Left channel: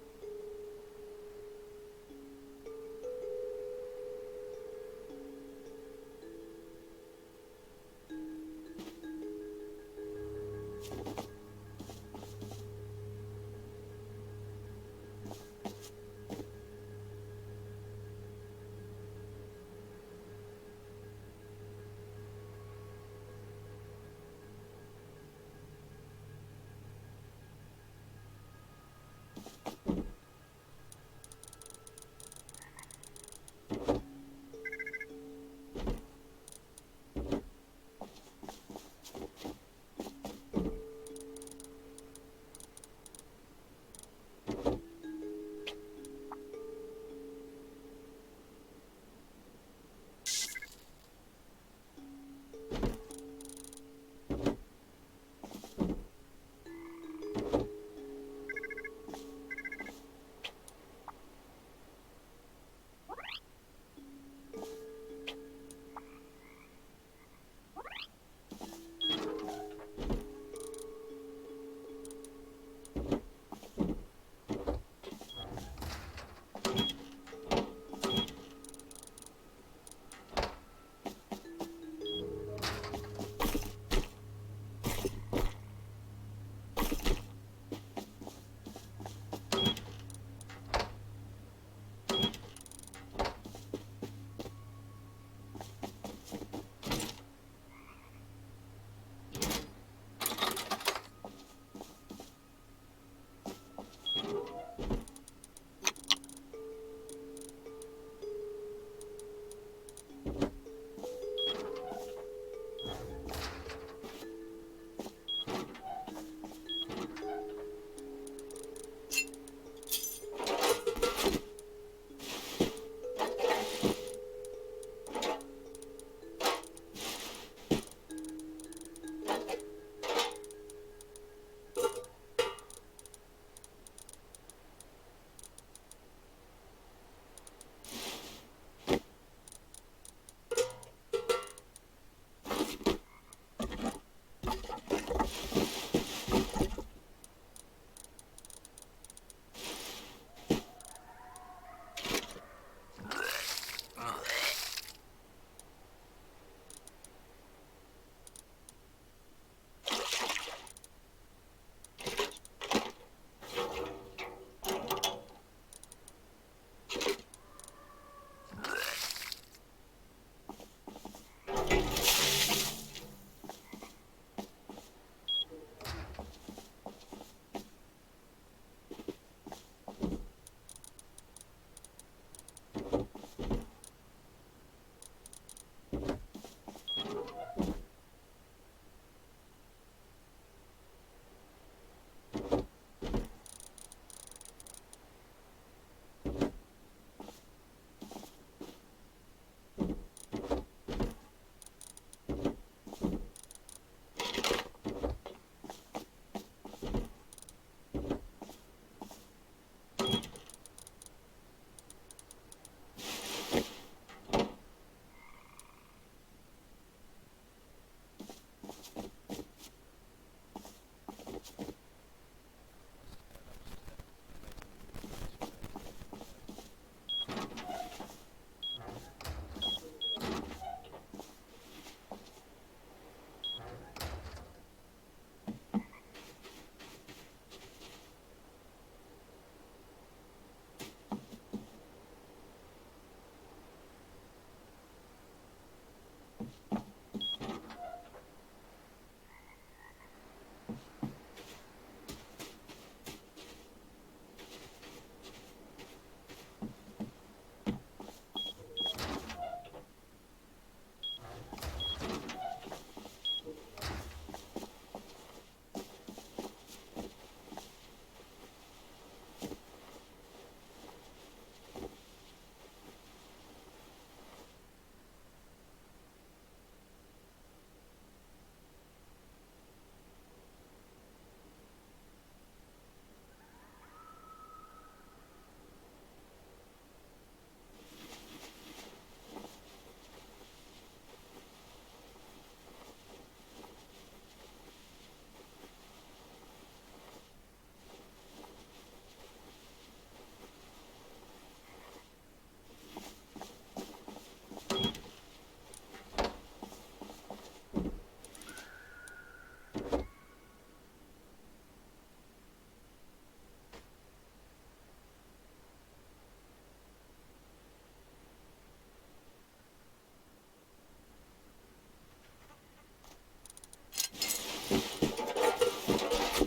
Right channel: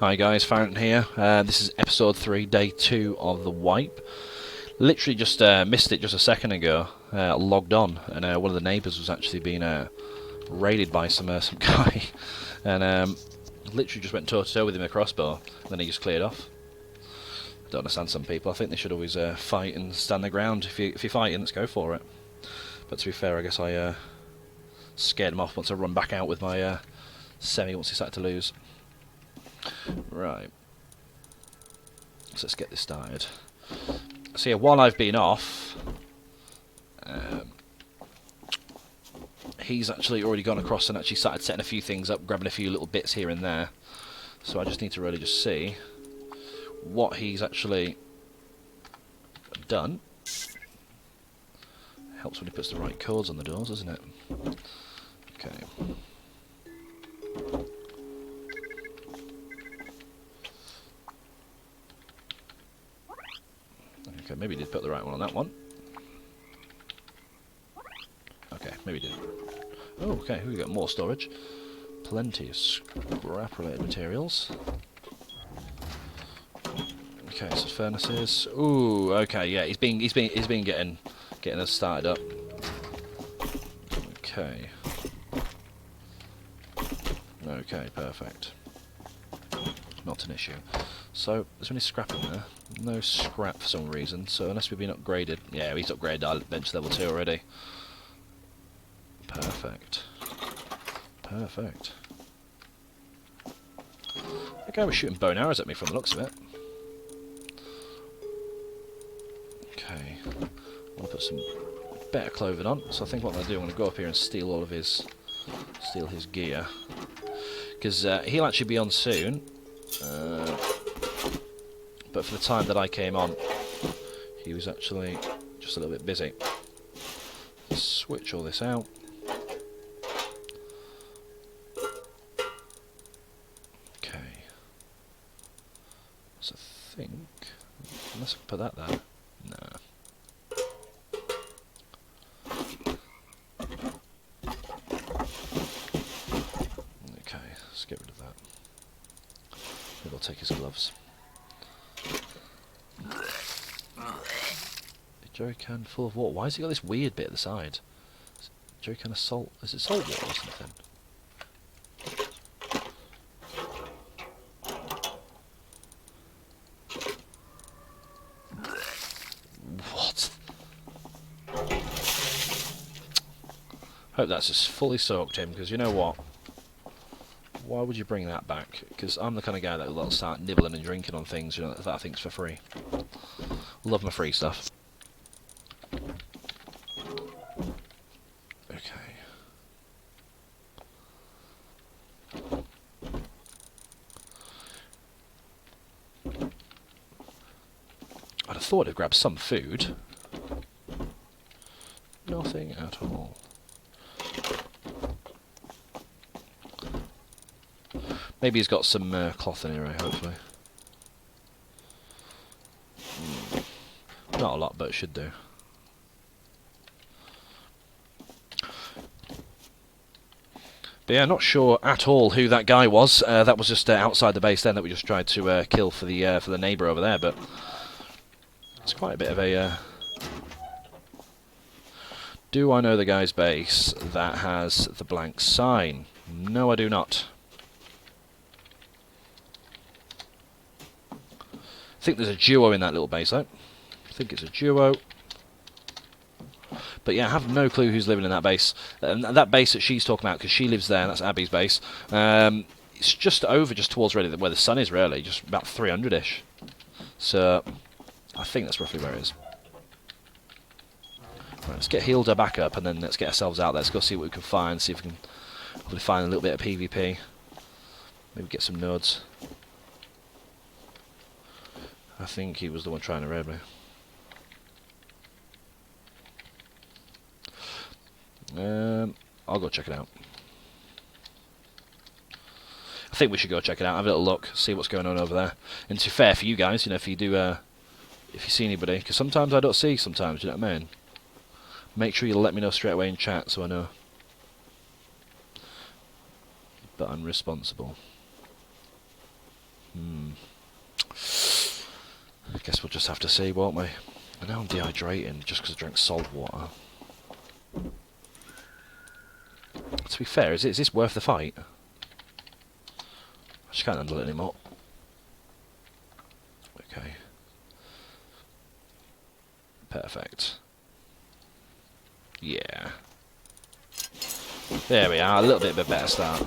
Hi guys, Farrington here. This is episode 3, day 2 of the wipe. Literally just missed it just a second ago. Logged on, and one of the neighbours was actually being raided by some guy, and literally just went toe to toe with him with a crossbow. And then he just cleared off. I don't understand some people. I think they should always fight and stand their ground. If you're fighting, let's go for it. But to be fair, I guess I scared him off once I run back out with my semi once he started to lose. Right, so let's get this started. So yeah, while I've been off, he's actually already gone across and actually started setting a few things up, grabbing a few little bits here and there. So I just need to really just see what he's actually done. Helps when he puts the right codes on the doors, doesn't it? Okay. Okay, maybe he did put the right one on that one. Okay, maybe he did. Oh, okay, we got more storage. Plenty of scrap-related materials. Okay, so furnaces. Ooh, okay, yeah, he's been getting us started up. Okay. Okay, perfect. Not an issue. So, is there any scrap in there? No scrap for some reason, so unless we've been upgraded. Yeah, he's upgraded our bench level 2 already. Perfect. Perfect. That guy was shooting bow and arrows at me from the looks of it. Okay. I'll put some better clothing on. So I think what I'm going to do, I'm going to go up here and steal all of his gear. Because he'll actually be on soon. But for the time that I came on, he was actually just a little bit busy. Switch all this out. Okay. So I think, let's put that there. No. Okay, let's get rid of that. Maybe I'll take his gloves. Jerry can full of water. Why has he got this weird bit at the side? Jerry can of salt. Is it salt water or something? What? Hope that's just fully soaked him, because you know what? Why would you bring that back? Because I'm the kind of guy that will start nibbling and drinking on things, you know, that I think's for free. Love my free stuff. I'd have thought I'd grab some food. Nothing at all. Maybe he's got some cloth in here, hopefully. Not a lot, but it should do. But yeah, not sure at all who that guy was. That was just outside the base then that we just tried to kill for the neighbour over there, but it's quite a bit of a... Do I know the guy's base that has the blank sign? No, I do not. I think there's a duo in that little base, though. I think it's a duo. But yeah, I have no clue who's living in that base. That base that she's talking about, because she lives there, that's Abby's base. It's just towards really where the sun is, really, just about 300-ish. So, I think that's roughly where it is. Right, let's get healed her back up, and then let's get ourselves out there. Let's go see what we can find, see if we can hopefully find a little bit of PvP. Maybe get some nodes. I think he was the one trying to raid me. I'll go check it out. I think we should go check it out, have a little look, see what's going on over there. And to be fair for you guys, you know, if you do, if you see anybody, because sometimes I don't see, sometimes, you know what I mean? Make sure you let me know straight away in chat so I know. But I'm responsible. I guess we'll just have to see, won't we? I know I'm dehydrating just because I drank salt water. To be fair, is this worth the fight? I just can't handle it anymore. Okay. Perfect. Yeah. There we are, a little bit of a better start.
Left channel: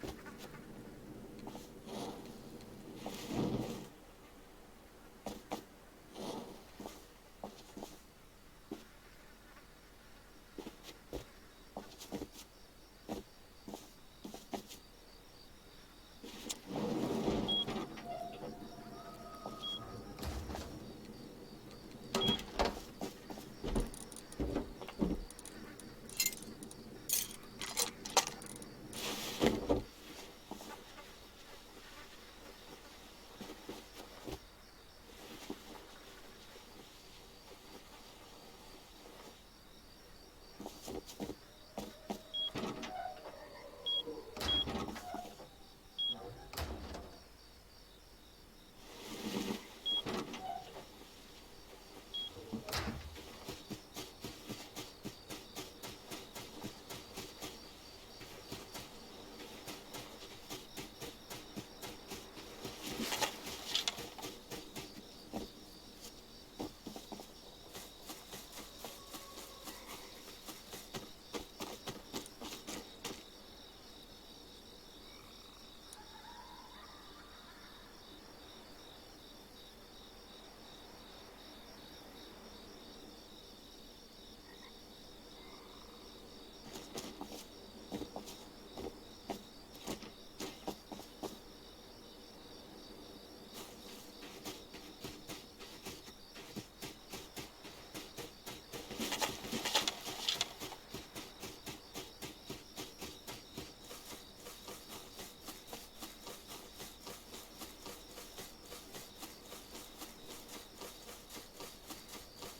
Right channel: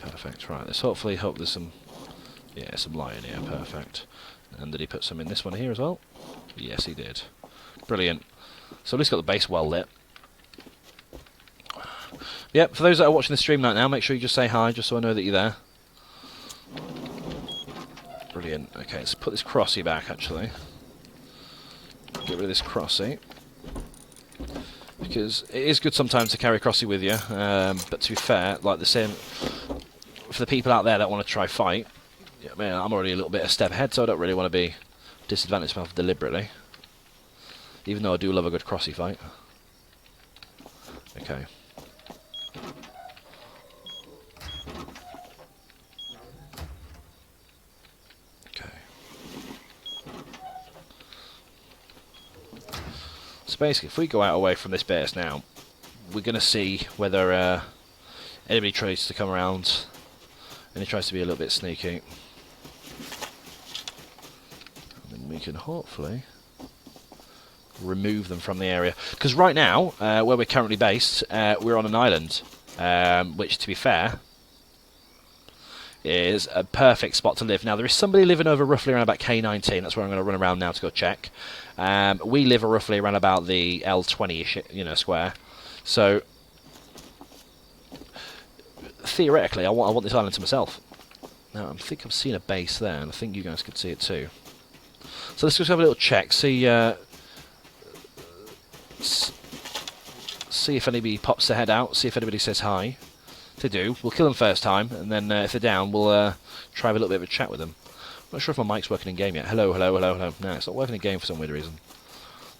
Perfect, right, let's hopefully hope there's some, yeah, some light in here, perfect. And did he put some in this one here as well? Yes, he did. Brilliant. So at least got the base well lit. Yep, for those that are watching the stream right now, make sure you just say hi, just so I know that you're there. Brilliant. Okay, let's put this crossy back, actually. Get rid of this crossy. Because it is good sometimes to carry crossy with you, but to be fair, like the same, for the people out there that want to try fight, yeah, man, I'm already a little bit a step ahead, so I don't really want to be disadvantaged myself deliberately. Even though I do love a good crossy fight. Okay. So basically, if we go out away from this base now, we're going to see whether anybody tries to come around and he tries to be a little bit sneaky. And we can hopefully remove them from the area. Because right now, where we're currently based, we're on an island, which, to be fair, is a perfect spot to live. Now, there is somebody living over roughly around about K19. That's where I'm going to run around now to go check. We live roughly around about the L20-ish, square. So, theoretically, I want this island to myself. Now, I think I've seen a base there, and I think you guys can see it too. So let's just have a little check, see if anybody pops their head out, see if anybody says hi. If they do, we'll kill them first time, and then if they're down, we'll try have a little bit of a chat with them. I'm not sure if my mic's working in game yet. Hello, hello, hello, hello. No, it's not working in game for some weird reason.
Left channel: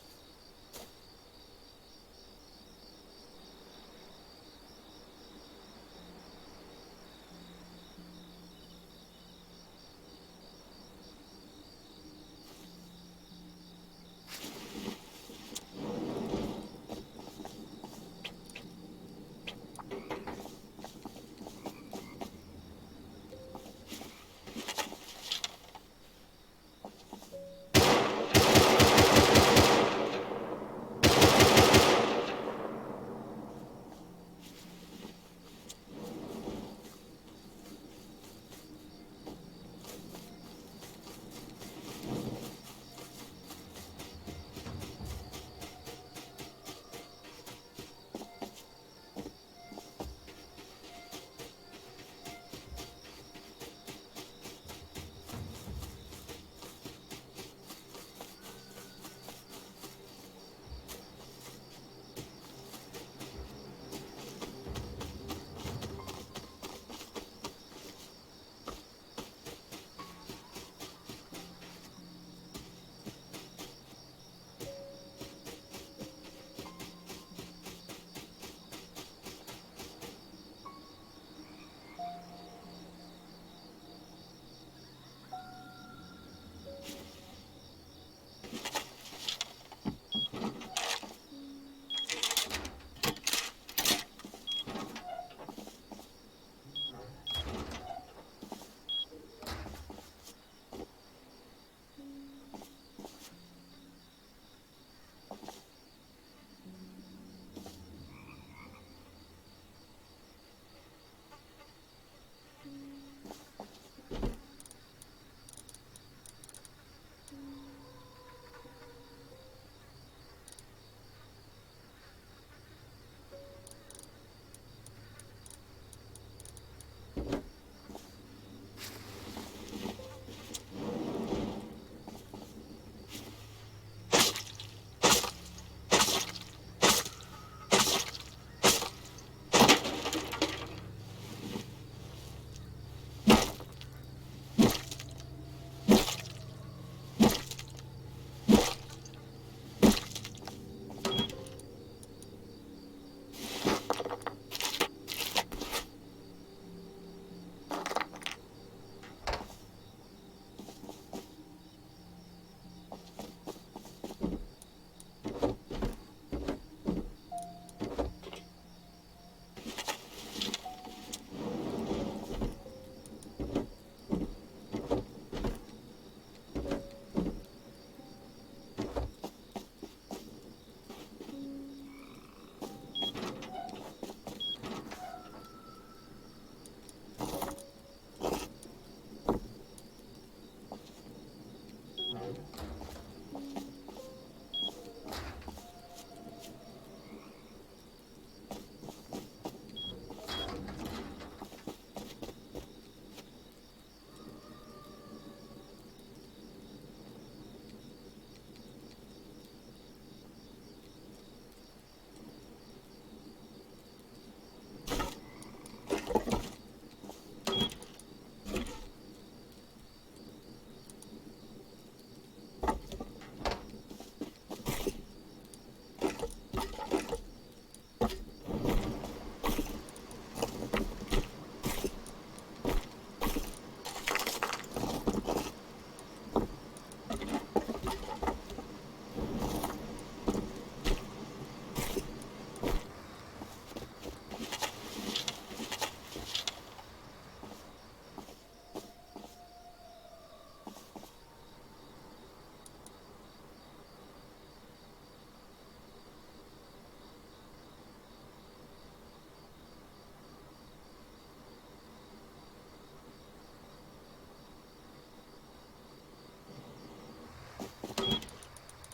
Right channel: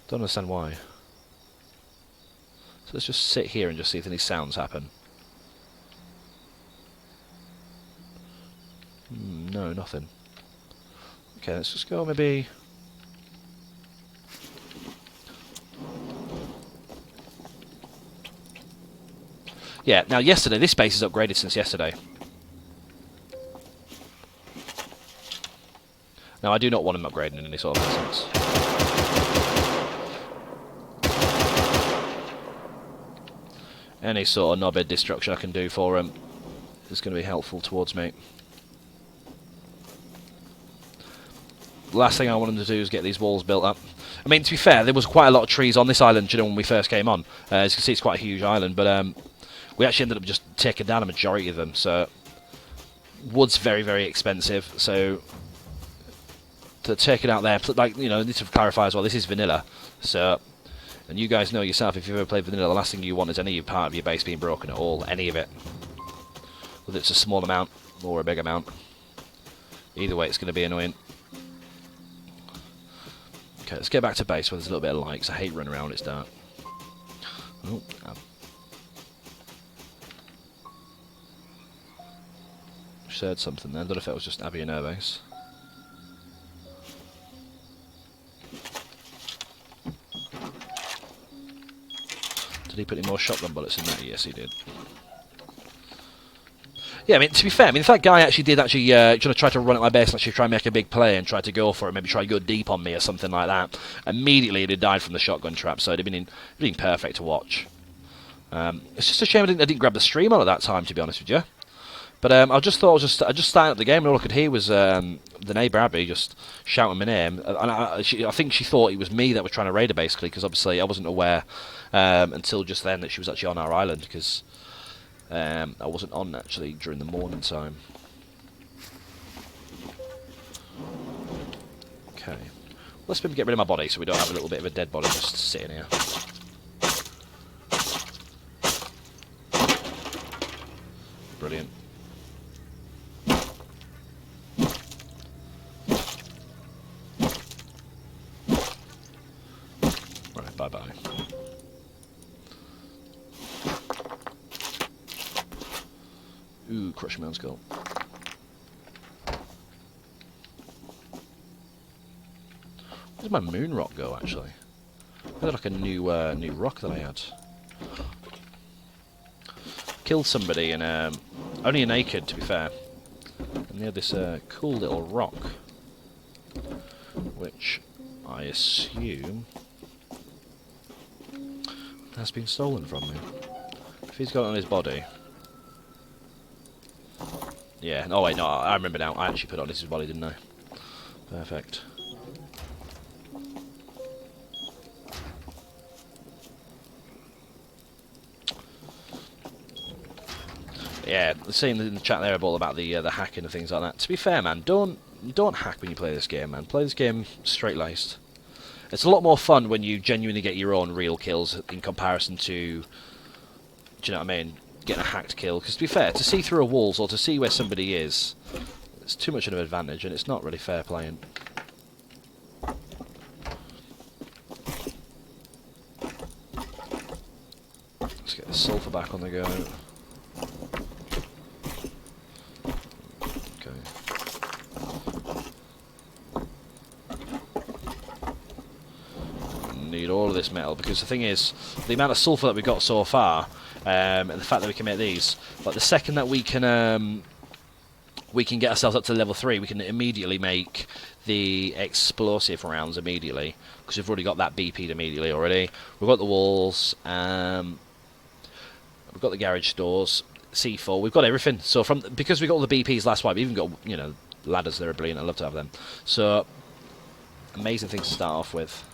Don't understand why. So let's just sit here and just see if any sounds happen. No, nothing. Okay, let's just go maybe... Yeah, now yesterday, this base is upgraded since yesterday. Now, I do not want him upgrading in any sort of sense. Any sort of knobhead destruction I can do for him is going to be helpful towards me. The last thing I want him to do is get these walls built up. I mean, to be fair, there was quite a lot of trees on this island, when we first came on. As you can see, it's quite a huge island, but we actually ended up just taking down a majority of them, so wood's very, very expensive, so to take it out there, like, I need to clarify as well, this is vanilla, so, and you guys know yourself, if you've ever played vanilla, the last thing you want is any part of your base being broken at all, any of it, whether it's a small amount or a big amount. Either way, it's going to be annoying. Okay, let's get back to base where there's a little bit of light, because I hate running around when it's dark. Oh, heard something then. I don't know if that was just Abby and her base. Did he put any more shotgun bullets in there? Yes, he did. Yeah, I mean, to be fair, if that guy actually did try to run at my base and actually try and make a big play and try to go for it, maybe try to go deep on me or something like that, immediately he'd have died from the shotgun trap, so it'd have been perfect to watch. It's just a shame I didn't grab the stream on at that time, to be honest with you. But I just thought I just started up the game and all I could hear was the neighbour Abby just shouting my name. And I think she thought it was me that was trying to raid her, basically, because obviously I wasn't aware until just then that she was actually on our island, because I wasn't on actually during the morning time. Okay, let's maybe get rid of my body so we don't have a little bit of a dead body just sitting here. Brilliant. crushing my own skull. Where did my moon rock go, actually? I got like a new rock that I had. Killed somebody and only a naked, to be fair. And they had this cool little rock, which I assume has been stolen from me. If he's got it on his body. Yeah, oh wait, no, I remember now. I actually put it on his body, didn't I? Perfect. Yeah, saying in the chat there about the hacking and things like that. To be fair, man, don't hack when you play this game, man. Play this game straight-laced. It's a lot more fun when you genuinely get your own real kills in comparison to, do you know what I mean, getting a hacked kill. Because to be fair, to see through a walls or to see where somebody is, it's too much of an advantage, and it's not really fair playing. Let's get the sulfur back on the go. All of this metal, because the thing is, the amount of sulfur that we've got so far, and the fact that we can make these, but the second that we can get ourselves up to level 3, we can immediately make the explosive rounds immediately, because we've already got that BP'd immediately already. We've got the walls, we've got the garage doors, C4, we've got everything. So because we got all the BPs last wipe, we even got, you know, ladders that are brilliant. I love to have them. So amazing things to start off with.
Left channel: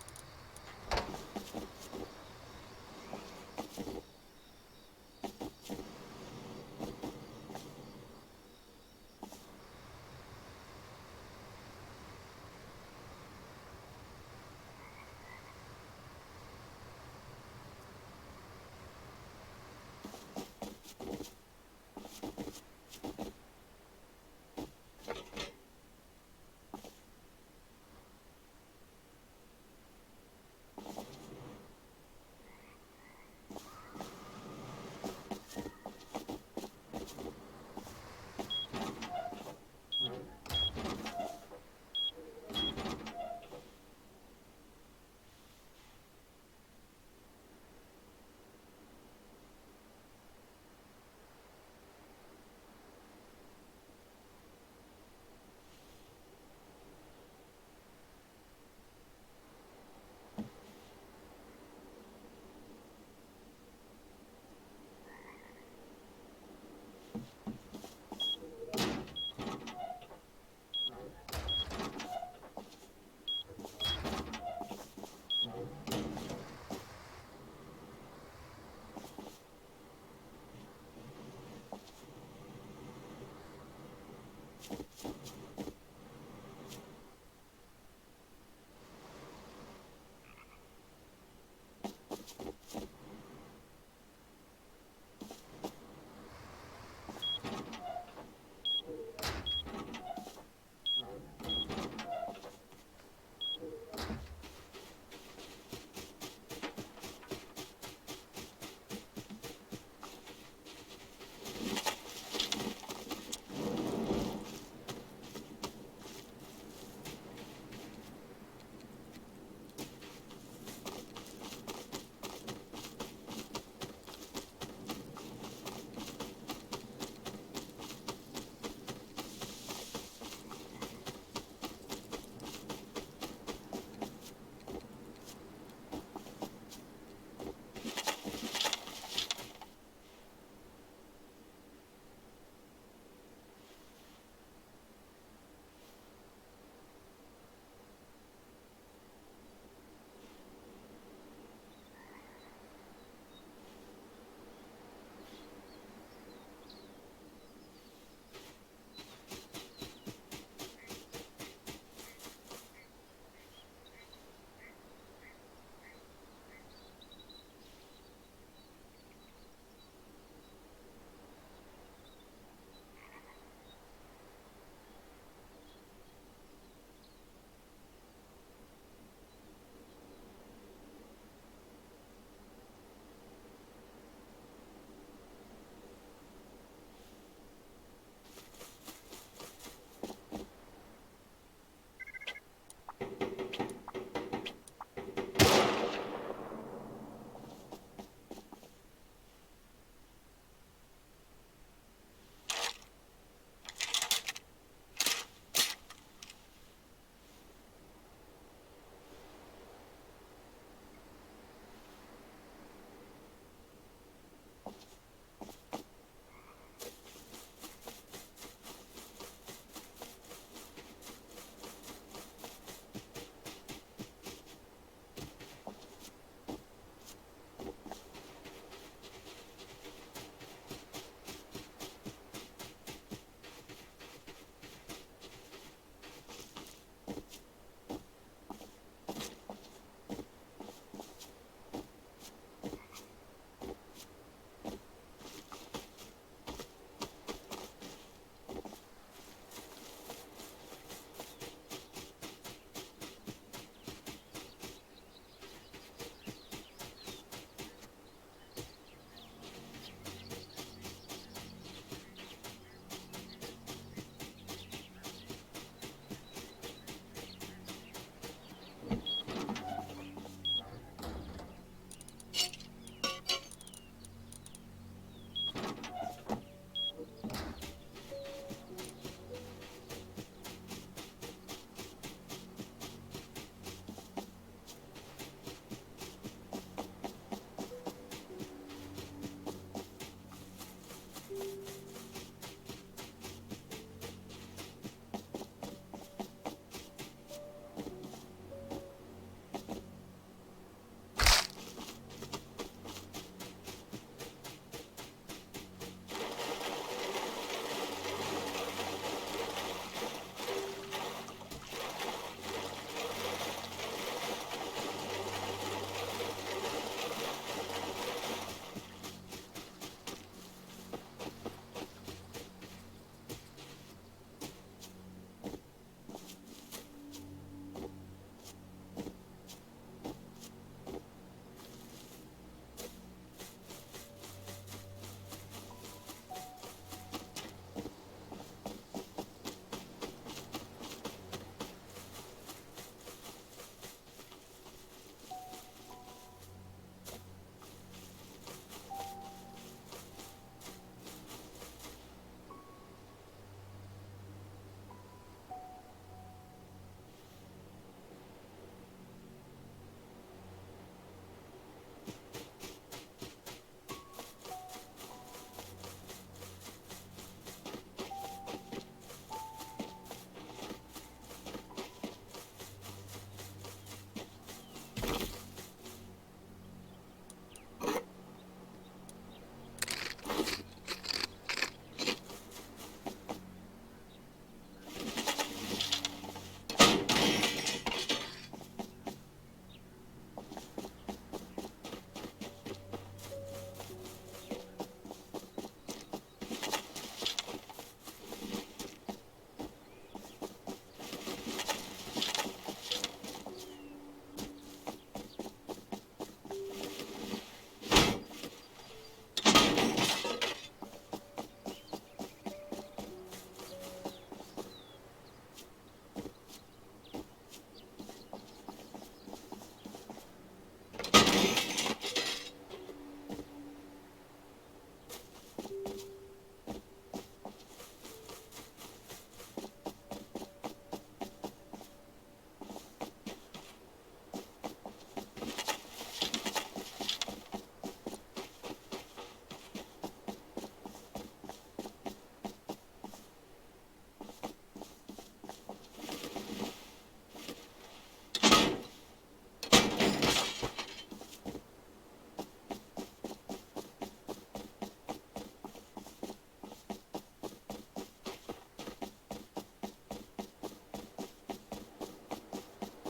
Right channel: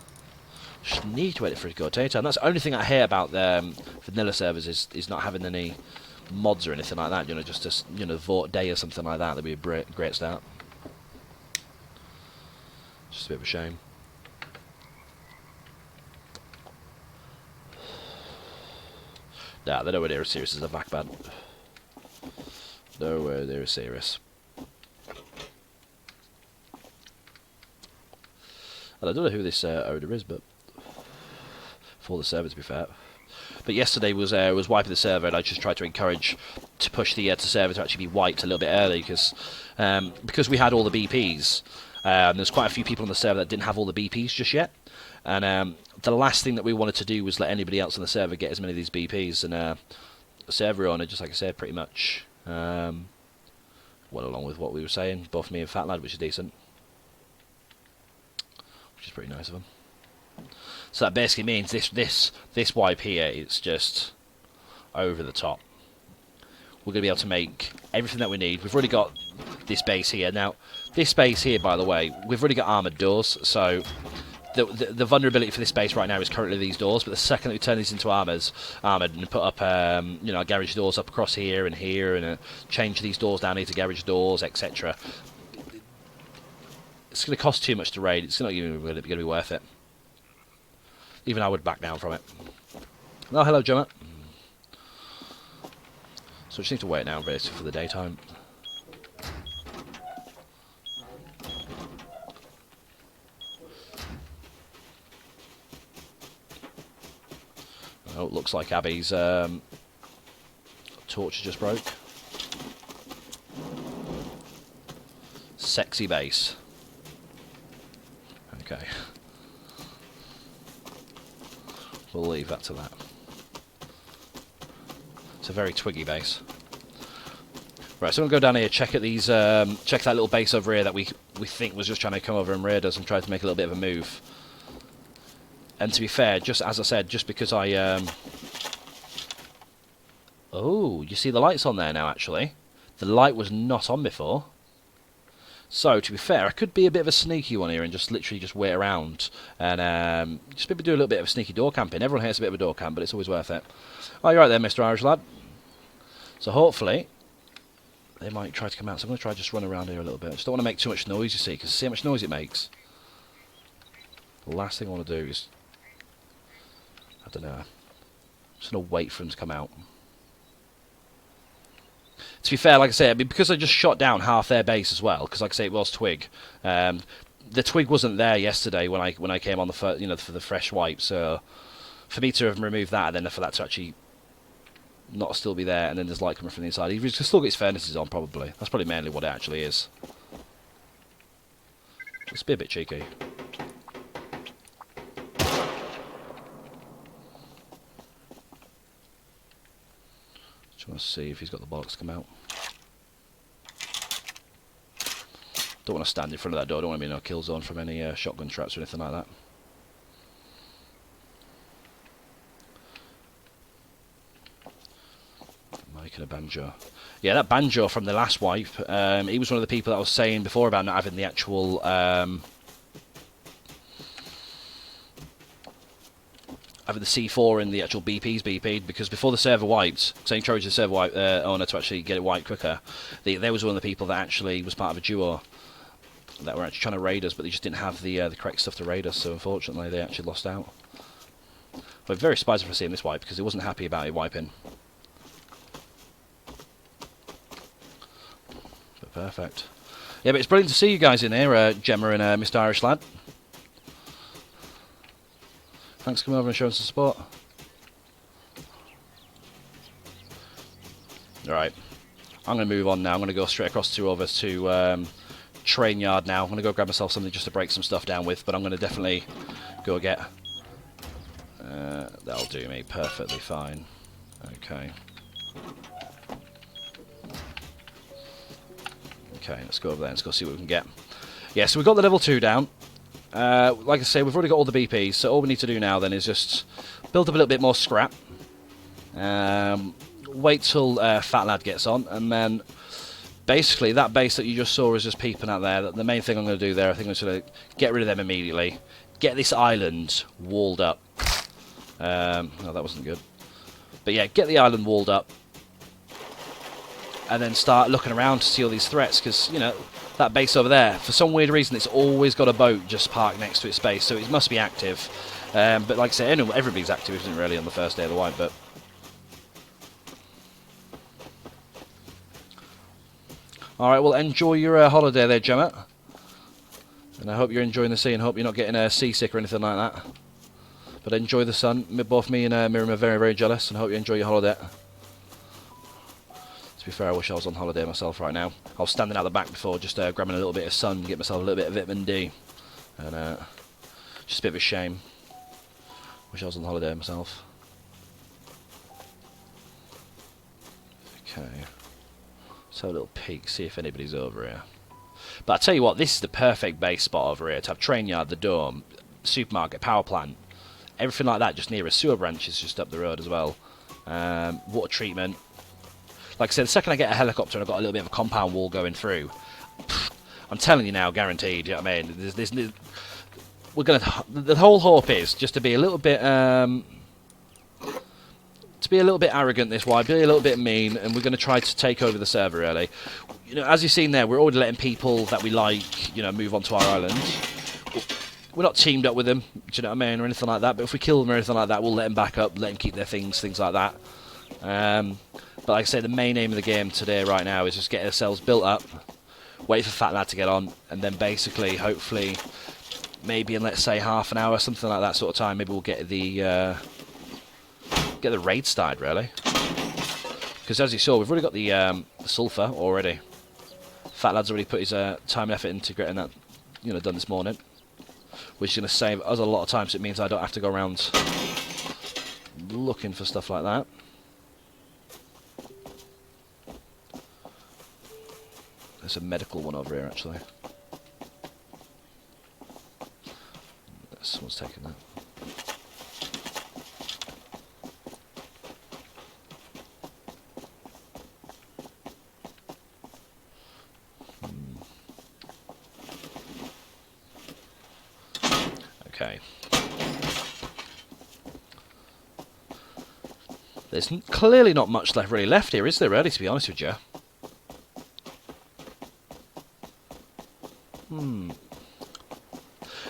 Just need to wait for it to go daytime. That's the only thing I hear about the vanilla servers is not having any mods or anything like that. You know, just you know, vote day or something like that. That'd be a great start. Just a bit of a shame. Nah, they're nowhere near as serious as a back band. Nowhere near as serious. And I don't know who this owner is, but for the server, to be fair. But yesterday was wiping the server, and I just tried to encourage to push the server to actually be wiped a little bit early, because we had all the BPs. There's quite a few people on the server that didn't have all the BPs just yet, and the last thing that we wanted to do was let anybody else on the server get as many of these BPs. And the server owner, just like I said, pretty much went along with what we were saying, both me and Fat Lad, which is decent, which is pretty nice of him. So that basically means this wipe here, it's just over the top. We're going to be able to make everything that we need. We've already got this base here. Now, this base here, by the way, we've already got armoured doors, so the vulnerability for this base right now is currently these doors, but the second that we turn these into armoured and put up you know, garage doors up across here, and change these doors down here to garage doors, etc., it's going to cost too much to raid. It's not even going to be worth it. Even I would back down from it. Oh, hello, Gemma. So we just need to wait now, basically, for the daytime. Oh, it looks like Abby's torch just broke. Sexy base. Okay. We'll leave that to that. It's a very twiggy base. Right, so I'm gonna go down here, check at these, check that little base over here that we think was just trying to come over and raid us and try to make a little bit of a move. And to be fair, just as I said, just because I oh, you see the lights on there now. Actually, the light was not on before. So, to be fair, I could be a bit of a sneaky one here and just literally just wait around and just maybe do a little bit of sneaky door camping. Everyone hates a bit of a door camp, but it's always worth it. Oh, you're right there, Mr. Irish lad. So, hopefully, they might try to come out. So, I'm going to try to just run around here a little bit. I just don't want to make too much noise, you see, because see how much noise it makes. The last thing I want to do is, I don't know, I'm just going to wait for them to come out. To be fair, like I say, I mean, because I just shot down half their base as well, because like I say, it was twig. The twig wasn't there yesterday when I came on for the fresh wipe. So for me to have removed that, and then for that to actually not still be there, and then there's light coming from the inside. He's still got his furnaces on, probably. That's probably mainly what it actually is. Let's be a bit cheeky. Just want to see if he's got the bollocks to come out. Don't want to stand in front of that door. Don't want to be in a kill zone from any shotgun traps or anything like that. Making a banjo. Yeah, that banjo from the last wipe. He was one of the people that I was saying before about not having the actual having the C4 and the actual BPs BP'd, because before the server wiped, so encouraged the server wipe owner to actually get it wiped quicker. There was one of the people that actually was part of a duo that were actually trying to raid us, but they just didn't have the correct stuff to raid us, so unfortunately they actually lost out. But very surprised to see him this wipe, because he wasn't happy about it wiping. But perfect. Yeah, but it's brilliant to see you guys in here, Gemma and Mr. Irish Lad. Thanks for coming over and showing some support. Alright, I'm going to move on now. I'm going to go straight across over to train yard now. I'm going to go grab myself something just to break some stuff down with, but I'm going to definitely go get... that'll do me perfectly fine. Okay. Okay, let's go over there. Let's go see what we can get. Yeah, so we've got the level 2 down. Like I say, we've already got all the BPs, so all we need to do now then is just build up a little bit more scrap. Wait till Fat Lad gets on, and then basically that base that you just saw is just peeping out there. The main thing I'm going to do there, I think I'm just going to get rid of them immediately. Get this island walled up. No, that wasn't good. But yeah, get the island walled up. And then start looking around to see all these threats, because, you know, that base over there, for some weird reason, it's always got a boat just parked next to its base, so it must be active. But like I say, everybody's active, isn't it, really, on the first day of the wipe, but... Alright, well, enjoy your holiday there, Gemma. And I hope you're enjoying the sea, and hope you're not getting seasick or anything like that. But enjoy the sun. Both me and Miriam are very, very jealous, and I hope you enjoy your holiday. To be fair, I wish I was on holiday myself right now. I was standing out the back before, just grabbing a little bit of sun, get myself a little bit of vitamin D. And just a bit of a shame. Wish I was on holiday myself. Okay. Let's have a little peek, see if anybody's over here. But I tell you what, this is the perfect base spot over here to have train yard, the dome, supermarket, power plant, everything like that just near a sewer branch is just up the road as well. Water treatment. Like I said, the second I get a helicopter and I've got a little bit of a compound wall going through, I'm telling you now, guaranteed. You know what I mean? We're gonna. The whole hope is just to be a little bit, arrogant this way, be a little bit mean, and we're going to try to take over the server. Really, you know, as you've seen there, we're already letting people that we like, you know, move onto our island. We're not teamed up with them, do you know what I mean, or anything like that. But if we kill them or anything like that, we'll let them back up, let them keep their things like that. But like I say, the main aim of the game today, right now, is just get ourselves built up, wait for Fat Lad to get on, and then basically, hopefully, maybe in, let's say, half an hour, something like that sort of time, maybe we'll get the raid started, really. Because as you saw, we've already got the sulfur already. Fat Lad's already put his time and effort into getting that, you know, done this morning, which is going to save us a lot of time, so it means I don't have to go around looking for stuff like that. There's a medical one over here, actually. Someone's taking that. Okay. There's clearly not much really left here, is there, really, to be honest with you?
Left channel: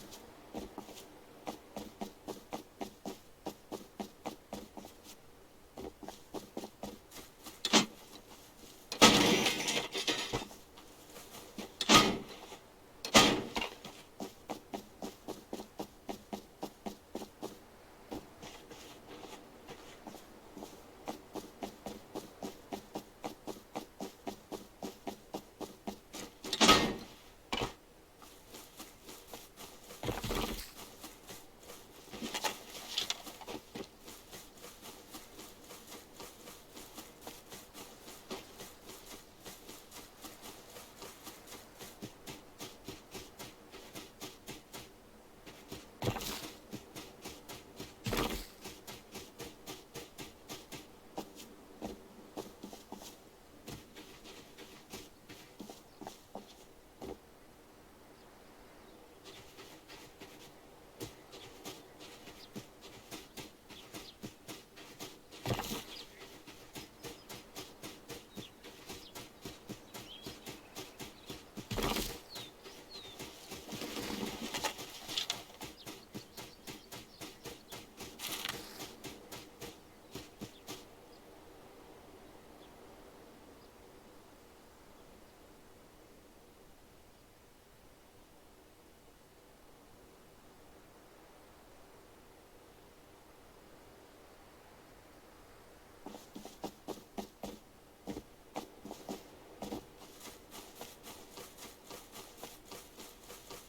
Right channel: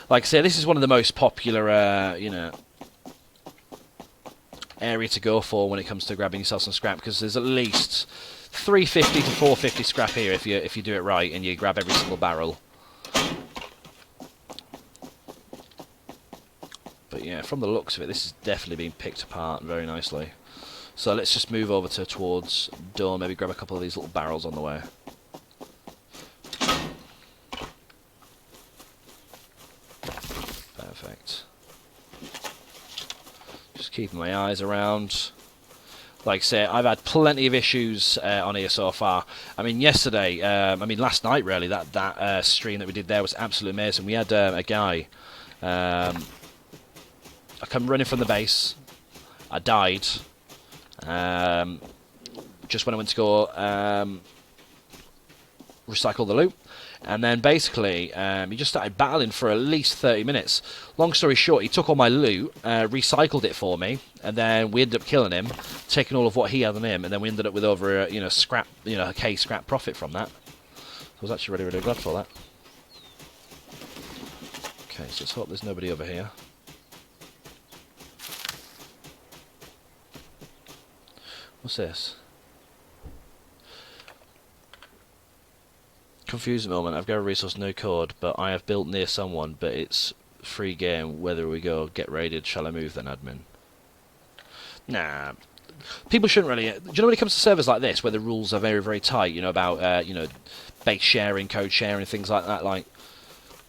Like I say, this is one of the most popular, you know, area to go for when it comes to grabbing yourself some scrap, because there's at least 350 to 450 scrap here if you do it right and you grab every single barrel. But yeah, from the looks of it, this has definitely been picked apart very nicely. So let's just move over towards door, maybe grab a couple of these little barrels on the way. Perfect. Just keeping my eyes around. Like I say, I've had plenty of issues on here so far. I mean, yesterday, last night really, that stream that we did there was absolutely amazing. We had a guy, I come running from the base, I died, just when I went to go recycle the loot. And then basically, he just started battling for at least 30 minutes. Long story short, he took all my loot, recycled it for me, and then we ended up killing him, taking all of what he had on him, and then we ended up with over a, a K scrap profit from that. I was actually really, really glad for that. Okay, so let's hope there's nobody over here. What's this? Confused moment. I've got a resource, no code, but I have built near someone, but it's free game. Whether we go get raided, shall I move then, admin? Nah. People shouldn't really... Do you know when it comes to servers like this, where the rules are very, very tight, you know, about, base sharing, code sharing, things like that, like,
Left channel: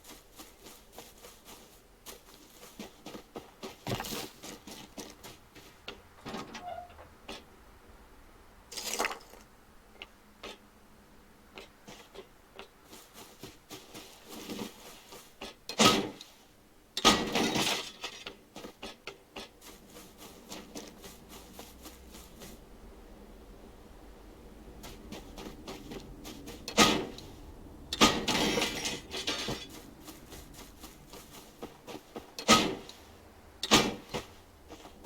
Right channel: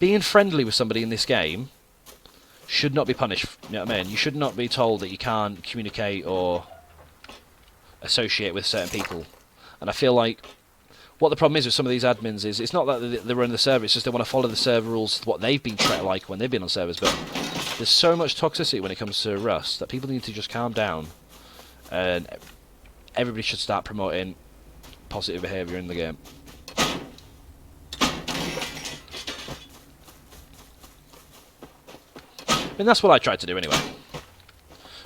being friendly with somebody in this game should not be punished, you know what I mean? You should not be told that you can't communicate or associate with certain people. And I feel like what the problem is with some of these admins is it's not that they run the server, it's just they want to follow the server rules, what they've been like when they've been on servers. But there's so much toxicity when it comes to Rust that people need to just calm down, and everybody should start promoting positive behaviour in the game. I mean, that's what I tried to do anyway.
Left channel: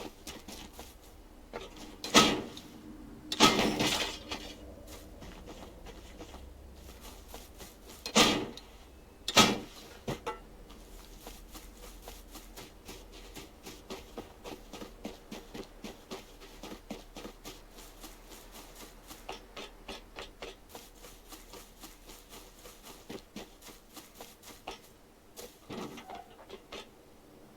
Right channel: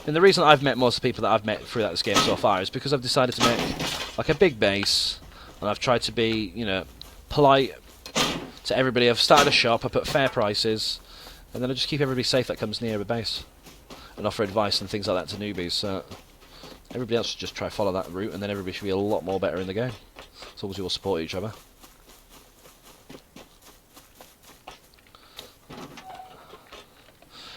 And the reason I've met most of the people that I've met throughout this game so far is because I've decided to make like a big base. And I've tried to be, polite to everybody. I've started a shop, I put fair prices, and then I just keep everybody safe that comes near the base. And offer advice and things like that to newbies. So everybody else should just try to follow that route, and then everybody should be a lot more better in the game. As long as we all support each other.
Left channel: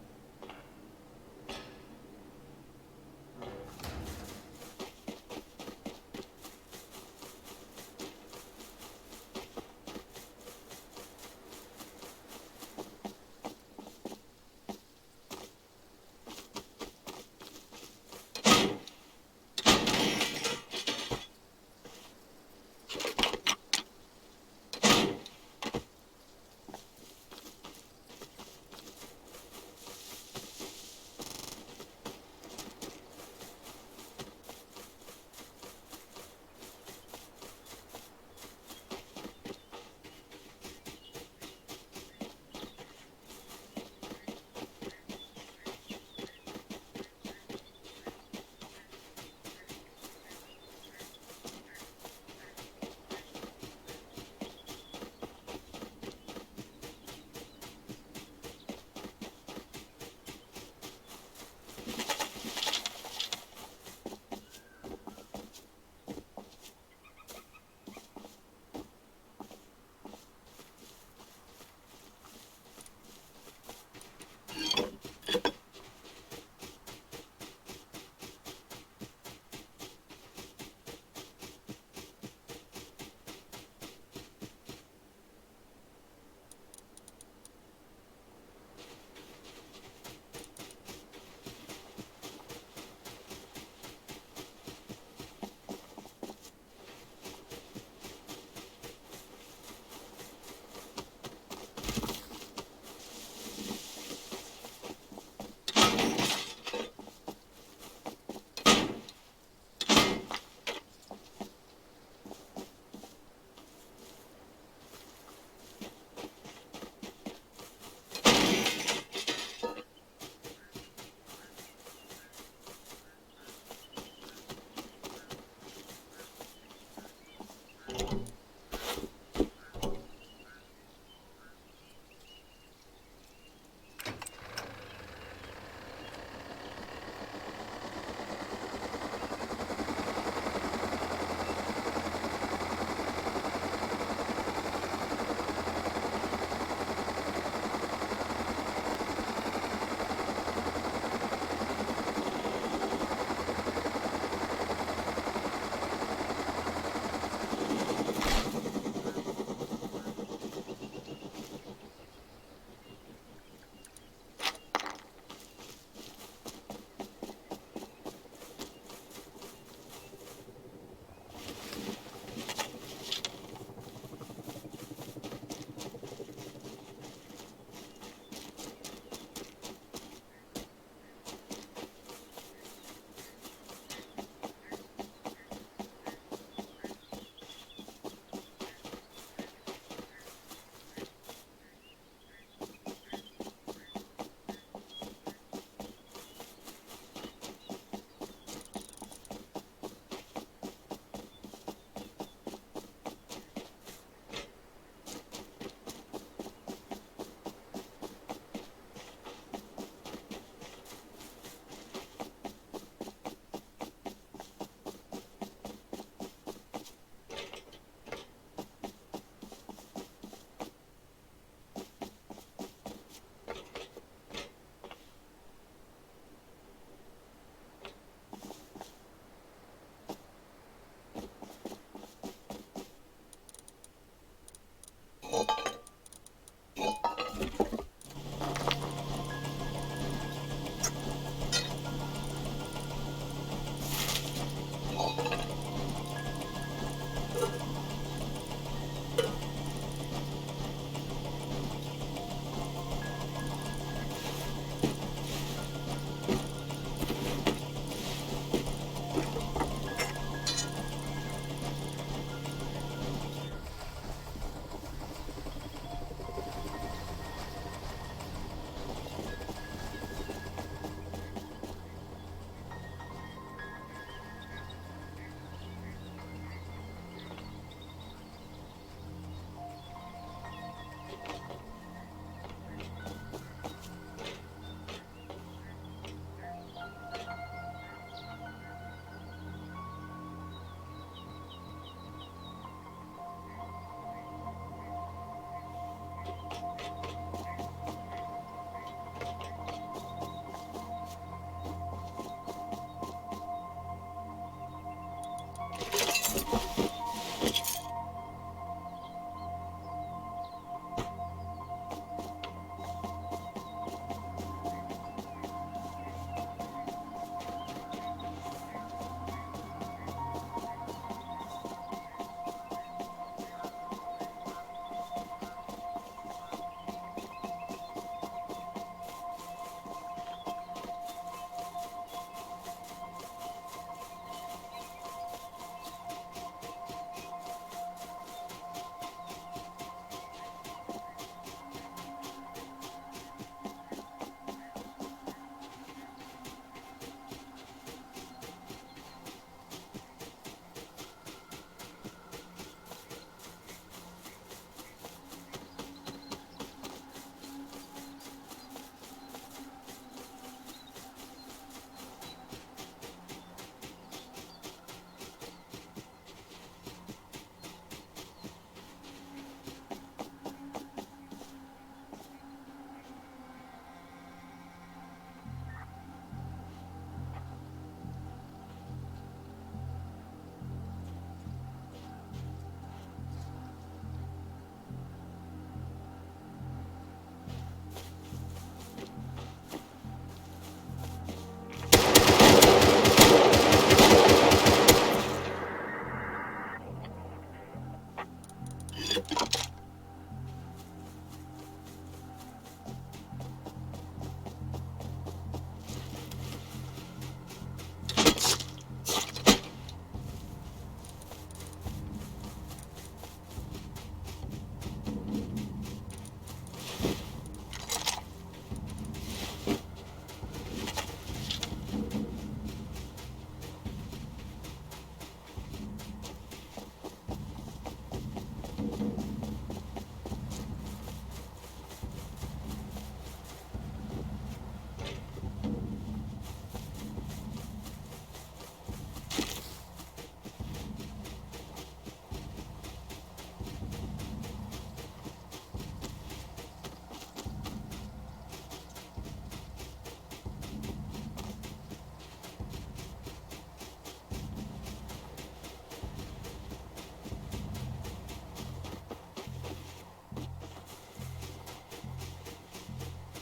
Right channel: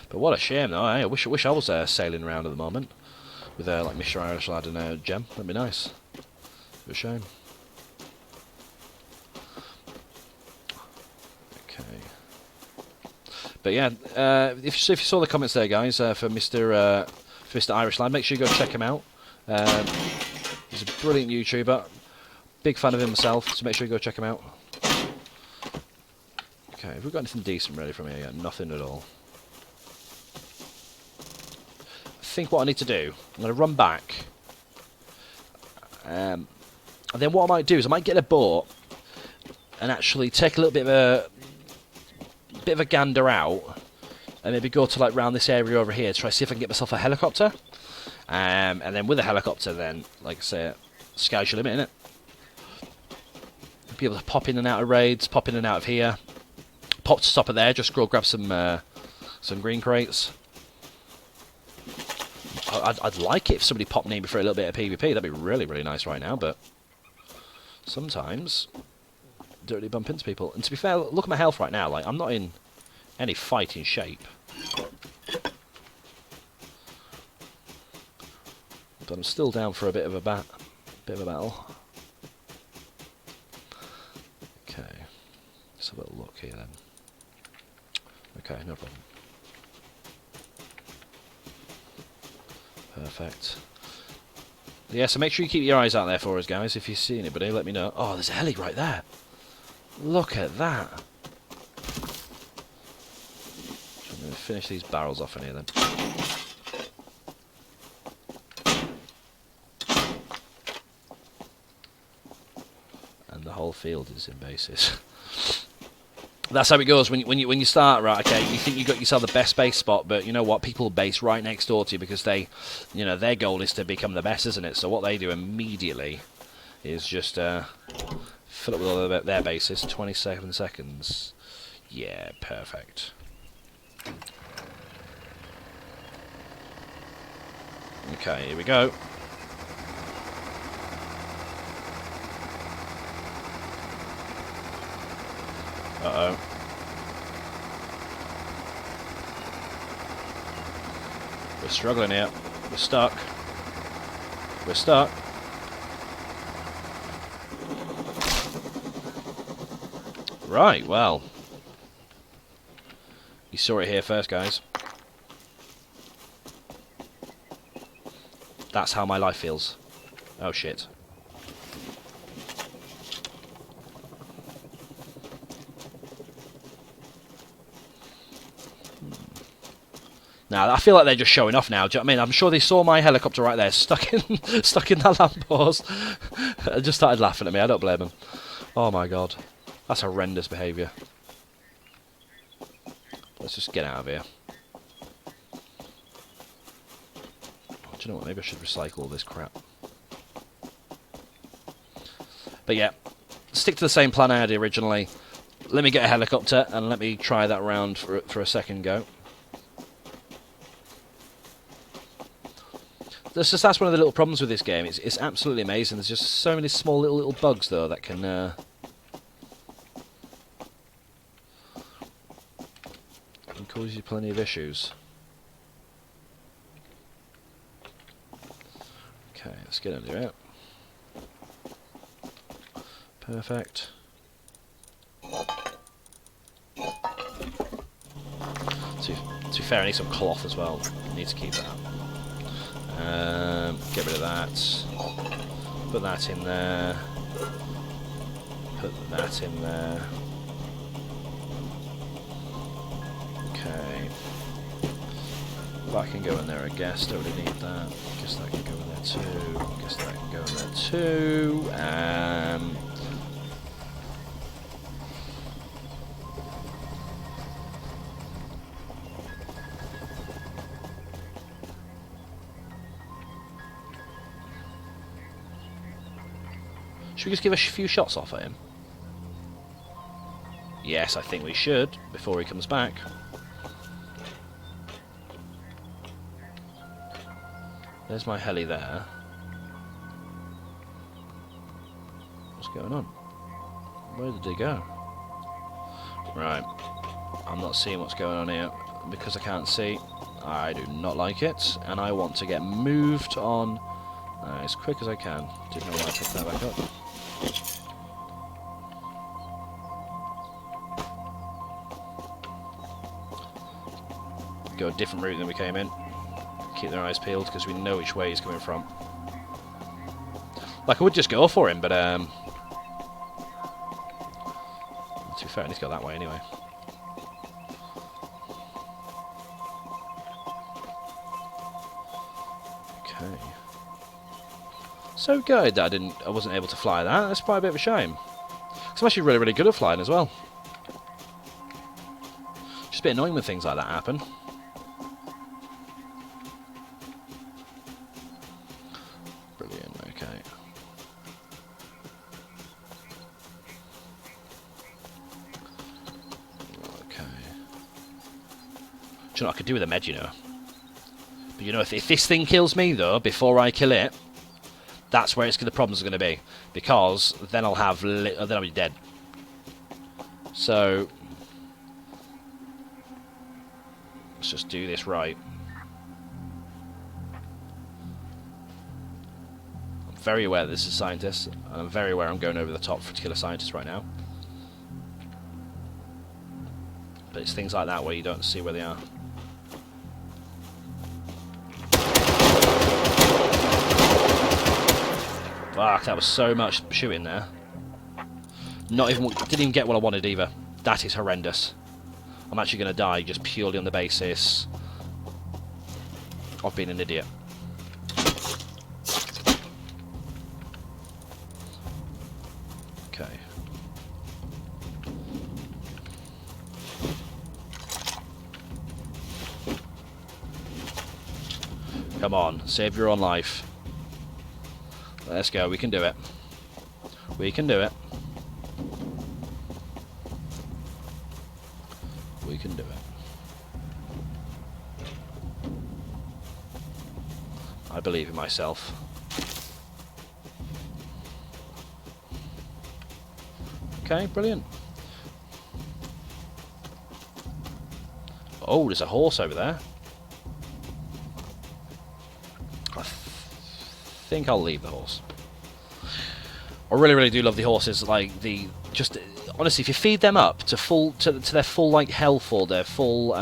But what a shame though, I wish I was sailing around at the moment. With like Mr. Irish Lad and Gem. That'd be nice. But a shame. But yeah, if you saw the comments there, guys, for Mr. Irish Lad, make sure you go check him out. He's a brilliant YouTuber, big fan of him myself, so make sure you go check him out. Okay, have we got anything decent ready from here yet? Nothing at all. I think what I need to do, I'm going to run back, and then what I might do is I might get a boat and actually take a little bit of a gander out, and maybe go to like round this area over here to try to see if I can get myself a helicopter, and then with a helicopter, then like I say, sky's your limit, innit? Be able to pop in and out of raids, pop in and out of here, pop to stop it there, just go grab some green crates. I'd like it if somebody popped near me for a little bit of PvP. That'd be really, really nice right now, but sometimes don't really bump into people. And to be fair, look at my health right now. Like, I'm not in any fighting shape. But I'm still down for a bit of a battle. Okay. Let's have a little look here then. Okay, no problem. Perfect. Yeah, so make sure you keep your eyes out there for us, guys. If you see anybody, let me know. Oh, there's a heli right there. Look at that. I'm going to finish these barrels off in here then. And the whole field is in bases. That's how it goes when you start, right? Okay, you think you got yourself the best base spot, but you know what? People base right next door to you because they, their goal is to become the best, isn't it? So what they do immediately is just fill up with all their bases. 27 seconds. Yeah, perfect. Okay, here we go. Uh-oh. We're struggling here. We're stuck. We're stuck. Right, well. You saw it here first, guys. That's how my life feels. Oh, shit. Now, I feel like they're just showing off now. Do you know what I mean? I'm sure they saw my helicopter right there, stuck in that lamppost. and just started laughing at me. I don't blame them. Oh my god. That's horrendous behaviour. Let's just get out of here. Do you know what? Maybe I should recycle all this crap. But yeah, stick to the same plan I had originally. Let me get a helicopter and let me try that round for a second go. That's one of the little problems with this game. It's absolutely amazing. There's just so many small little bugs though that can cause you plenty of issues. Okay, let's get under it. Perfect. To be fair, I need some cloth as well. I need to keep that. Get rid of that. Put that in there. Put that in there. Okay. That can go in there, I guess. Don't really need that. Guess that can go in there too. Guess that can go in there too. Should we just give a few shots off at him? Yes, I think we should, before he comes back. There's my heli there. What's going on? Where did he go? Right. I'm not seeing what's going on here. Because I can't see, I do not like it. And I want to get moved on as quick as I can. Didn't know why I picked that back up. Go a different route than we came in. Keep their eyes peeled because we know which way he's coming from. Like, I would just go for him, but to be fair, he's got that way anyway. Okay. So good that I wasn't able to fly that. That's quite a bit of a shame. 'Cause I'm actually really, really good at flying as well. Just a bit annoying when things like that happen. I could do with a med, you know. But you know, if this thing kills me though before I kill it, that's where the problems are going to be, because then I'll have then I'll be dead. So let's just do this right. I'm very aware that this is a scientist, and I'm very aware I'm going over the top to kill a scientist right now. But it's things like that where you don't see where they are. Fuck, that was so much shooting there. Didn't even get what I wanted either. That is horrendous. I'm actually going to die just purely on the basis of being an idiot. Okay. Come on, save your own life. Let's go, we can do it. We can do it. We can do it. I believe in myself. Okay, brilliant. Oh, there's a horse over there. I think I'll leave the horse. I really, really do love the horses. Like just honestly, if you feed them up to their full like health or their full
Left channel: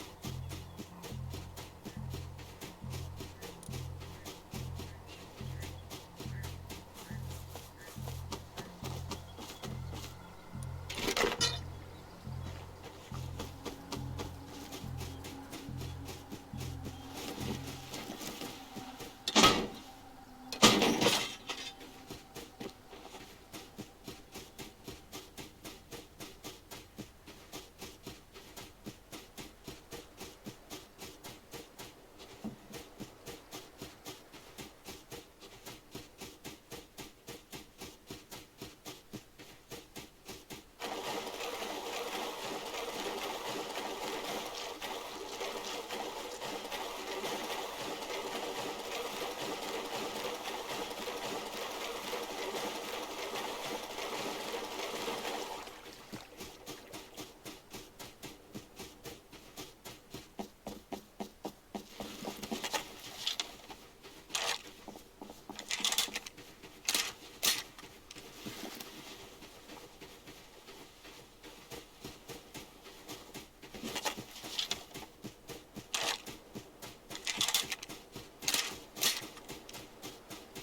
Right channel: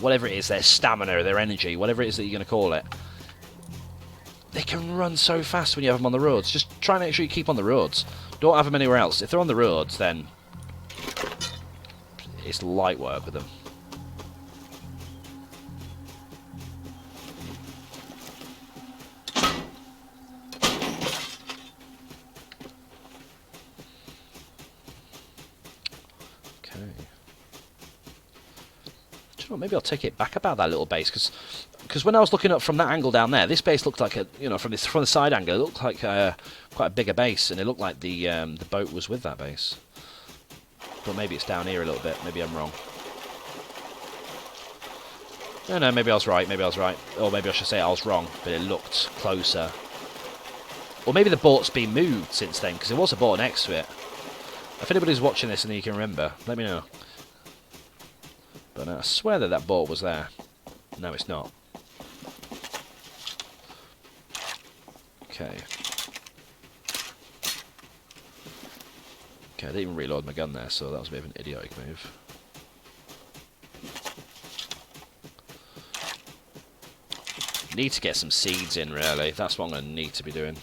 whatever it is, their stamina, their energy, whatever it is that you're going to call it, they can run so fast when you have them on the roads. Just try and make sure you keep on the roads. Don't have them anywhere else. If they're on the roads, then it's light work with them. Maybe I'll take it back about that little base, because when I was looking up from that angle down there, this base looked like from the side angle, it looked like quite a bigger base, and it looked like the boat was with that base. But maybe it's down here a little bit. Maybe I'm wrong. No, maybe I was right. Maybe I was right, or maybe I should say I was wrong. But it looked closer. Or maybe the boat's been moved since then, because there was a boat next to it. If anybody's watching this and you can remember, let me know. But I swear that boat was there. No, it's not. Okay. Okay, I didn't even reload my gun there, so that was a bit of an idiotic move. Need to get some seeds in, really. That's what I'm going to need to be doing.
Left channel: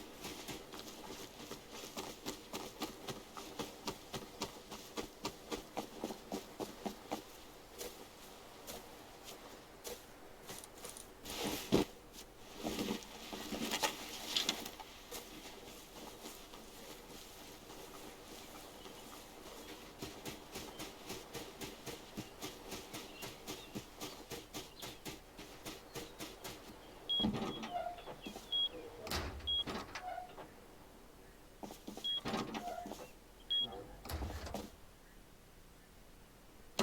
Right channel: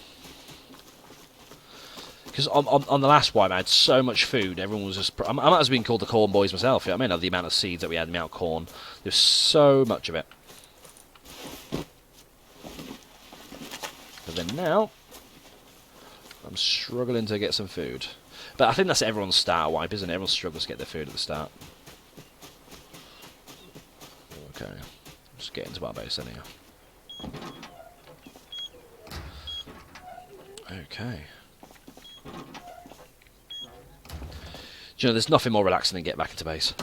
Because on the last wipe, I had so much food. Everyone was just... I might have been called the corn boys myself. You know what I mean? Of the amount of seeds that we had, the amount of corn. There's so much of it. But then now, I'm struggling to get some food. But I think that's everyone's start wipe, isn't it? Everyone struggles to get their food at the start. Okay. Just get into our base anyhow. Okay. Do you know, there's nothing more relaxing than get back into base.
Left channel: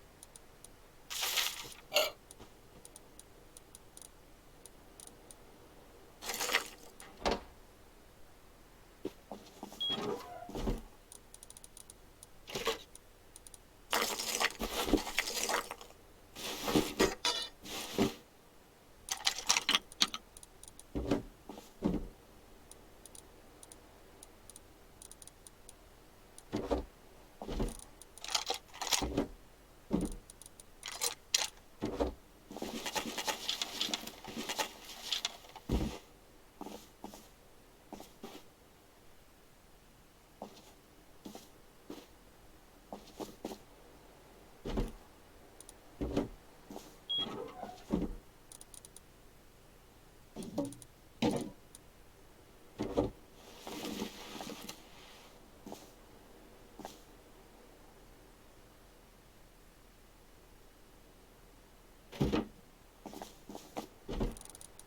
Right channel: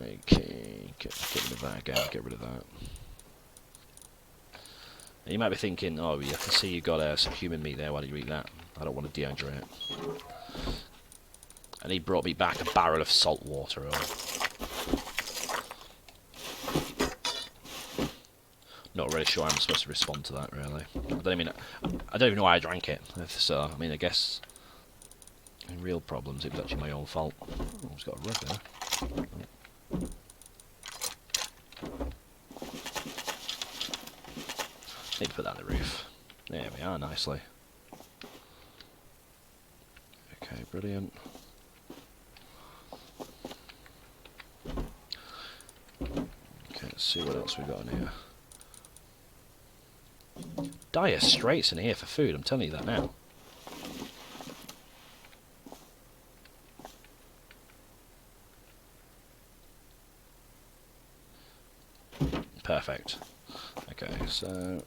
Okay, get rid of that, get rid of that. Now you might be thinking, oh yeah, I see you got some human meat there, why did you eat that? I don't want to dehydrate. And he brought me back a barrel of salt water. Not really sure how I'm supposed to respond to that, really. I don't even know why I drank it. So, I mean, I guess in real problems, it was actually my own fault. Oh, it's got a rug there. Need to put that on the roof. There we are, nicely. Okay, brilliant. Okay, let's see what else we got in here. Dire straits in here for food, I'm telling you that now. Perfect. Okay, so...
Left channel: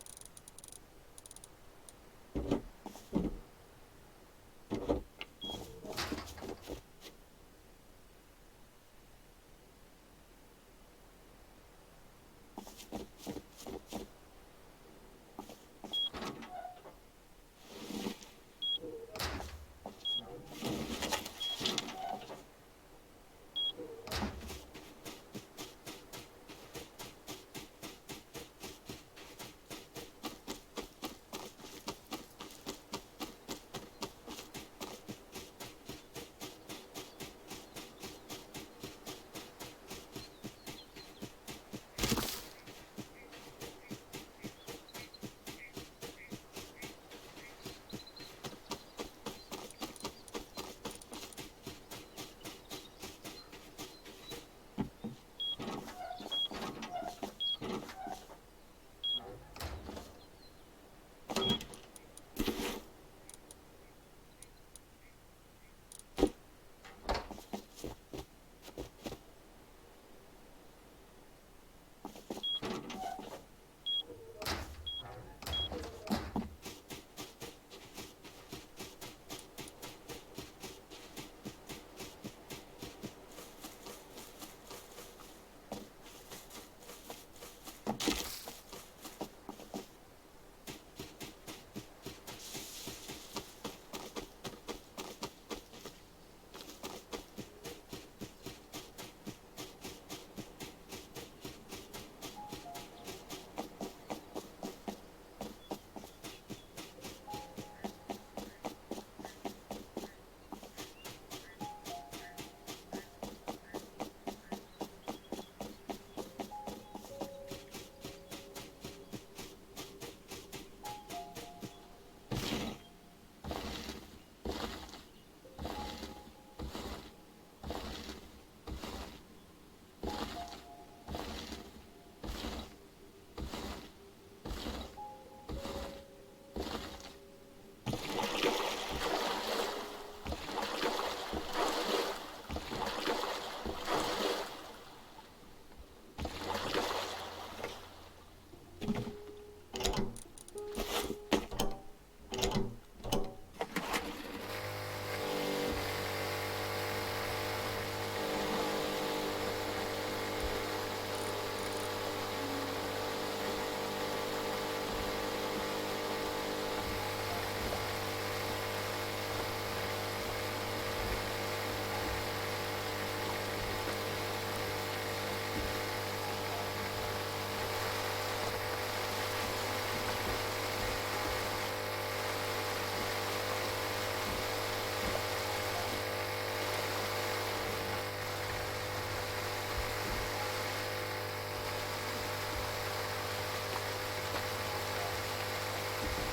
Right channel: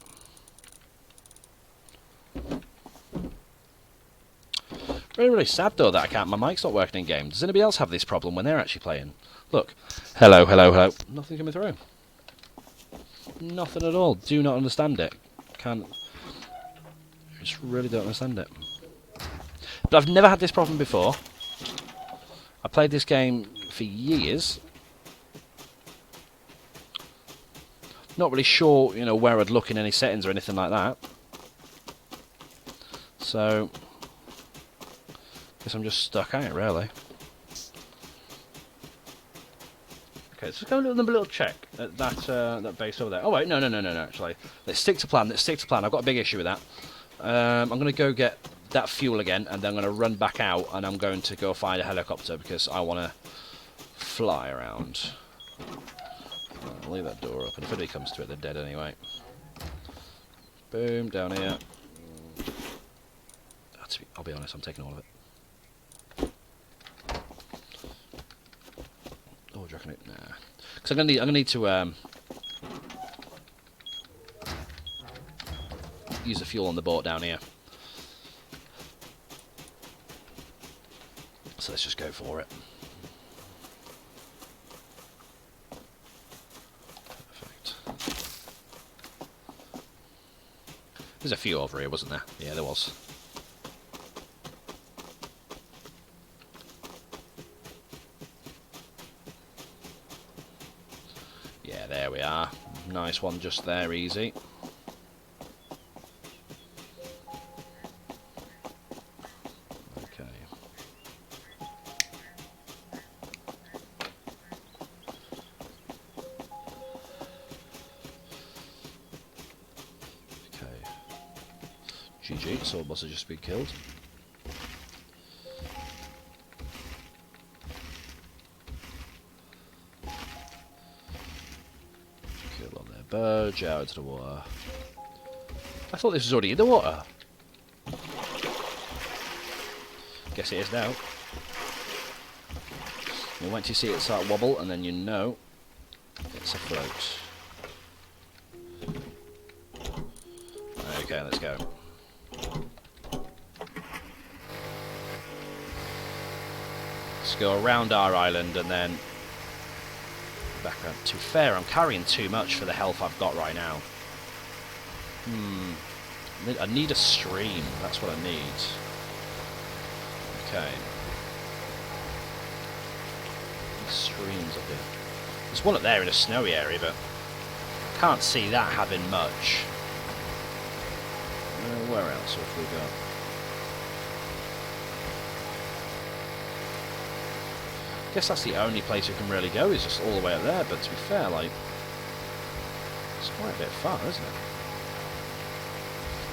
Really, really sad though that my mic's not working in game. Does anybody else have this problem when they're actually playing? Look. Hello, hello, hello. Nothing coming through. Nothing at all. Do not understand it. Can't... Just really don't understand it. But I've never had this problem before. I played this game for years. Not really sure, you know, where I'd look in any settings or anything like that. So, guess I'm just stuck at it, really. Okay, so let's go a little check at that base over there. Oh wait, no, actually. Let's stick to plan, I've got a big issue with that. I'm going to go get that fuel again, and then I'm going to run back out, and I'm going to go find a helicopter, because I want to fly around. I'll leave that door open. If anybody comes to it, they're dead anyway. Boom, down here. I'll be honest, I'm taking all of it. Oh, do you reckon it? Nah. Because I'm gonna need to use the fuel on the boat down here. So let's just go for it. Perfect. There's a few over here, wasn't there? Yeah, there was. we are. Nice one just there, easy. GG, the sword boss has just been killed. Kill on their bird, out into the water. I thought this was already in the water. Guess it is now. And once you see it start to wobble, and then you know it's a float. Okay, let's go. Let's go around our island and then back around. To be fair, I'm carrying too much for the health I've got right now. I need a stream. That's what I need. Okay. Streams up here. There's one up there in a snowy area, but can't see that having much. Where else have we go? Guess that's the only place we can really go, is just all the way up there, but to be fair, like, it's quite a bit far, isn't it?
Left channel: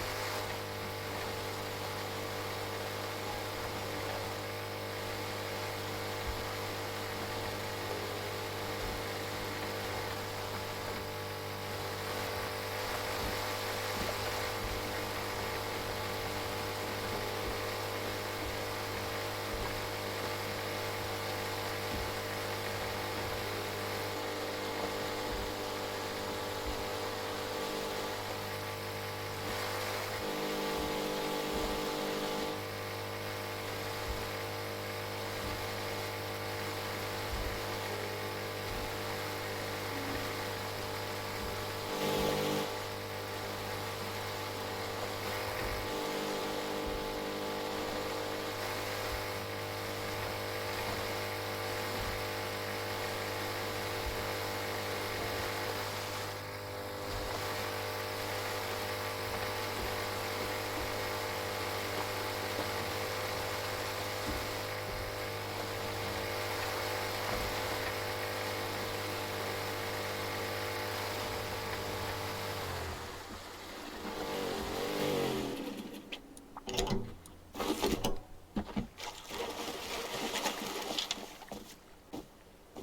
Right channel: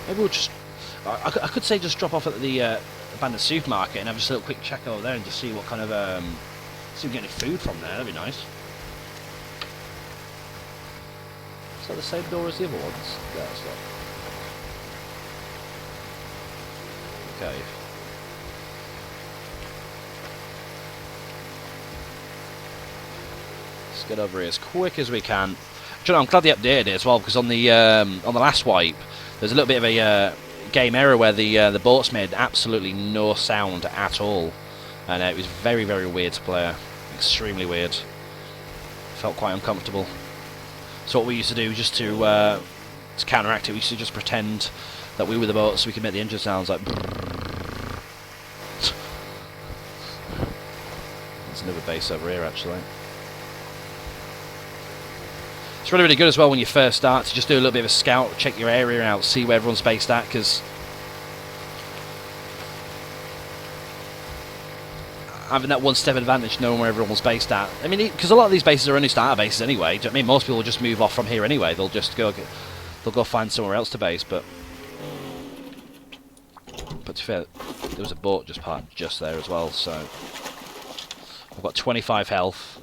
Maybe we'll just... I could say just drop off at the abandoned supermarket and have just a little quick check over there and just see what kind of... see if we get any food from there, that'd be nice. Is that the same door as the other ones? No, it's not. Okay. Let's get over here as quick as we can. Do you know, I'm glad they updated it as well, because on the last wipe, there's a little bit of a game error where the boats made absolutely no sound at all, and it was very, very weird to play. Extremely weird. Felt quite uncomfortable. So what we used to do, just to counteract it, we used to just pretend that we were the boat so we could make the engine sounds like... There's another base over here, actually. It's really, really good as well when you first start to just do a little bit of a scout, check your area out, see where everyone's based at, because having that one step advantage, knowing where everyone's based at. I mean, because a lot of these bases are only starter bases anyway. Do you know what I mean? Most people will just move off from here anyway. They'll just go find somewhere else to base. But to be fair, there was a boat just parked just there as well. So I've got 25 health.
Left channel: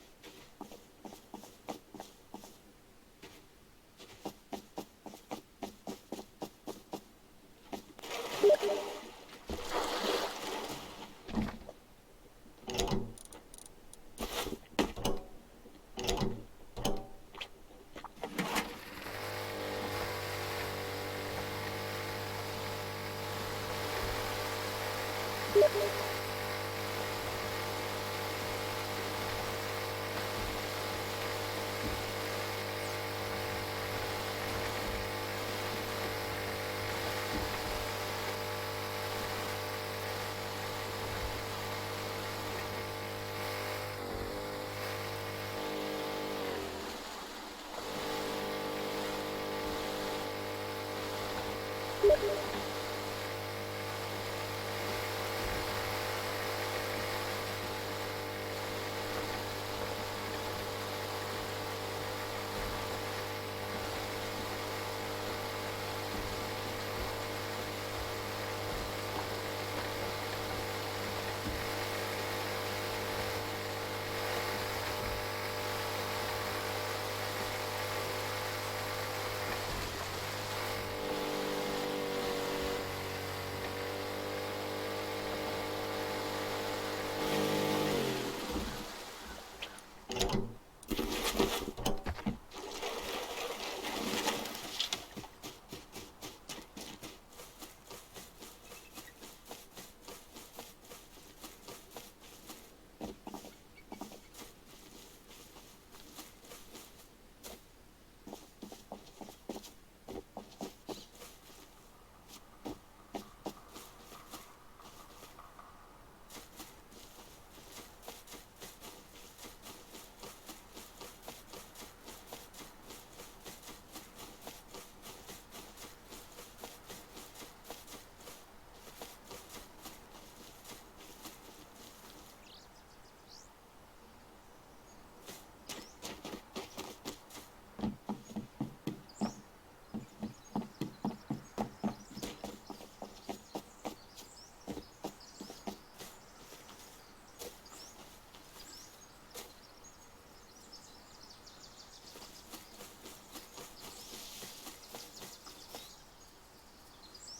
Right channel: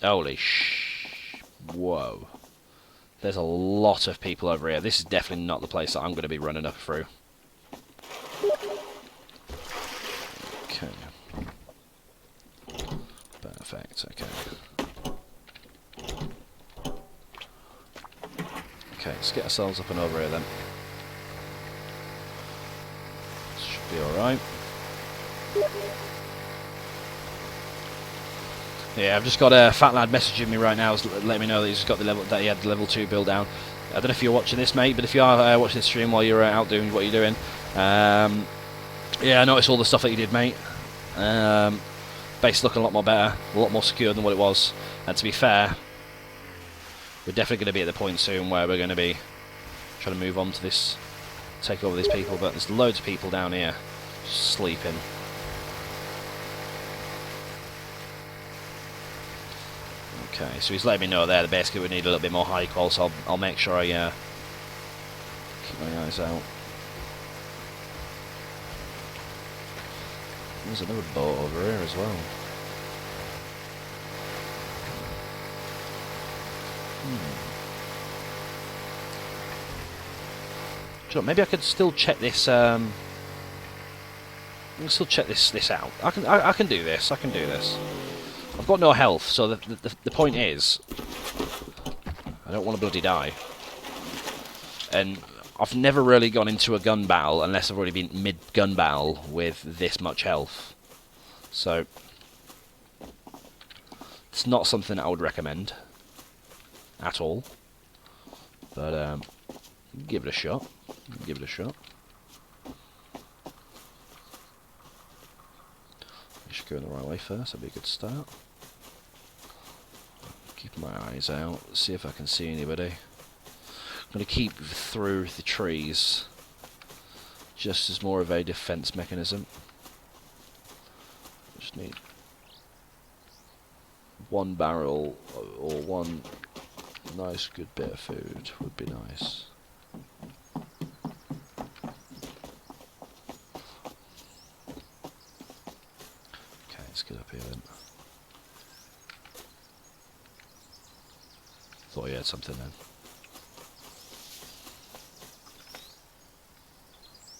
Holy whoa. There's a lot of people over here. This is definitely not the place that I'm going to be running up through. Okay. Perfect, okay. Okay, let's get ourselves up and over here then. Should be alright. Yeah, I've just got a fat lad messaging me right now, letting me know that he's got that he had the level 2 build down. I don't know if you're watching this, mate, but if you are watching this stream while you're out doing what you're doing, yeah, I noticed all the stuff that you did, mate. Base looking a lot more better, a lot more secure than what it was. And to be fair, we're definitely going to be at the point soon where we're going to be trying to move on to this, take over these people. But there's loads of people down here just sleeping. Okay, so he's letting me know there that basically we need a little bit more high call, so I'll make sure I keep my eyes out. There's another boat over here as well. Do you know, maybe I could still check this. I can still check this out. I can do this. I can do this. I've got no health, so the point is, I don't want to bloody die. And I've never really gone into a gun battle unless I've already been mid-gun battle with this much health. So, it's not something I would recommend at all. But, give it a shot. Give it a shot. Going the right way first, that'd be a good start. Keep my eyes out, see if I can see anybody. I'm going to keep through the trees, just as more of a defense mechanism. Just need one barrel or one nice good bit of food would be nice. Okay, let's get up here then. Thought you had something then.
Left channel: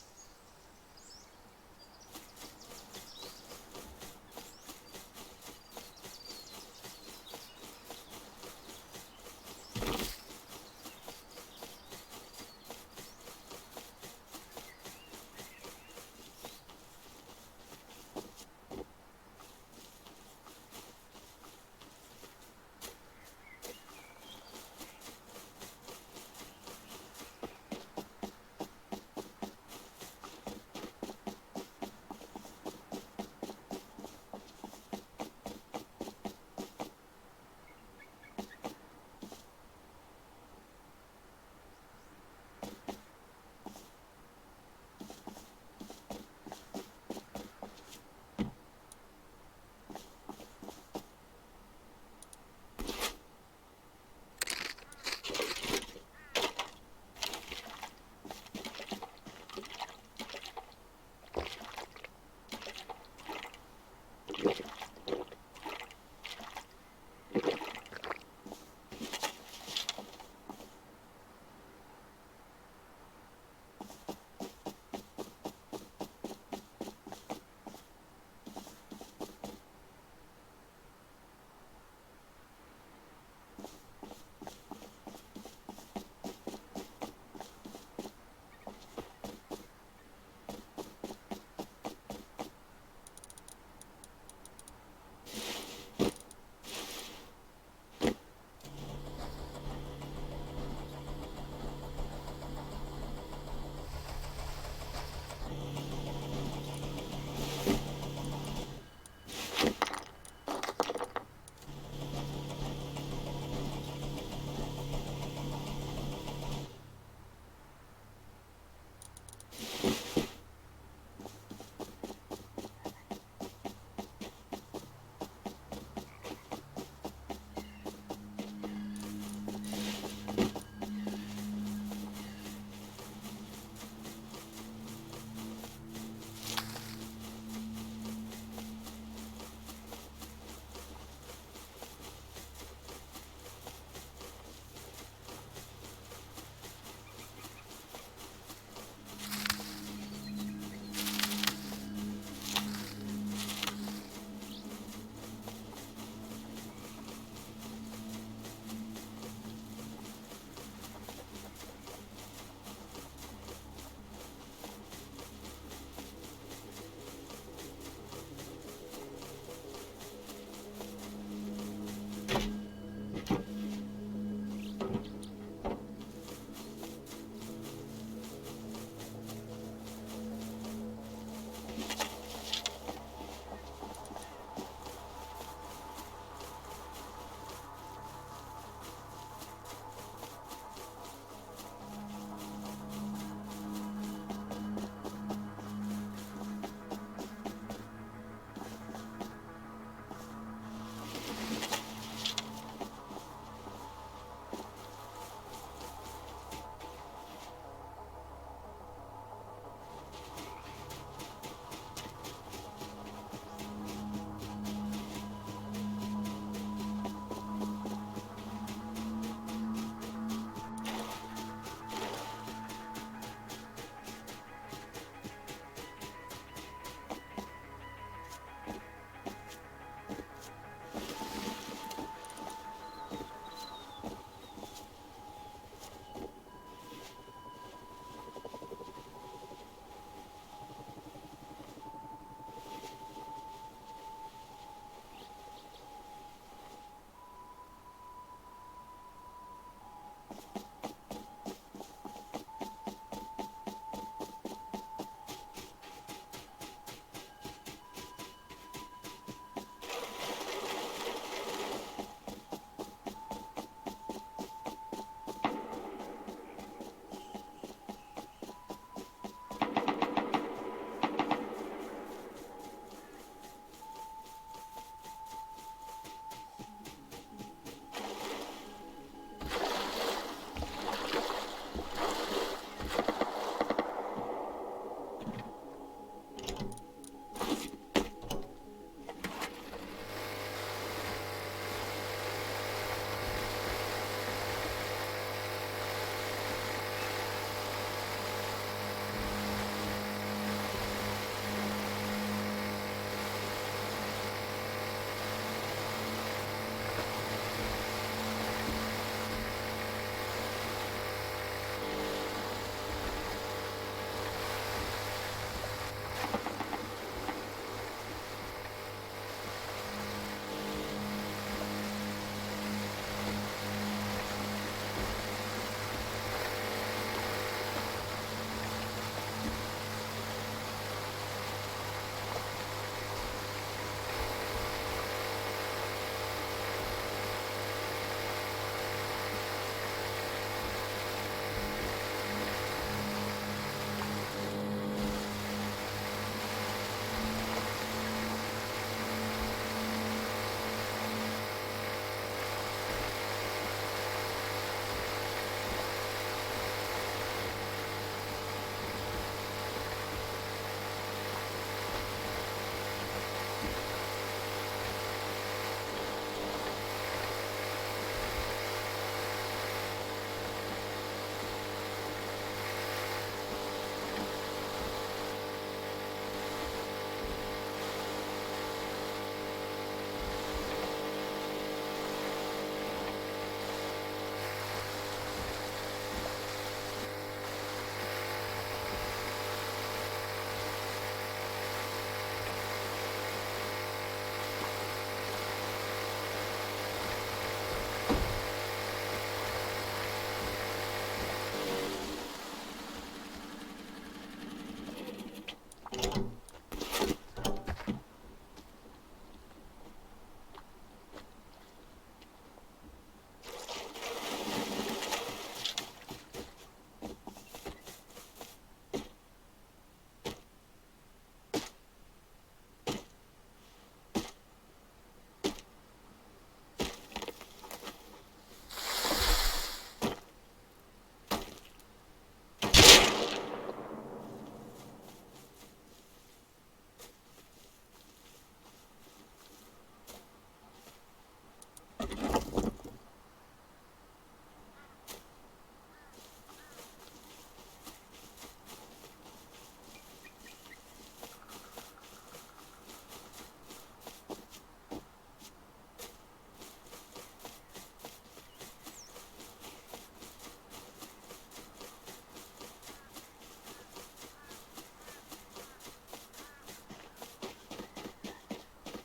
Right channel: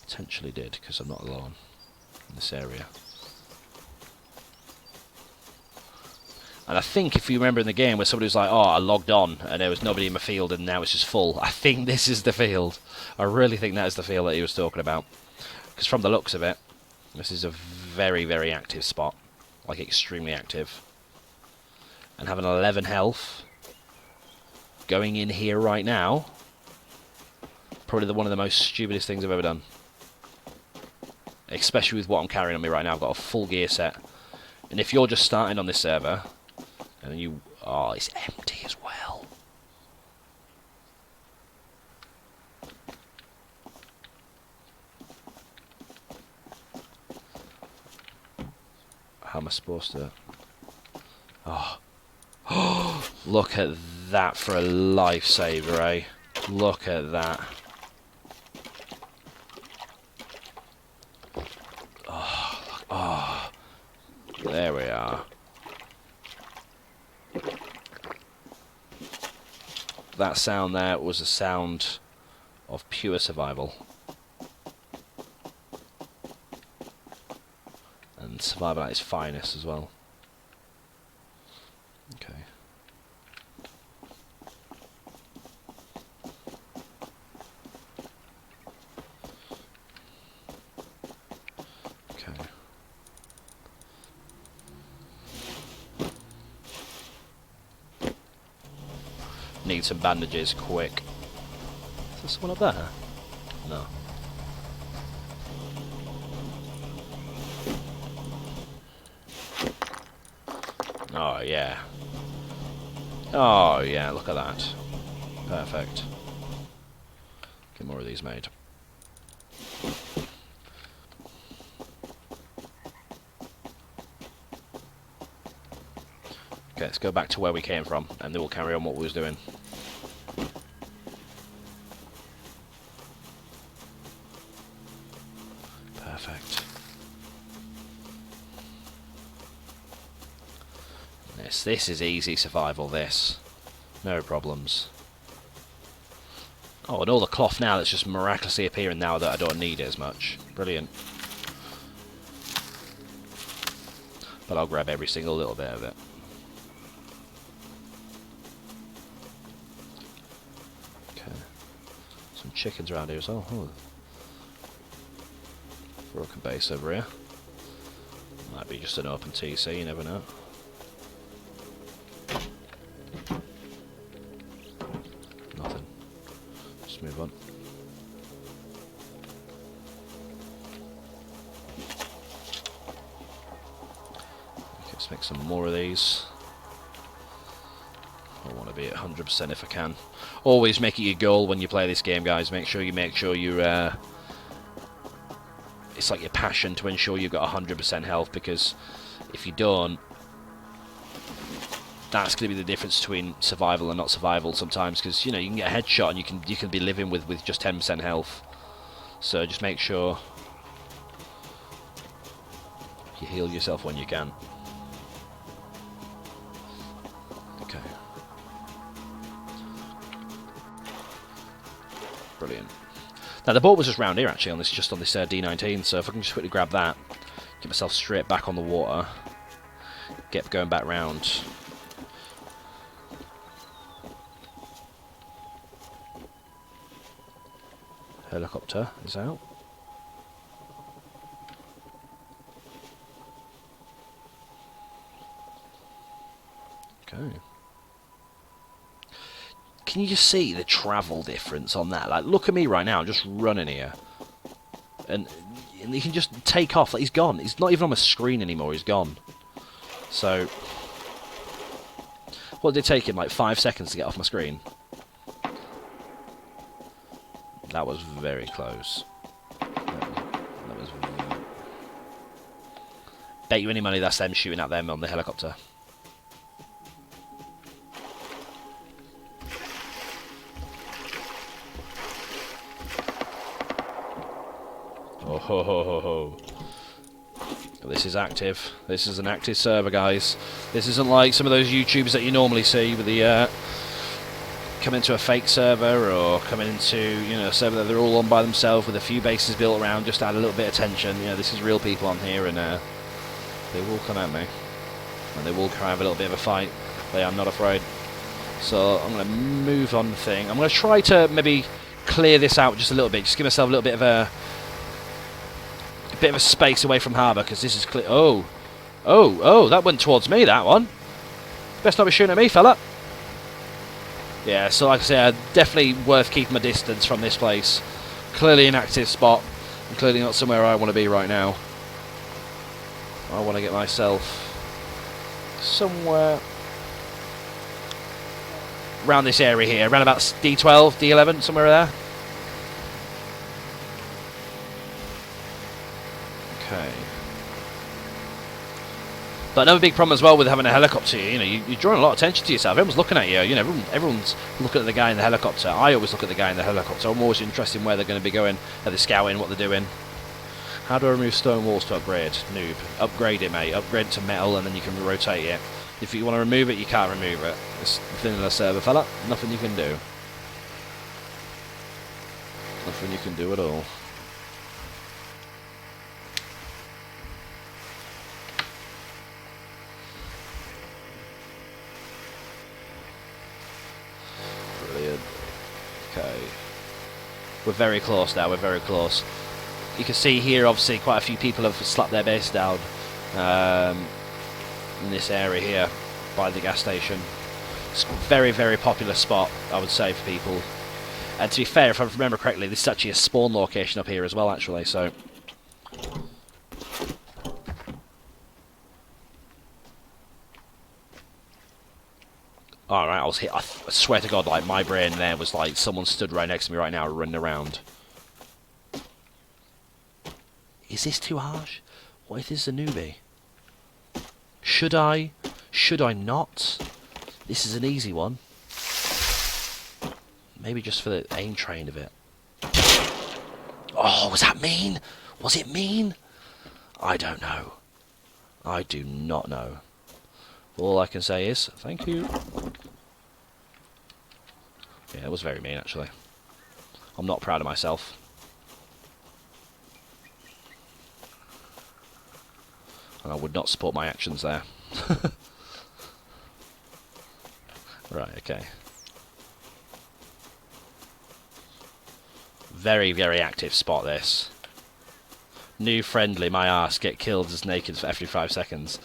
Potentially did, because I'm not alone in this area. And I think if you remember in the game where somebody was like, oh, I logged on and there was nobody in my field and now it's just full, I think this is the field. I really think that is the field that he was talking about. Because from the looks of it, this is a very, very active spot. Like, extremely active. And having 11 health, going in here right now, probably one of the most stupidest things I've ever done. Especially with what I'm carrying on me right now. I've got a full gear set. And if you're just starting on this server, and you... oh, it's empty as well. How am I supposed to... oh. Look at that for a lifesaver, eh? Look at that. There we are. That sound there was a sound of pure survival. And survival at its finest as well. Okay. Okay. Need some bandages, quick. Is there someone up there? No. Oh, yeah. Oh, yeah, look at that. Perfect. Get more of these made. Okay, let's go back to where we came from, and then we'll carry on what we was doing. Perfect. This is easy survival, this. No problems. Oh, and all the cloth now that's just miraculously appearing now that I don't need it as much. Brilliant. But I'll grab every single little bit of it. Chickens around here as well. Broken base over here. Might be just an open TC, you never know. Nothing. Just move on. Okay, let's make some more of these. I want to be at 100% if I can. Always make it your goal when you play this game, guys. Make sure you it's like your passion to ensure you've got 100% health, because if you don't, that's going to be the difference between survival and not survival sometimes, because you know you can get a headshot and you can be living with just 10% health. So just make sure you heal yourself when you can. Now the boat was just round here actually, on this D19, so if I can just quickly grab that, get myself straight back on the water, get going back round. Helicopter is out. Okay. Can you just see the travel difference on that? Like, look at me right now, I'm just running here. And and he can just take off. Like, he's gone. He's not even on my screen anymore. He's gone. So, what did it take him? Like 5 seconds to get off my screen. That was very close. Bet you any money that's them shooting at them on the helicopter. Oh ho ho ho ho. This is active. This is an active server, guys. This isn't like some of those YouTubers that you normally see with the come into a fake server or coming into, you know, a server that they're all on by themselves with a few bases built around just to add a little bit of tension. You know, this is real people on here, and they will come at me, and they will have a little bit of a fight. But I'm not afraid. So I'm going to move on the thing. I'm going to try to maybe clear this out just a little bit. Just give myself a little bit of a space away from harbour, because this is clear. Oh, that went towards me, that one. Best not be shooting at me, fella. Yeah, so like I say, definitely worth keeping my distance from this place. Clearly an active spot. Clearly not somewhere I want to be right now. I want to get myself somewhere around this area here, around about D12, D11, somewhere there. Okay. But another big problem as well with having a helicopter, you know, you're drawing a lot of attention to yourself. Everyone's looking at you. You know, everyone's looking at the guy in the helicopter. I always look at the guy in the helicopter. I'm always interested in where they're going to be going. Are they scouting? What they're doing? How do I remove stone walls to upgrade? Noob. Upgrade it, mate. Upgrade to metal, and then you can rotate it. If you want to remove it, you can't remove it. It's vanilla server, fella. Nothing you can do. Nothing you can do at all. Brilliant. Okay. We're very close now. We're very close. You can see here, obviously, quite a few people have slapped their base down in this area here by the gas station. It's a very, very popular spot, I would say, for people. And to be fair, if I remember correctly, this is actually a spawn location up here as well, actually, so... Alright, I was hit. I swear to God, like, my brain there was like someone stood right next to me right now running around. Is this too harsh? What if this is a newbie? Should I? Should I not? This is an easy one. Maybe just for the aim train of it. Oh, was that mean? Was it mean? I don't know. I do not know. All I can say is, thank you. Yeah, it was very mean, actually. I'm not proud of myself. And I would not support my actions there. Right, okay. Very, very active spot, this. New friendly, my ass, get killed as naked for every 5 seconds.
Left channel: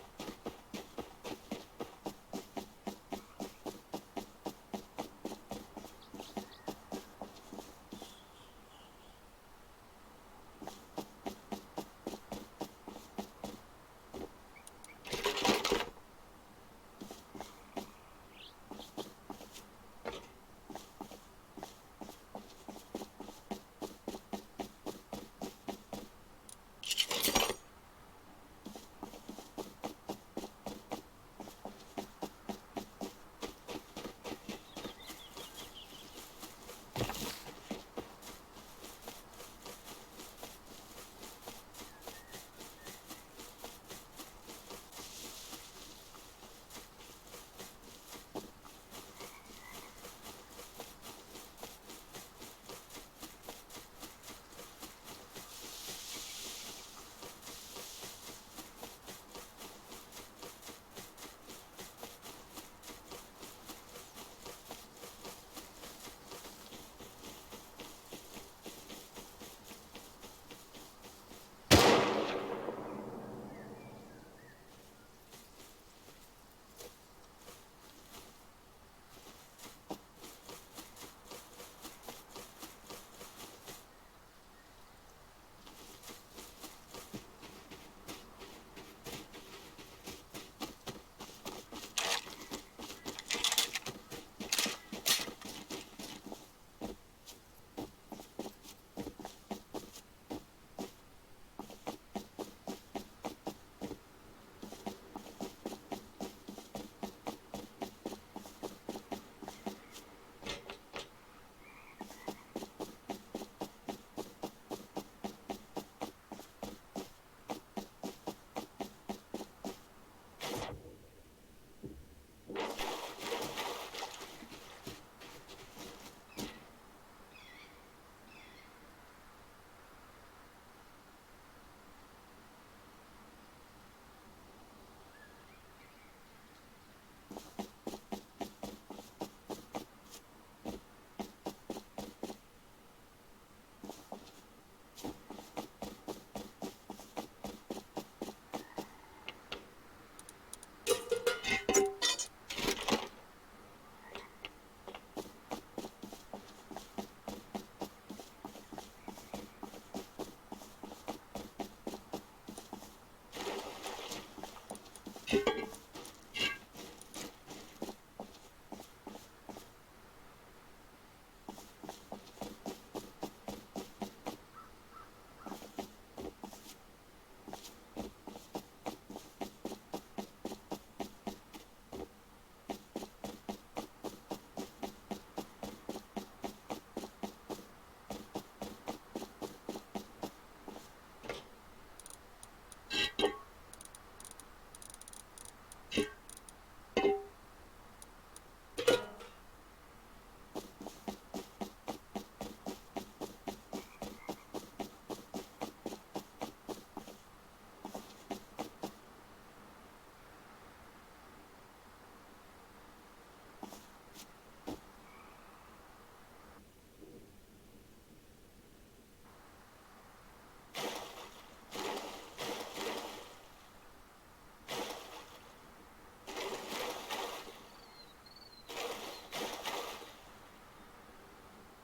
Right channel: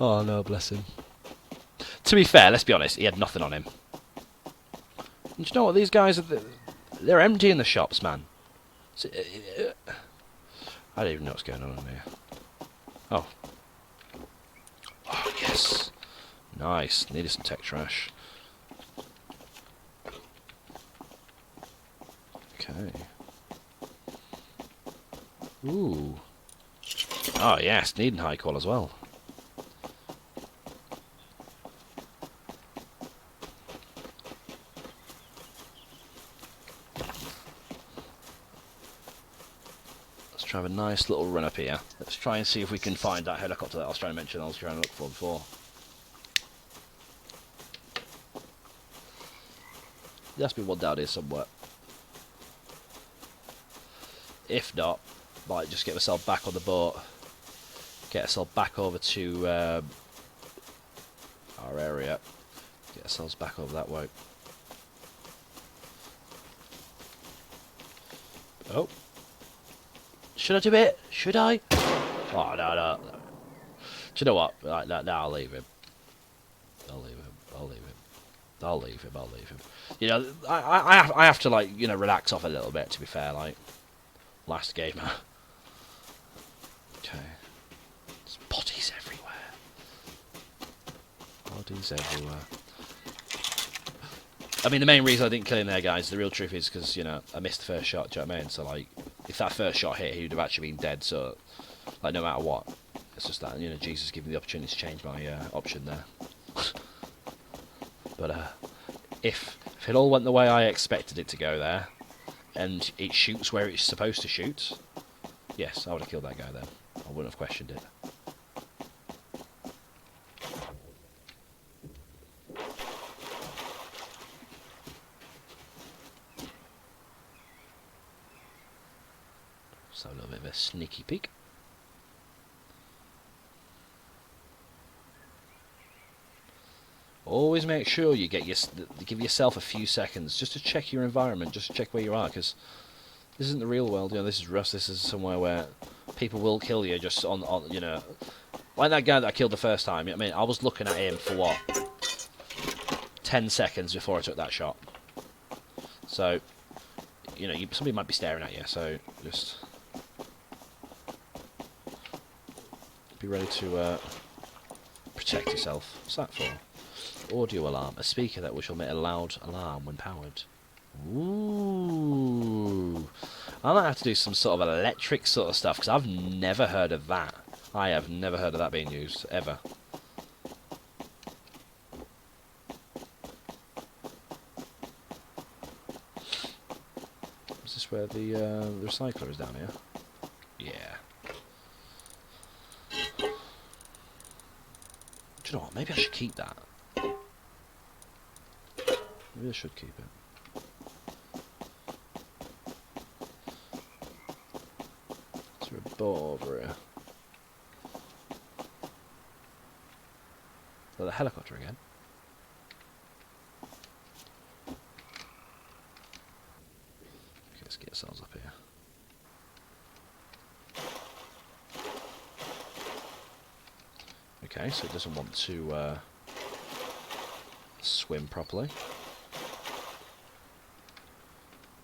Oh no, bless him. To be fair, let's be honest, he had nothing on him. And you know what, these guys, they're emptying the shops, man. I don't even know what's going on in here. Oh. Oh, yes. Nice, needed some tech trash. Okay. Ooh. Oh yes, needing high call as well. Let's try a nice little run up here. Let's try and see if we can find that helicopter that I was trying to mention I was trying to look for before. There has to be one down here somewhere. If not, might just get myself back on the boat. Get ourselves back over to our area. Get ourselves back over that way. Oh. Should I do it? Should I? Oh, no. Do you know what? Right, no, I'll leave him. I'll leave him. You know, I have to, like, you know, relax off a little bit, to be fair, like, last gamer. Okay. There's bodies everywhere. Bodies everywhere. I mean, the main reason I didn't kill him there, guys, the real truth is because, you know, I missed the first shot, do you know what I mean? So, like, if that first shot hit, he would have actually been dead, so, like, no matter what. It's just that, you know, Jesus gave me the opportunity to change my option there. But, if it all went the way I expected it to go there, and it shoots where it's supposed to shoot, yes, I would have killed that guy then. I wouldn't have questioned it. So a little bit of a sneaky peek. Always make sure you give yourself a few seconds just to check your environment, just to check where you are, because this isn't the real world. You know, this is Rust. This is somewhere where people will kill you just on you know, like that guy that I killed the first time. I mean, I was looking at him for what, 10 seconds before I took that shot. So, you know, somebody might be staring at you. So just be ready to protect yourself. What's that for? Audio alarm. A speaker that will emit a loud alarm when powered. Ooh. I might have to do some sort of electric sort of stuff, because I've never heard of that. I have never heard of that being used, ever. Is this where the recycler is down here? Yeah. Do you know what? Maybe I should keep that. Maybe I should keep it. Is there a ball over here? Oh, the helicopter again. Okay, let's get ourselves up here. Okay, so it doesn't want to swim properly.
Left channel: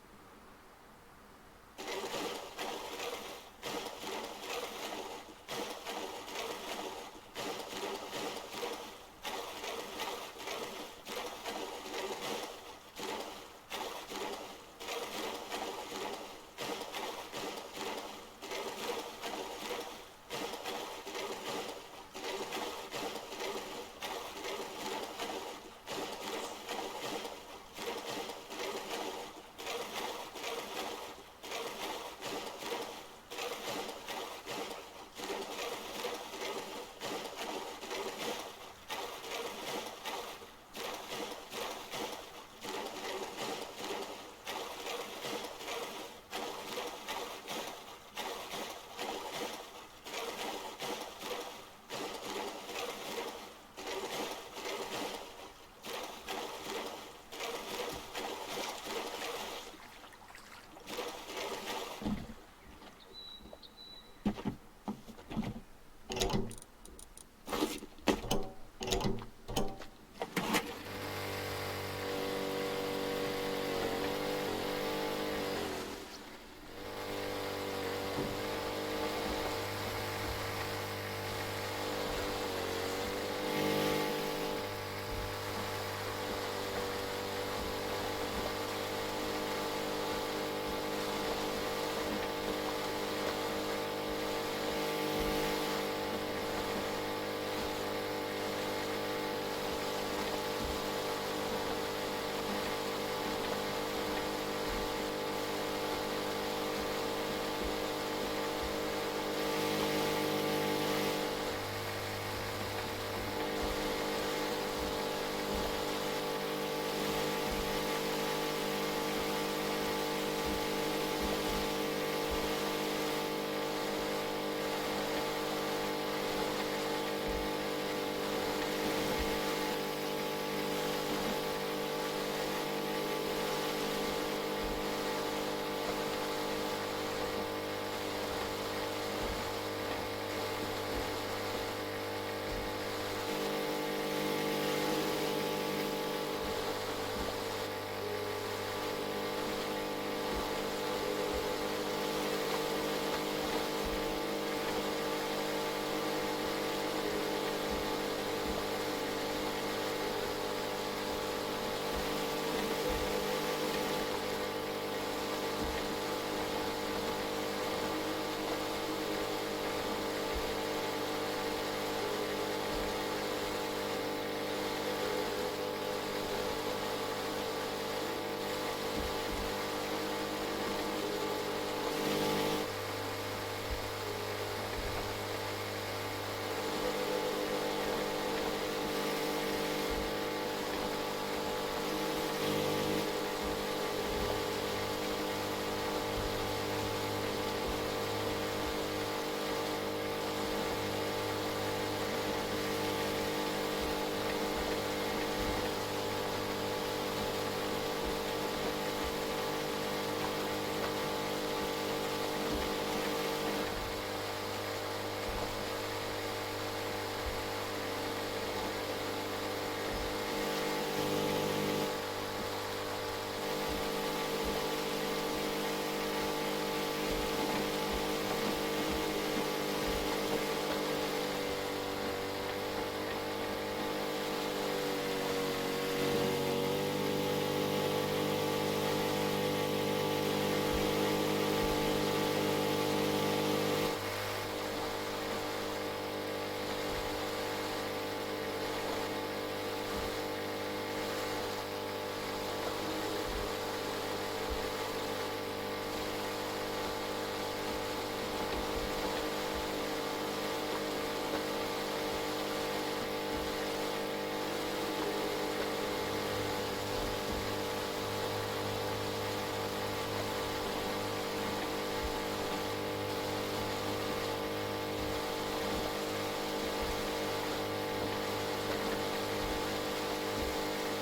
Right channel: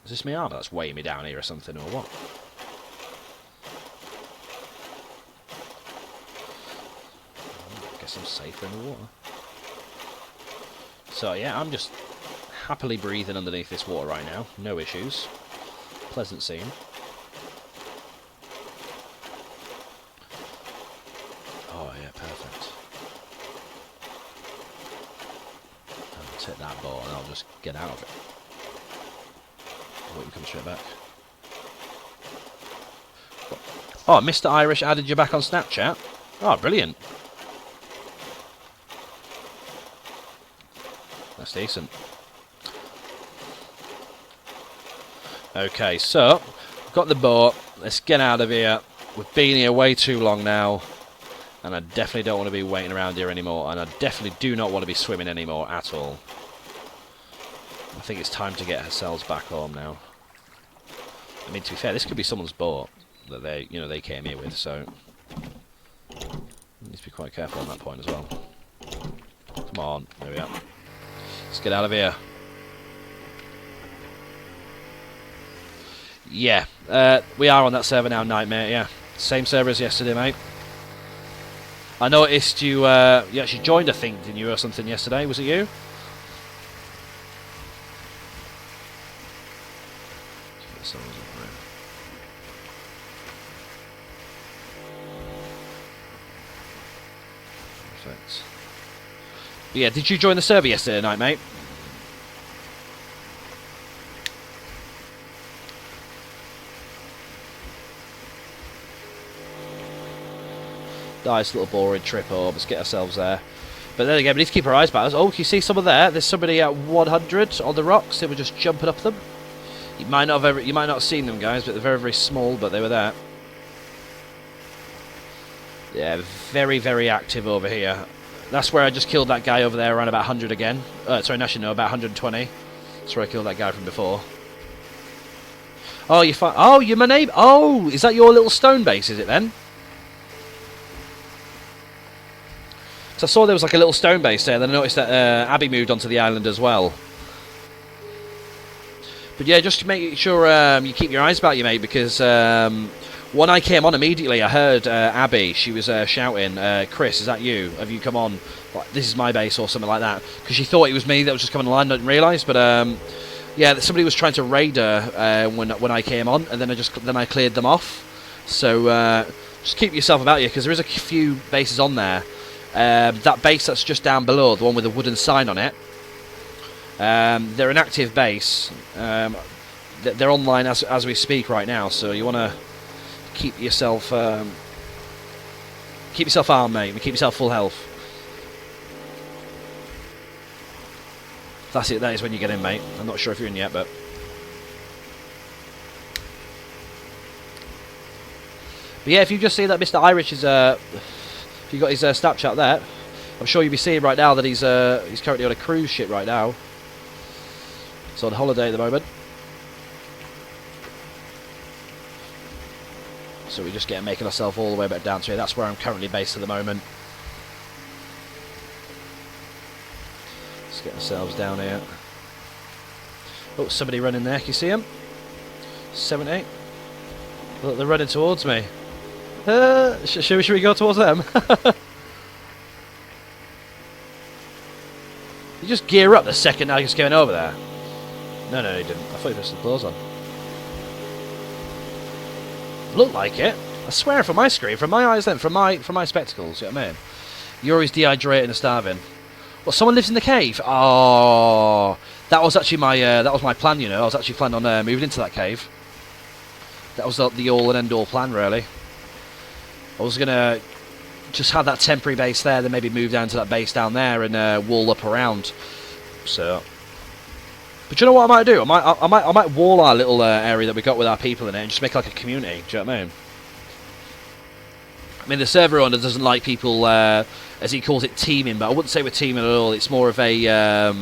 Is this my armor that's weighing me down here or something, or what? I guess I'm safe in the water. So yeah, I'm just happily breathing underneath this water right now. No issues. Pleasant scene. Oh yeah, perfect. I'll take that ball and I'll just get out of it. You come straight back. Oh, Mr. Irish added you back on Snapchat? Oh, brilliant. That's decent. Okay, so, got the boat. Let's get out of here. We've been here way too long now. And I definitely don't want to be waiting around here anymore. And I definitely do not want to be swimming anymore at all. I think it's time to get ourselves back home now. I mean, to be fair, this could be someone's boat that they, you know, they came here with, so you need to be quite careful on that point as well. Come on, there we are. Let's get out of here. Yeah, we are on that server now, Nightmare. Yeah, same server as yesterday, mate. I noticed you actually joined, I think, didn't you, or something yesterday? Was it you? Yeah, did you join the server yesterday night, mate? Nice little boring trip home. Let's get ourselves there. But then again, we need to keep our eyes back. Oh, can you see someone there? There's somebody at 100 on the rocks. They were just jumping up them. You might not have seen them, guys, but they're very, very small. But they were there. Yeah, very, very active over here. That's where I just killed that guy over there around about 100 again. Sorry, actually no, about 120. That's where I killed that guy from before. Oh, you're my neighbour. Oh, is that your little stone base, is it then? So I saw there was like a little stone base there, then I noticed that Abby moved onto the island as well. But yeah, just make sure you keep your eyes about you, mate, because when I came on immediately, I heard Abby. She was shouting, "Chris, is that you? Have you come on? Like, this is my base," or something like that. Because she thought it was me that was just coming online. Didn't realise, but yeah, somebody was trying to raid her when I came on, and then I cleared them off. So just keep yourself about you, because there is a few bases on there. That base that's just down below, the one with the wooden sign on it, they're an active base. They're online as we speak right now, so you want to keep yourself armed, mate, and keep yourself full health. That's it, that is when you get in, mate. I'm not sure if you're in yet, but... yeah, if you just see that Mr. Irish is, if you got his Snapchat there, I'm sure you'll be seeing right now that he's currently on a cruise ship right now. He's on holiday at the moment. So we just making ourselves all the way back down to here. That's where I'm currently based at the moment. Let's get ourselves down here. Oh, somebody running there. Can you see him? 7-8. Look, they're running towards me. Should we go towards them? You just gear up the second I was going over there. No, he didn't. I thought he was the clothes on. Looked like it. I swear, from my screen, from my eyes, then from my spectacles. You know what I mean? You're always dehydrated and starving. Well, someone lives in the cave. Oh, that was actually my plan. You know, I was actually planning on moving into that cave. That was the all and end all plan, really. I was gonna just have that temporary base there, then maybe move down to that base down there and wall up around. So, but you know what I might do? I might wall our little area that we got with our people in it and just make like a community. Do you know what I mean? I mean, the server owner doesn't like people, as he calls it, teaming, but I wouldn't say we're teaming at all. It's more of a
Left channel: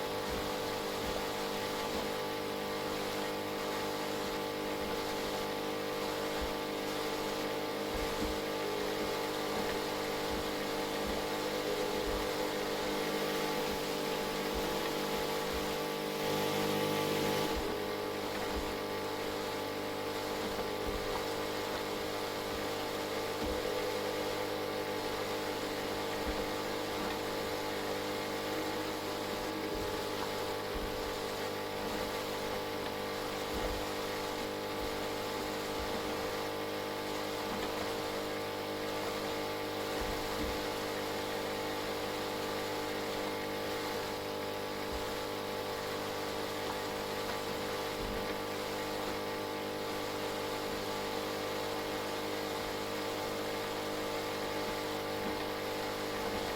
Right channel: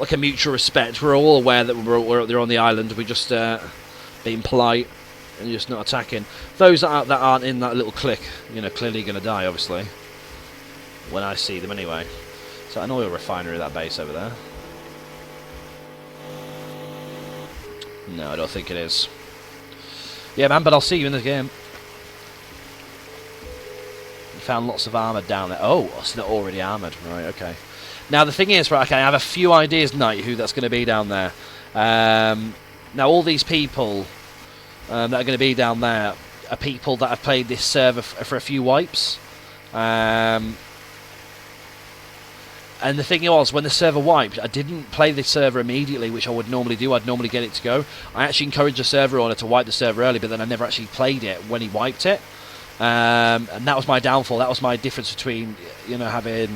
like a mutual respect. We're all aware that they're on the island. We're just being polite and just not attacking. Those that aren't in that little clique, you know, clearly going to die, obviously, when I see them anyway. Is that an oil refinery, that base over there? No, I don't think it is. Yeah, man, but I'll see you in the game. You found lots of armour down there. Oh, it's not already armoured. Right, okay. Now, the thing is, right, okay, I have a few ideas tonight who that's going to be down there. Now, all these people that are going to be down there are people that have played this server for a few wipes. And the thing was, when the server wiped, I didn't play the server immediately, which I would normally do. I'd normally get it to go. I actually encouraged the server owner to wipe the server early, but then I never actually played it when he wiped it. And that was my downfall. That was my difference between, you know, having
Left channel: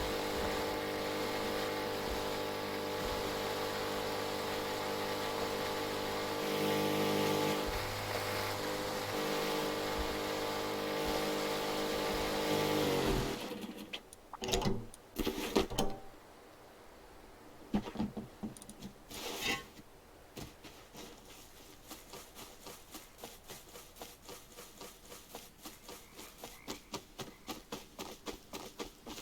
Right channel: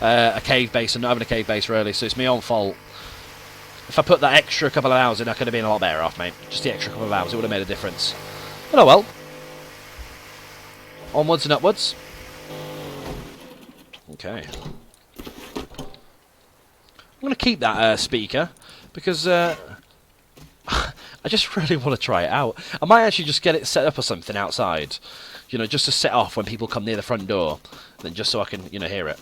a cave base and not having a cave base, really. So it's my own fault. If I put that extra couple of hours in, I could have been a lot better off, mate. Just the extra couple of hours, it would have made a difference. But oh well. Onwards and upwards. Okay. I'm going to keep that speaker, because I just really want to try it out. I might actually just get it set up or something outside, you know, just to set off when people come near the front door, then just so I can, you know, hear it.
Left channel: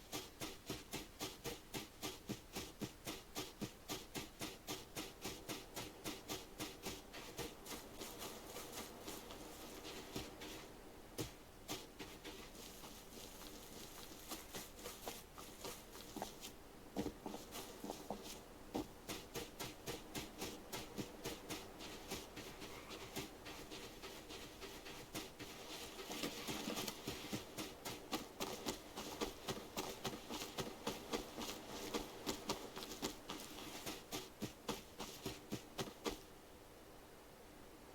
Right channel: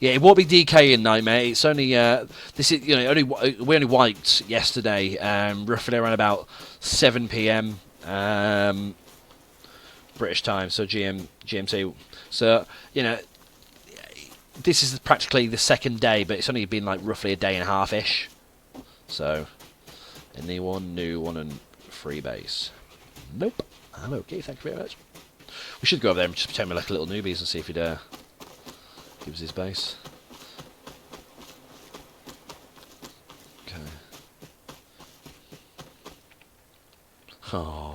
Yeah, it won't be DKing night, mate. It's only this is, you know, we only wiped yesterday, roughly around about 7 PM British time, so GMT. So, you know, this is practically the second day, but it's only been like roughly a day and a half-ish. So, anyone new one and free base? Nope. I'm okay, thank you very much. We should go over there and just pretend we're like little newbies and see if he'd give us his base. Okay. Oh.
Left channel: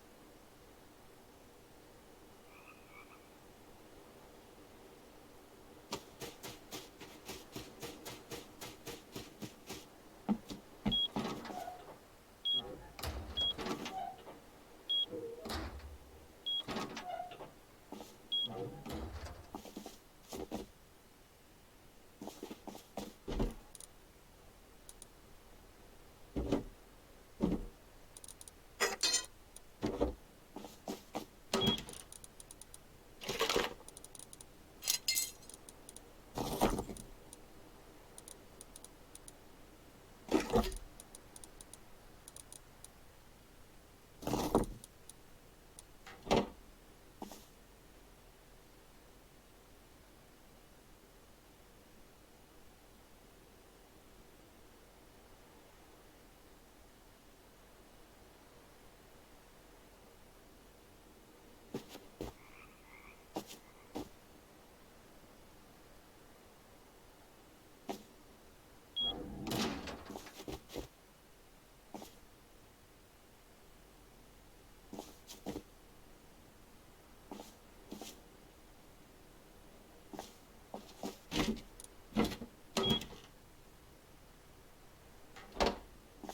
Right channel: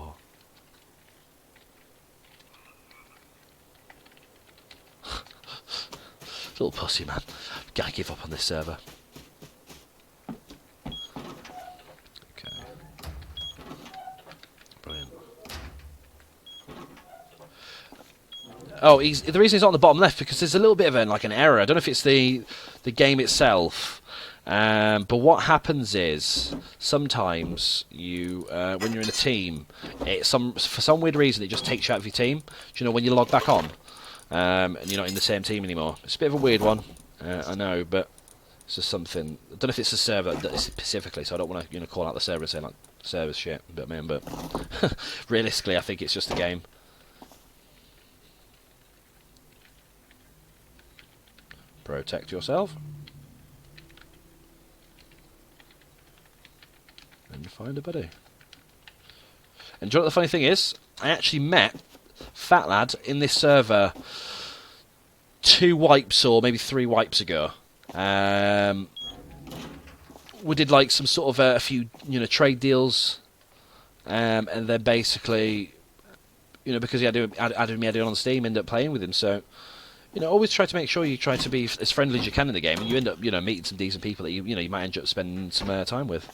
Little pussy, man. Gotta give up on this server. Okay. Brilliant. Oh, the reason he's on the bottom left, because there's a little bit of an error. I don't know if it's the game itself, but what happens is sometimes you when you're in a team, for some weird reason it just takes you out of your team. Do you know when you log back on? And you're not in the same team anymore. It's a bit of a weird one, I know, but It's just something. I don't know if it's a server that is specifically, so I don't want to call out the server and say like server's shit. But man, but realistically, I think it's just a game. Protect yourself. And find a buddy. And do you know what the funny thing is? I actually met Fat Lad in this server 2 wipes or maybe 3 wipes ago. We did like some sort of a few trade deals, and then basically because he added me on Steam, ended up playing with him. So always try to make sure you try to be as friendly as you can in the game, and you end up meeting some decent people that you might end up spending some time with.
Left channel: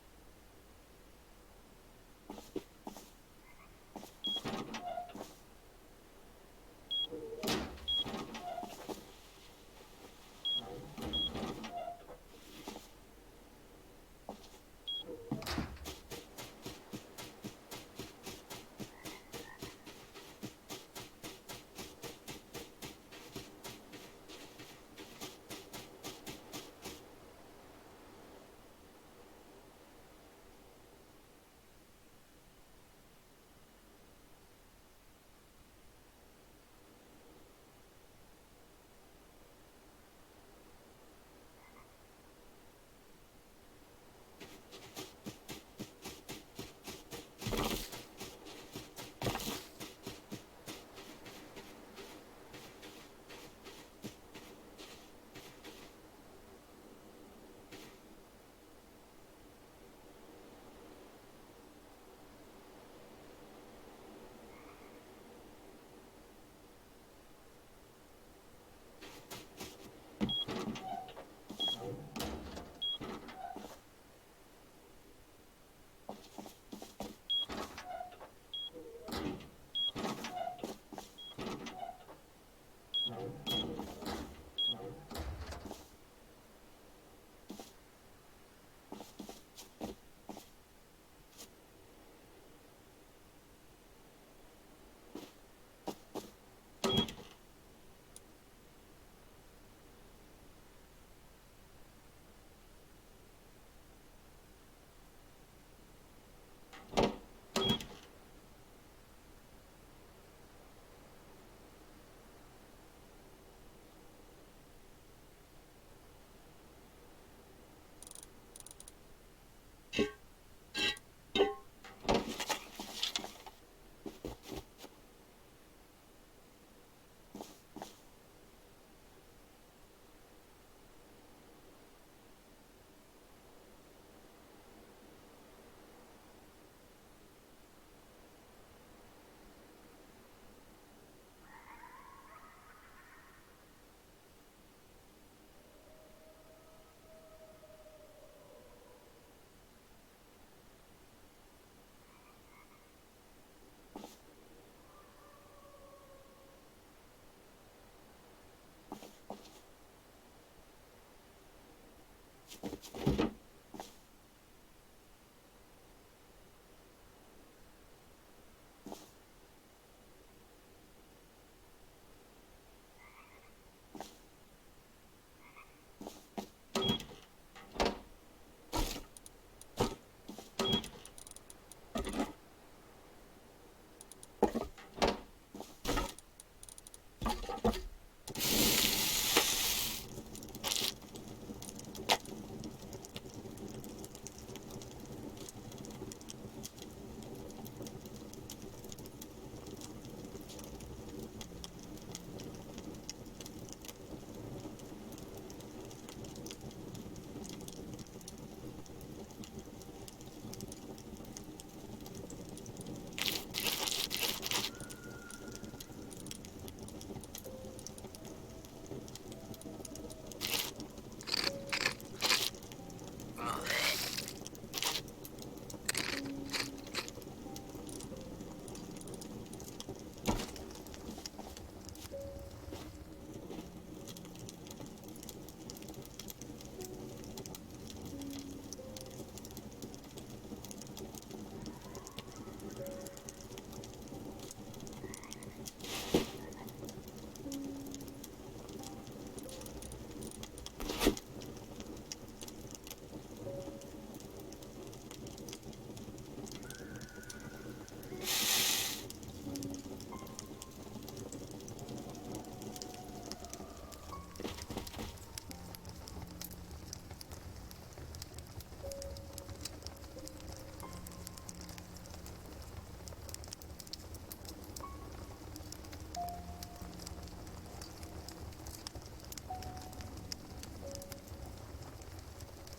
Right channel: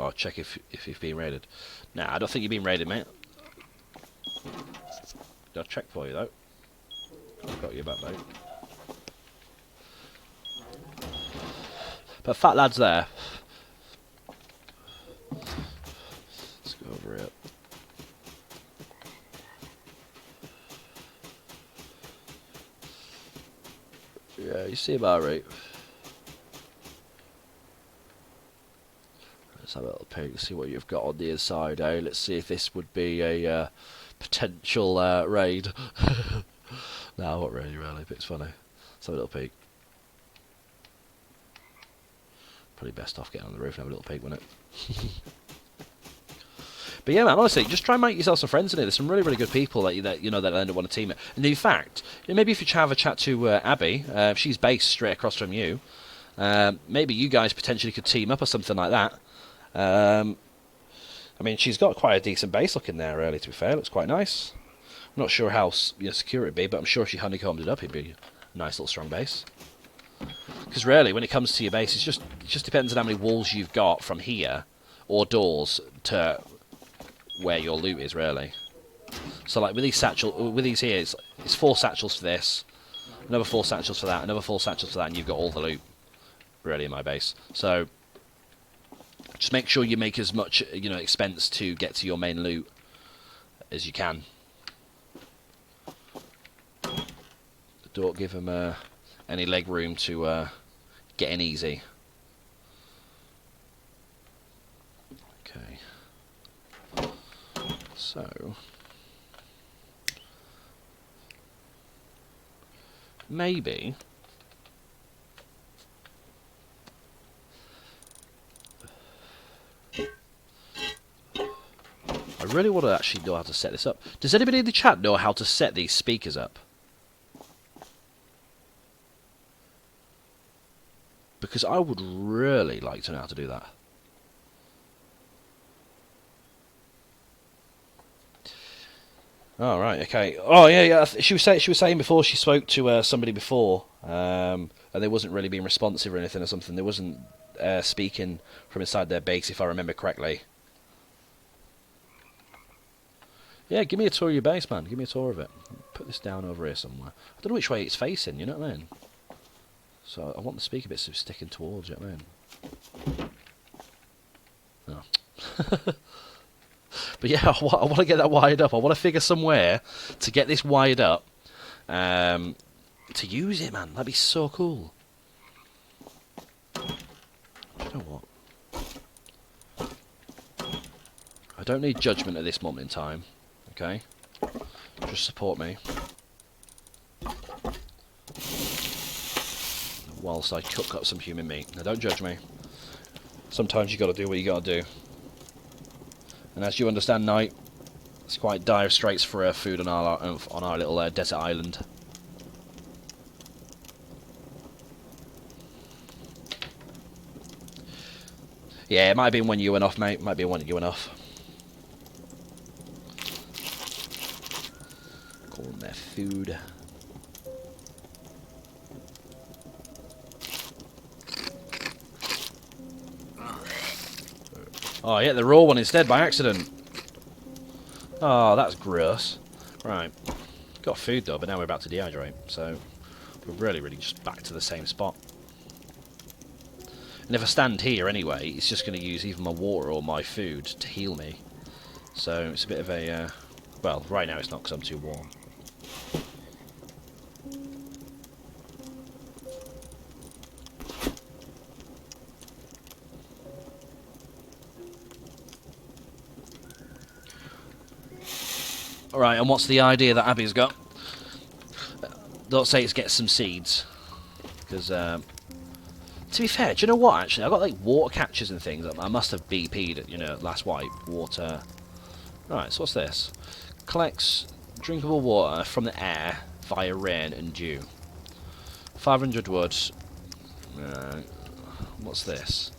Oh, check if you've been raided. Nah, I don't think you've been raided, mate. I'll check for you though. Got you back, mate. But Fat Lad's there. Let's go over it. Yeah, you see about right. Let's have a little peek, see what you've got on the inside, eh? Let's see if this would be a potential raid. No, not really, but it's funny. Let's have a little peek. Probably best off getting on the roof and have a little peek, wouldn't it? But yeah, man, honestly, just try and make yourself some friends in it. There's some really, really good people that that end up want to team it. And in fact, maybe if you have a chat to Abby, she's based straight across from you. Maybe you guys potentially could team up or something like that. I mean, she's got quite a decent base looking there, really, to be fair. It looks quite nice. I'm not sure how secure it'd be, but I'm sure if she honeycombed it up, it'd be a nice little strong base. Because really, when it comes to your base, it just depends on how many walls you've got from here, or doors, to where your loot is, really. So, like, with these here, it's 4 satchels for this, another 4 satchels for that, another 4 satchels for that, and you've got all the loot, really, in my base. So just make sure you make as much expense to get to your main loot as you can. Don't give them any leg room to get in easy. Okay. So maybe I really want to actually know how to set this up. Does anybody in the chat know how to set these speakers up? Because I would really like to know how to do that. Oh, right, okay. Oh, yeah. She was saying before she spoke to somebody before, and they wasn't really being responsive or anything or something. They wasn't speaking from inside their base, if I remember correctly. Yeah, give me a tour of your base, man. Give me a tour of it. Put this down over here somewhere. I don't know which way it's facing, you know what I mean? So I want the speaker bits sticking towards, you know what I mean? No. But yeah, I want to get that wired up. I want to figure somewhere to get this wired up to use it, man. That'd be so cool. You know what? I don't need judgment at this moment in time. Okay? Just support me. Whilst I cook up some human meat. Now don't judge me. Sometimes you got to do what you got to do. And as you understand, Knight, it's quite dire straits for food on our little desert island. Yeah, it might have been when you went off, mate. Might be when you went off. Calling their food. Oh, yeah, the raw one instead by accident. Oh, that's gross. Right. Got food though, but now we're about to dehydrate. So, we're really just back to the same spot. And if I stand here anyway, it's just going to use either my water or my food to heal me. So it's a bit of a... well, right now it's not because I'm too warm. Alright, and what's the idea that Abby's got? Don't say it's get some seeds. Because, to be fair, do you know what, actually? I've got, like, water catchers and things. I must have BP'd, you know, last wipe. Water. Right, so what's this? Collects drinkable water from the air via rain and dew. 500 wood. What's this?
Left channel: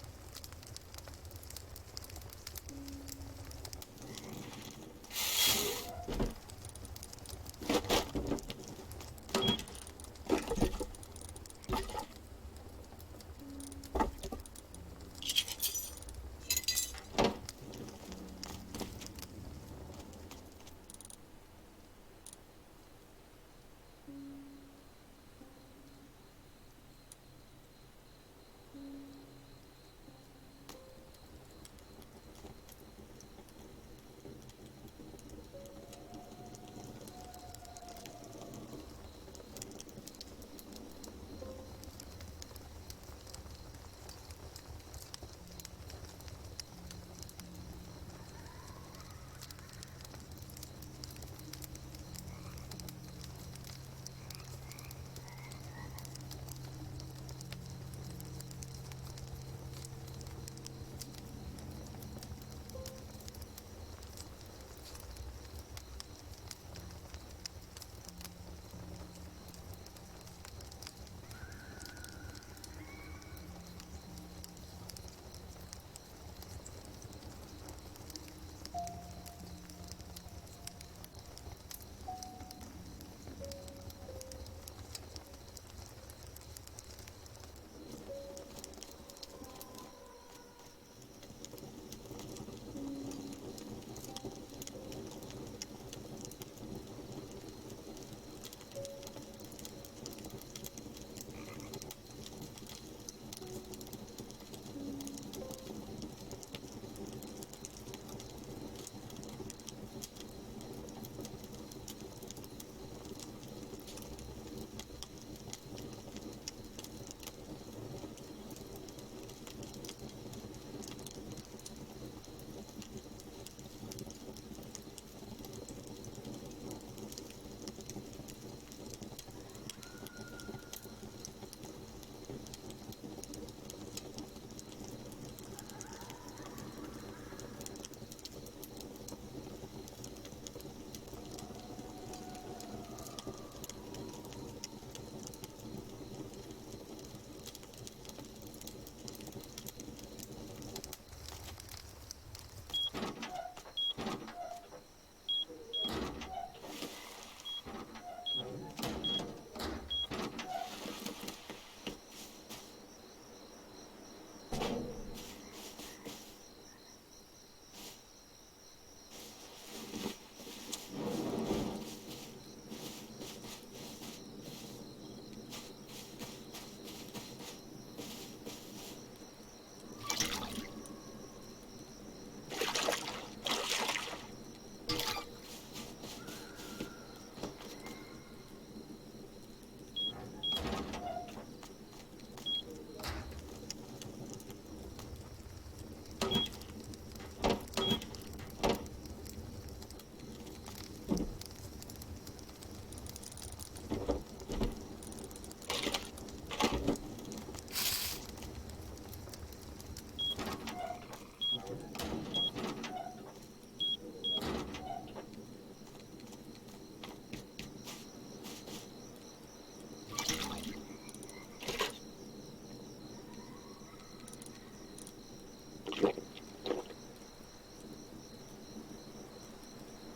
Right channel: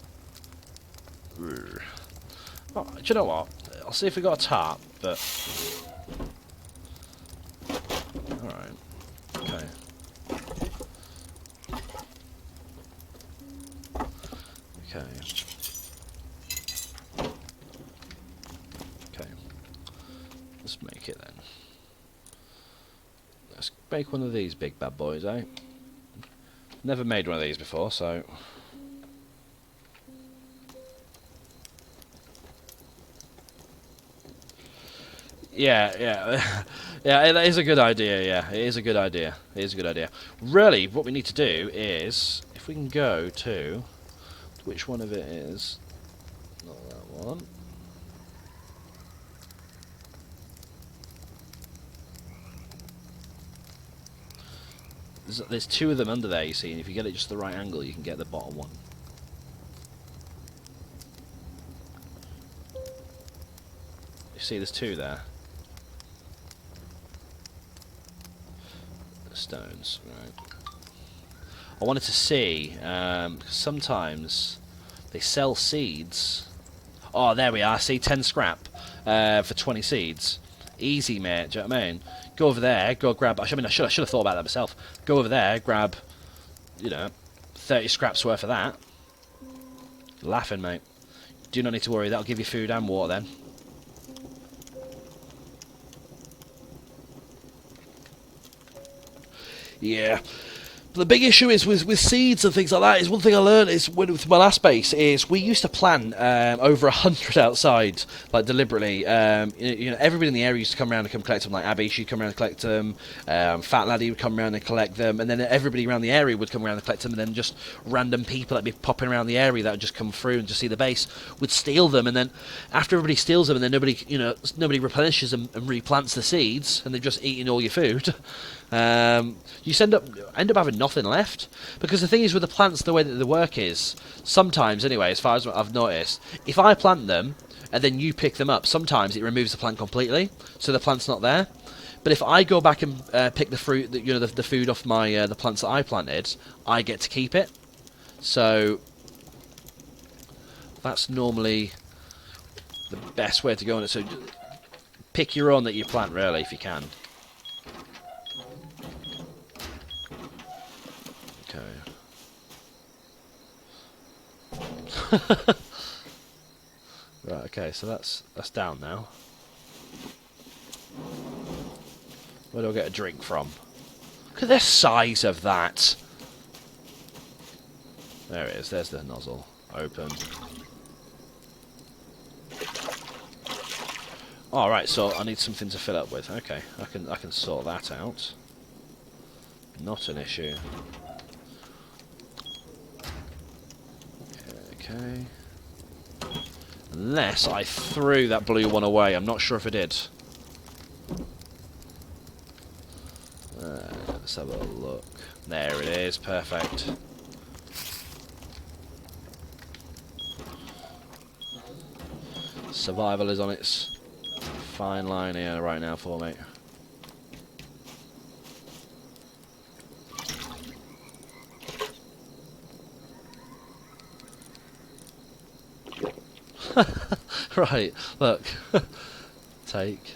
Oh, do you know what? I'll see if we got a tarp, but... Alright. Okay. Okay. Okay. Let's make it then. Let's make one of these big bad boys, eh? Never made one of these before, so... Yeah, yeah. Yeah, that is a good idea, yeah. It is a good idea. It is a good idea. Really, what we need to do is, if we can go to... Which one of it is? Not that one. There's two of them under there, you see, and if you get it just the right angle, you can get the bottom one. You see, there's two there. Stones, right. I wanted to see, sometimes they sell seeds. Oh, there we are, see, 10 scrap for 20 seeds. Easy, mate, do you know what I mean? Go over there, go grab, I should have thought about that myself. Go over there, grab, you know, 30 scraps worth of that. Laughing, mate. Do not need to worry, that'll give you food and water then. Yeah. The big issue is with seeds and things like that is one thing I learned is with my last base is we used to plant over 100 outside, like deliberately. You know, everybody in the area used to come around and come collect them. Like Abby, she'd come around and collect them. Fat Laddie would come around and collect them, and then everybody around the area would come around and collect them. And then just random people that'd be popping around the area that would just come through and just see the base would steal them. And then after everybody steals them, and then nobody replenishes them and replants the seeds, and they've just eaten all your food. You end up having nothing left, because the thing is with the plants, the way that they work is sometimes, anyway, as far as I've noticed, if I plant them and then you pick them up, sometimes it removes the plant completely, so the plant's not there. But if I go back and pick the fruit, the food off my the plants that I planted, I get to keep it. So that's normally the best way to go on it. So pick your own that you plant, really, if you can. Right, okay, so that's down now. Where do I get a drink from? Look at the size of that. There it is, there's the nozzle. Open. Alright, so I need something to fill up with. Okay, I can sort that out. Not an issue. Okay. Unless I threw that blue one away. I'm not sure if I did. Let's have a look. There it is. Perfect. Survival is on its fine line here right now for me. Right, look. Take.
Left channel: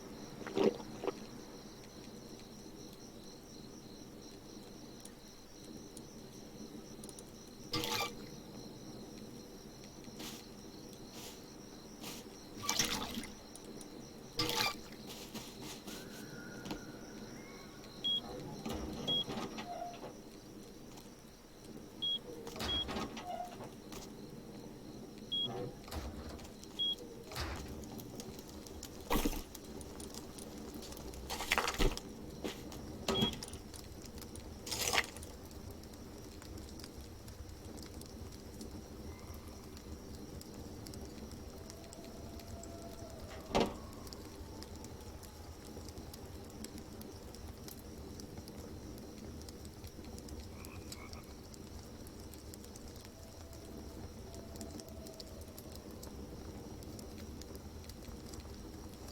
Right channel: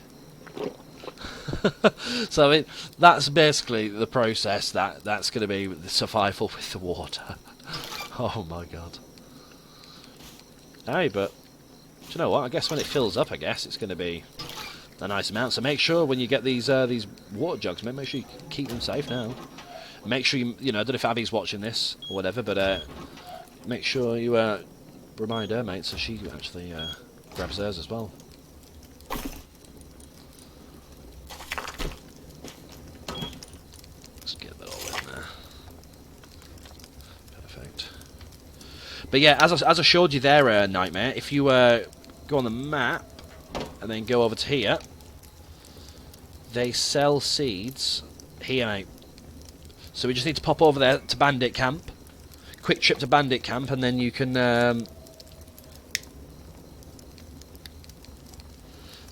So, I mean, that's basically the process. That's going to be the survival with the water. Oh my god. Hey, but do you know what? I guess when it fills up, I guess it's going to be a nice amount. So make sure when you get these water jugs, make sure you keep them safe now. Make sure you know, I don't know if Abby's watching this or whatever, but make sure you remind her, mate, so she actually grabs theirs as well. But yeah, as I showed you there, Nightmare, if you go on the map and then go over to here, they sell seeds here, mate. So we just need to pop over there to Bandit Camp. Quick trip to Bandit Camp, and then you can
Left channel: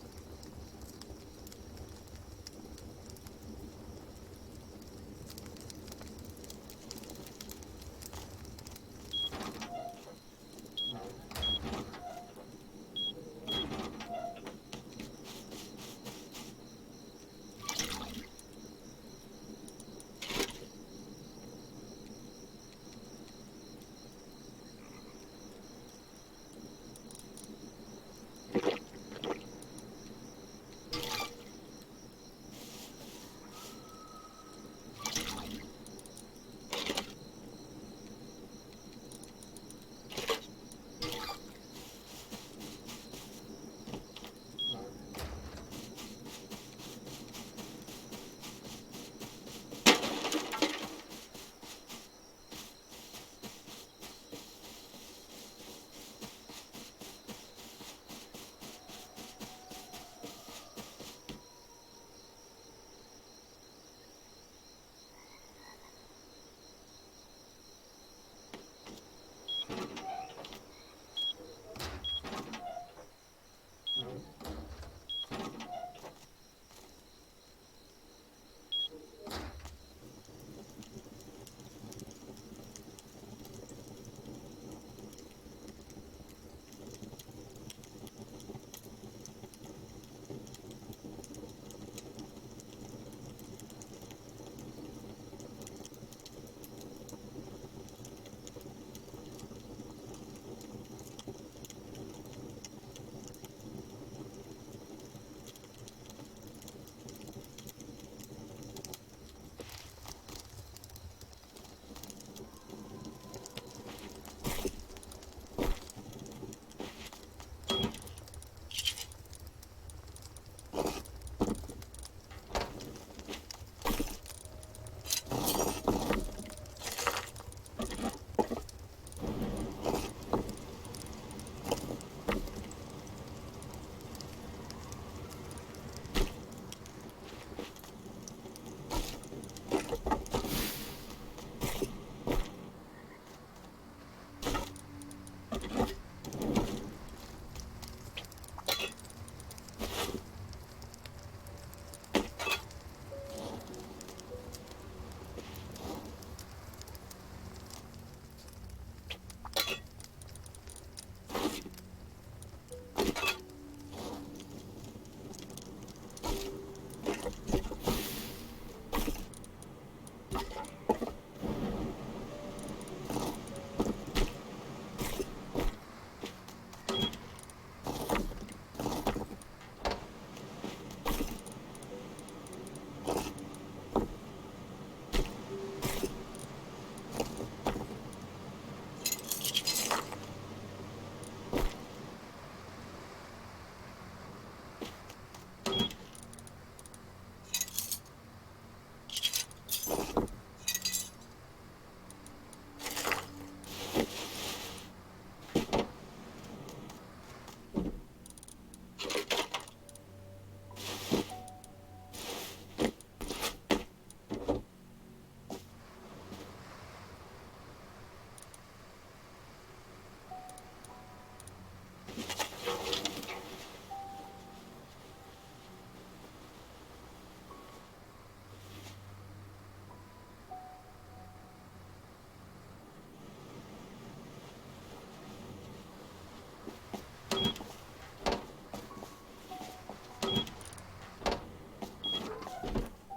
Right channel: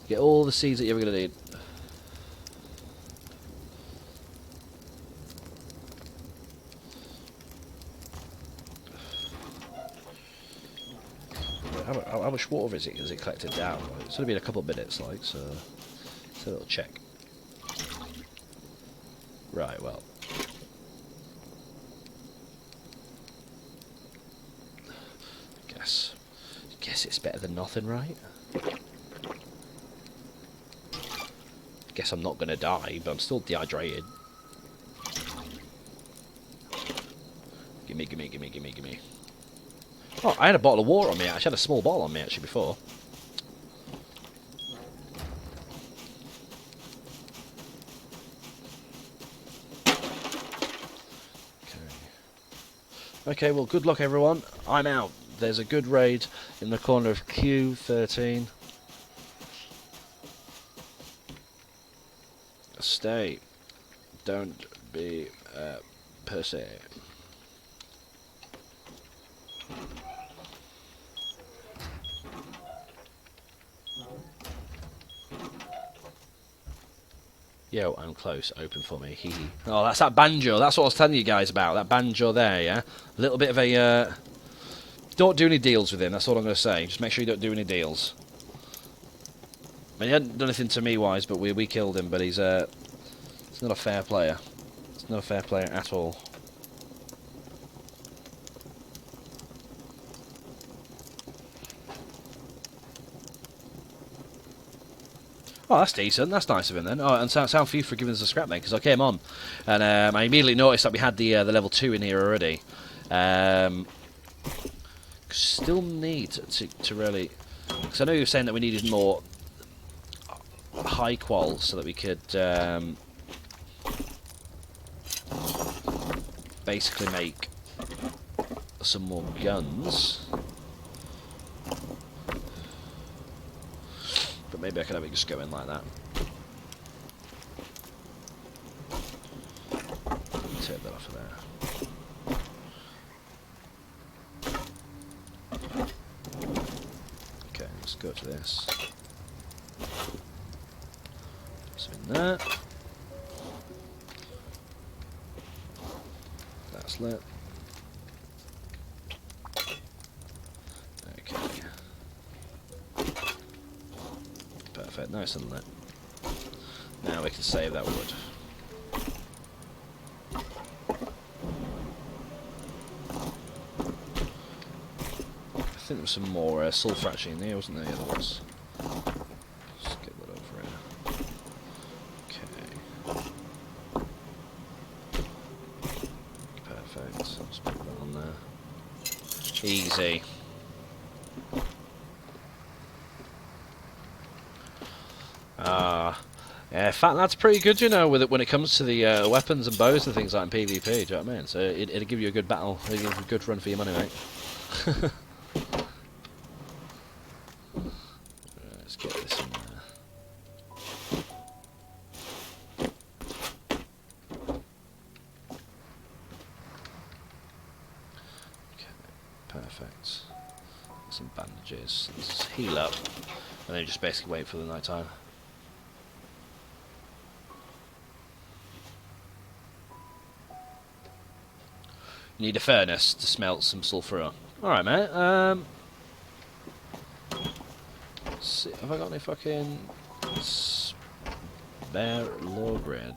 get all the seeds that you're ever going to need. How much water is it collected down? It's only been a couple of minutes, like, so a little check. Right, well. Guess it's better than nothing, right? Guess I'm not gonna die, but I'm still dehydrated. Gimme. Oh, I had a bottle of water on me, actually. I had a small bottle on me, actually, before. Okay, well, good luck, everyone. I'm out. There's a good raid in the corner of Q13. Stay. Don't be a pussy. Yo, I'm close. Open for me. Hee hee. Oh, that's that banjo. That's what I was telling you guys about. That banjo there, yeah? A little bit of a... Don't do any deals with him. That's all I'm going to say. Just make sure you don't do any deals. I mean, he hadn't done anything to me wise, but we killed him. But he's not a fair player. He's not a fair player at all. Oh, that's decent. That's nice of him then. Oh, and sound for you for giving us a scrap, mate, because I came on and I immediately noticed that we had the level 2 in here already. Still need to really, because I know you were saying that we needed more high quals so that we could basically make some more guns. Maybe I could have it just go in like that. Take that off of there. Okay, let's go to this. So in there. That's lit. Nice and lit. Now we can save that wood. I think there was some more sulphur actually in there, wasn't there? Yeah, there was. Let's get that over here. Okay. Perfect. Let's put that on there. Easy. Yeah, in fact, that's pretty good, you know, with it when it comes to the weapons and bows and things like in PvP. Do you know what I mean? So it'll give you a good battle, a good run for your money, mate. Let's get this in there. Okay, perfect. Some bandages. Let's heal up, and then just basically wait for the night time. Need a furnace to smelt some sulphur up. Alright, mate. Let's see. Have I got any fucking spare low bread?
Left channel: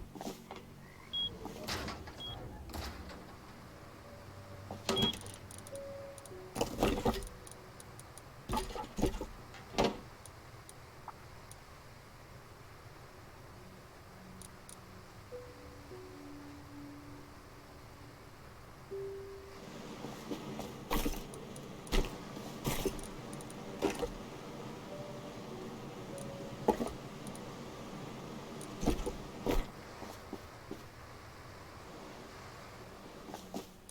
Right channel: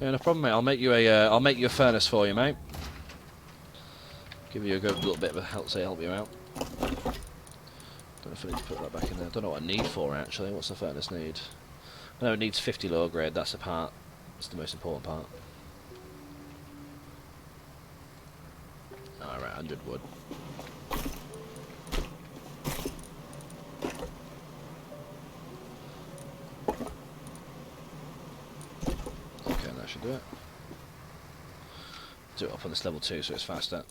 Yeah, no problem, mate. I'll make you a furnace for you, mate. Give you a good little bit of a help you out. Don't know if I need to put that back in there. Don't know what I need for it, actually. What's the furnace need? I know it needs 50 low grade. That's the part. That's the most important part. Alright, 100 wood. Okay, that should do it. Do it up on this level 2 so it's faster.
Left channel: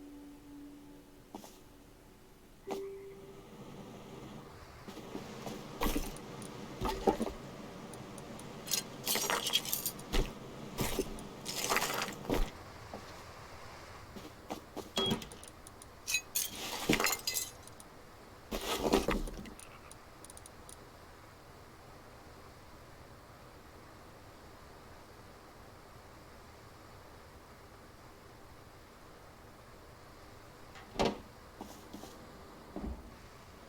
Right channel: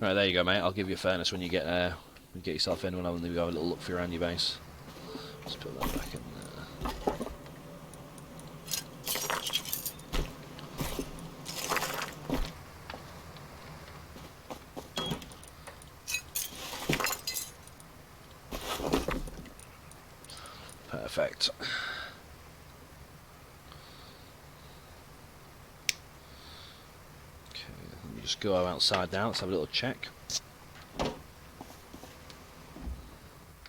Right, there you go, mate. I'll give you a furnace when you get yourself in. When I go have a little look for around your base. Just put that back in there. Perfect. Just go outside now, let's have a little check.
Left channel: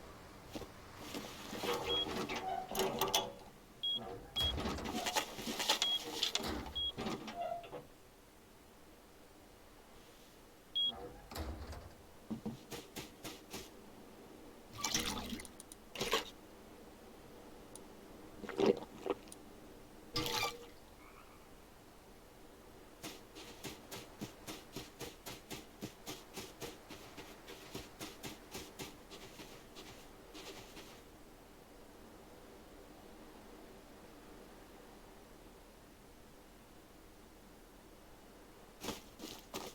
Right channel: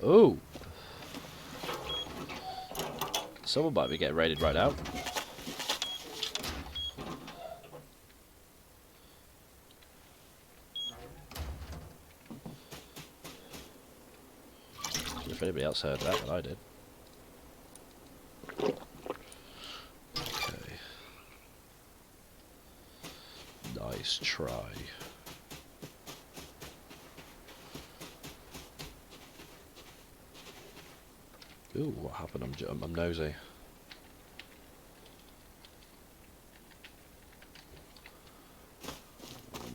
Oh! Someone might be getting raided right now. If anybody else heard that, but I did. Okay. Nice try. Ooh, what happened? I'm nosy.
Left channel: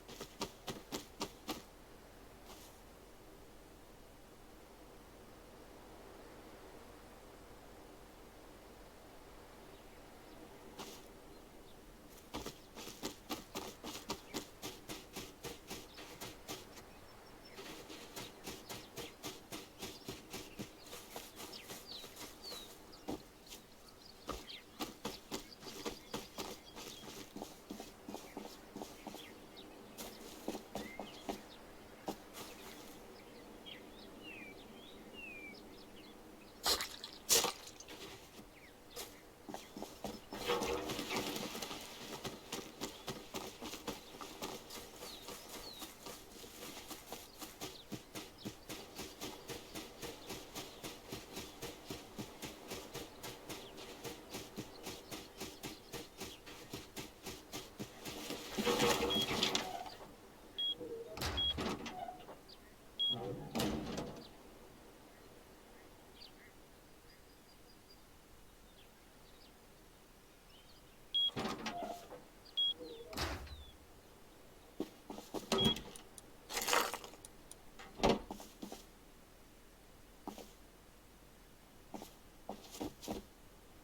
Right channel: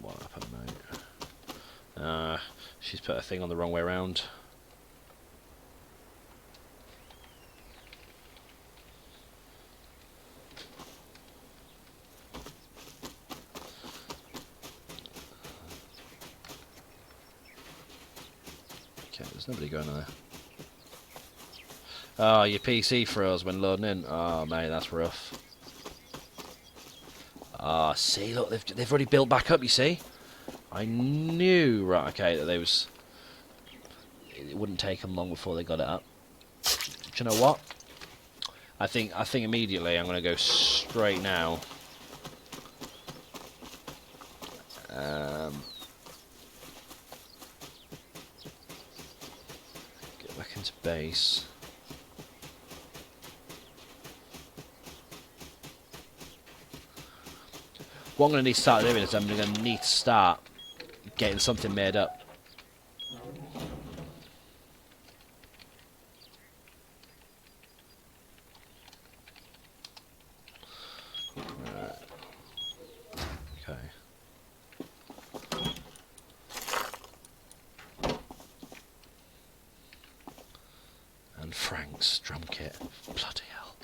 What happened, mate? She's put a thing on the wrong way around. Okay, there's nobody going there. Oh, your PC froze when loading in. Oh, mate, that's rough. Ah, see, look, they've already built back up. You see, I knew, right? Okay, that it wouldn't take them long before they got it up. Do you know what? I think immediately I'm gonna go straight now. Get back into base. What I'm going to need to start doing is I'm going to need to start getting something made up. Okay. And Frank's drum kit. Bloody hell.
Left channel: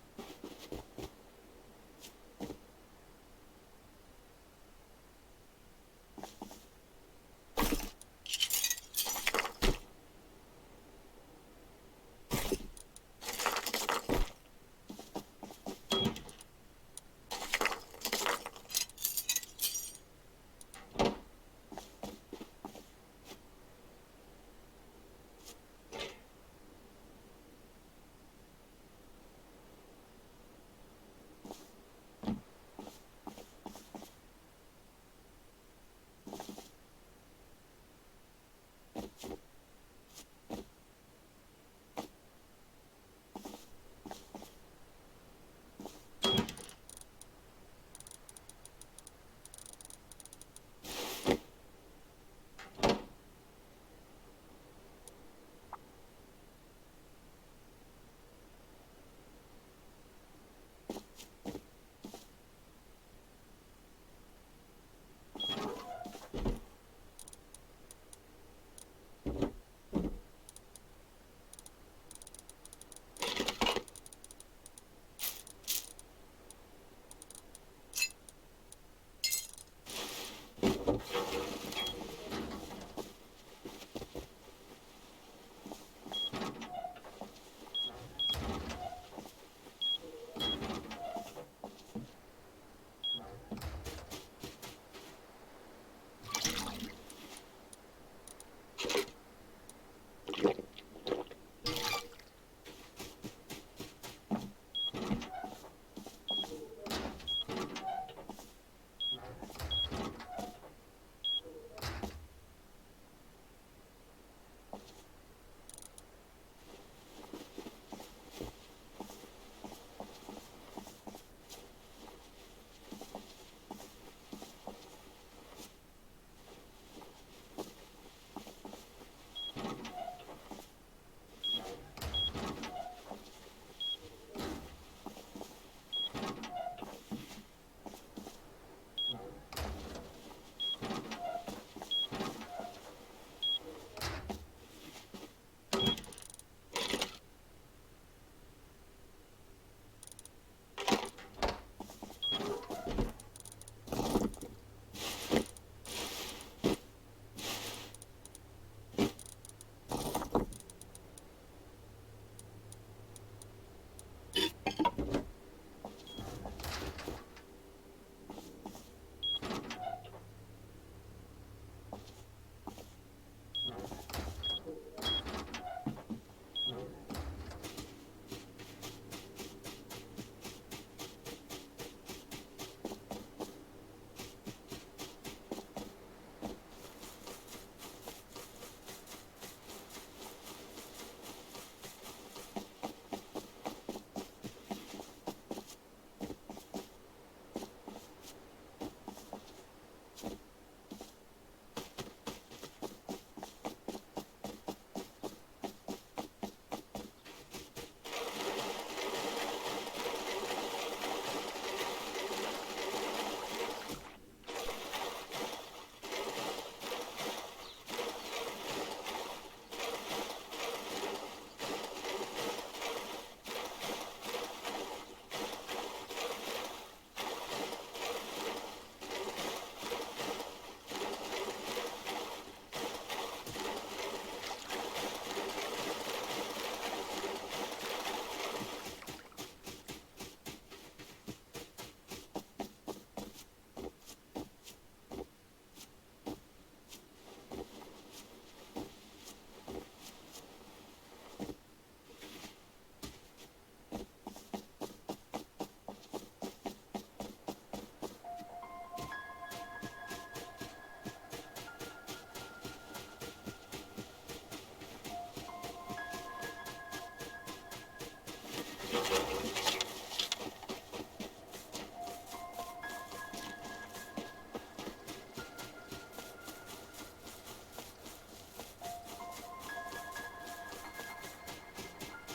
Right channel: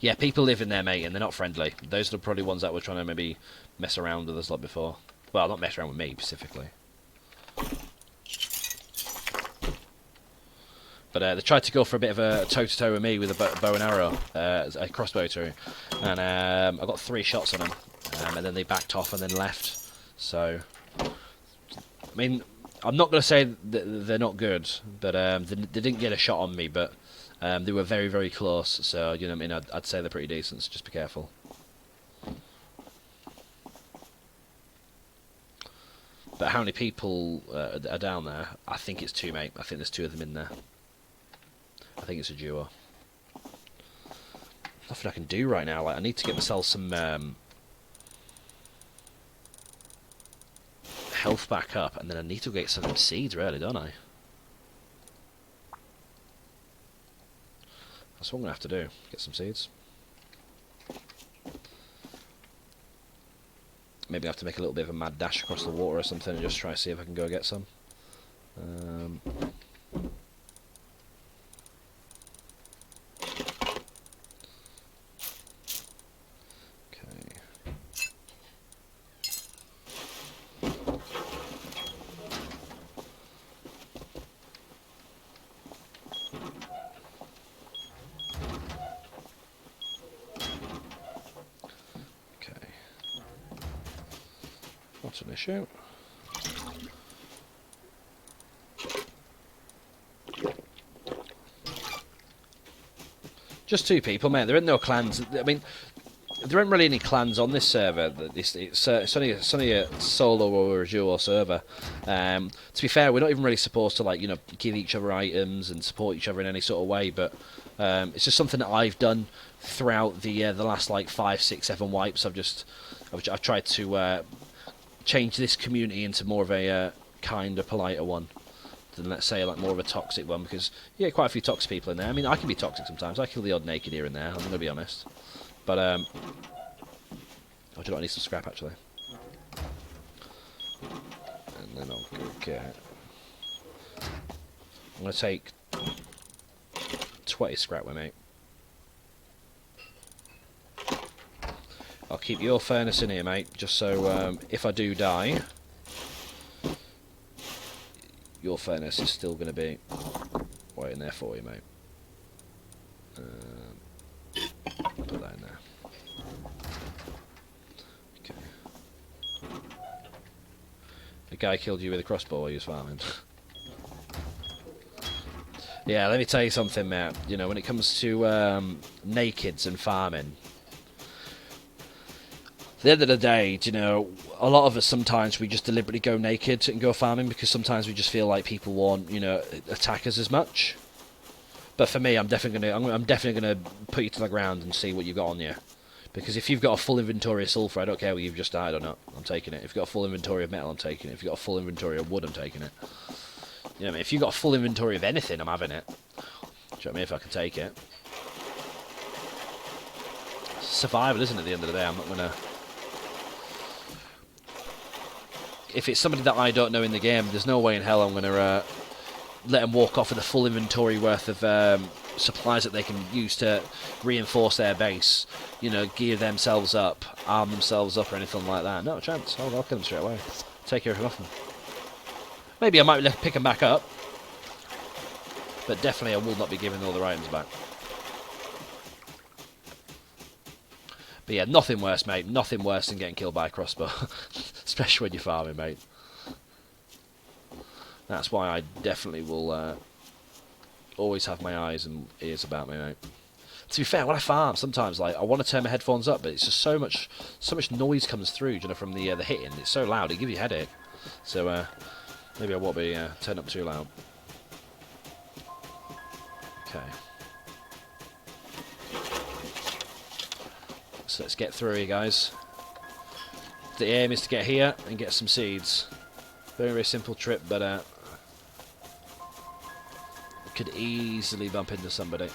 Yeah, people live in there, mate, and they're not friendly. Those are probably ones that were trying to maybe mess around with us like before. Well, not mess around with me, specifically. But they tried to go for a bit of a toe-to-toe with me with a bow and arrow, a crossbow too. And I got 3 shots on them, and then they backed off and then left. So, I mean, I'm not going to say that they're not good, but they didn't get a shot on me, but they were very, very close, so, you know what I mean, I'd say they're pretty decent, so just be careful. But how many people are down there? I think it's 2, mate. I think there's 2 of them in there. I think it's a duo. Nothing I can do right now. Like, I need to get myself some health back up, and then I need to get some seeds, really, don't I? That's what I'm going to have to do, get some seeds. Maybe I have to make a little bit of a mad dash across the water or something and just try to see if I can go get some. An issue. Just 2 people, man. There ain't no clans. I mean, there aren't really any clans on this server. It's only a solo or a duo server. To be fair, we're not even really supposed to, like, you know, give each other items and support each other in any sort of way. But It's just something that I've done throughout the last like 5, 6, 7 wipes. I've tried to change this community into more of a kinder, politer one than, let's say, like more of a toxic one, because yeah, quite a few toxic people in there. I mean, I can be toxic sometimes. I kill the odd naked here and there. I'm gonna be honest, but oh, do you know what? I need some scrap actually. And then I'll get. I'm gonna take 20 scrap with me. I'll keep your furnace in here, mate, just so if I do die, your furnace is still going to be waiting there for you, mate. Put that in there. Okay. The guy killed you with a crossbow while you was farming. Yeah, let me tell you something, mate. You know, when it comes to nakeds and farming, at the end of the day, you know, a lot of us sometimes we just deliberately go naked and go farming because sometimes we just feel like people won't, you know, attack us as much. But for me, I'm definitely gonna put you to the ground and see what you've got on you, because if you've got a full inventory of sulfur, I don't care whether you've just died or not, I'm taking it. If you've got a full inventory of metal, I'm taking it. If you've got a full inventory of wood, I'm taking it. You know what I mean? If you've got a full inventory of anything, I'm having it. Do you know what I mean? If I can take it. Survival, isn't it, at the end of the day? I'm not gonna. If it's somebody that I don't know in the game, there's no way in hell I'm going to let them walk off with a full inventory worth of supplies that they can use to reinforce their base, you know, gear themselves up, arm themselves up or anything like that. No chance. I'll kill them straight away. Take everything off them. Maybe I might pick them back up, but definitely I will not be giving all the items back. But yeah, nothing worse, mate. Nothing worse than getting killed by a crossbow. Especially when you're farming, mate. That's why I definitely will always have my eyes and ears about me, mate. To be fair, when I farm, sometimes like I want to turn my headphones up, but it's just so much noise comes through, you know, from the hitting. It's so loud, it gives you a headache. So maybe I won't be turned up too loud. Okay. So let's get through here, guys. The aim is to get here and get some seeds. Very, very simple trip, but could easily bump into somebody.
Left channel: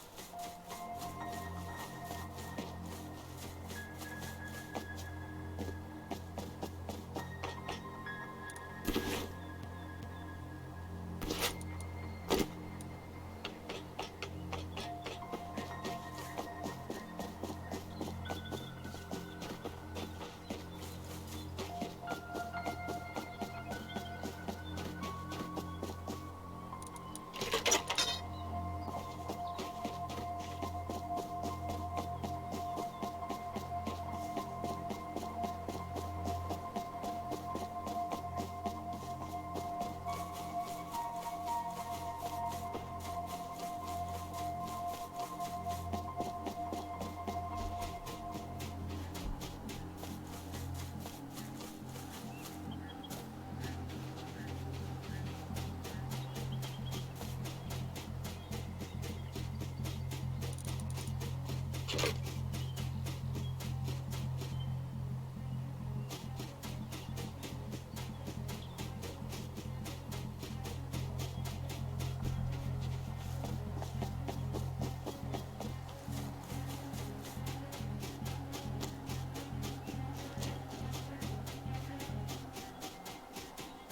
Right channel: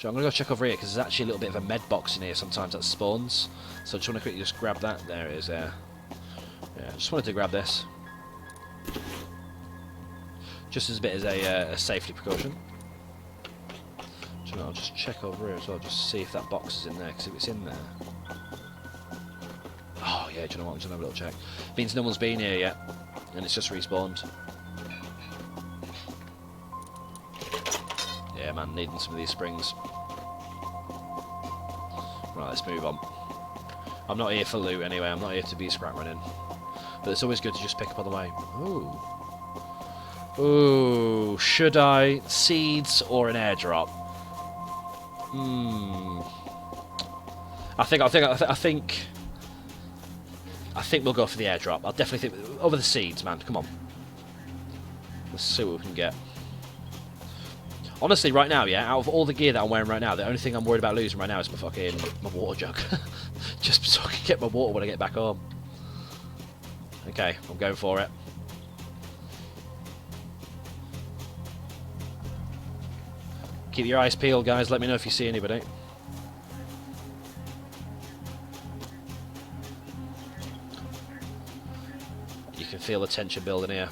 So I'm going to go check over here because there's actually a little bit of a med box in here sometimes that spawns. So I just want to quickly just grab that. There it is there. Yeah, just wanted to grab this. Just as a bit as a safety precaution. So I'll just check over here as well, just see if that box is in there, because if it's in there... Oh yeah, do you know what, I'm just going to have a little check. Means no one's been here yet, and it's just respawned. Yeah man, needing some of these springs. Right, let's move on. I'm not here for loot anyway, I'm not here to be scrap running. But it's always good to just pick up on the way. Ooh. Ooh, should I? Seeds or an airdrop? I think we'll go for the airdrop. I'll definitely think over the seeds, man. Come on. Let's see what we can get. Honestly, right now, yeah, out of all the gear that I'm wearing right now, the only thing I'm worried about losing right now is my water jug. Just so I can get my water when I get back home. Okay, I'm going for it. Keep your eyes peeled, guys. Let me know if you see anybody. You can feel the tension building here.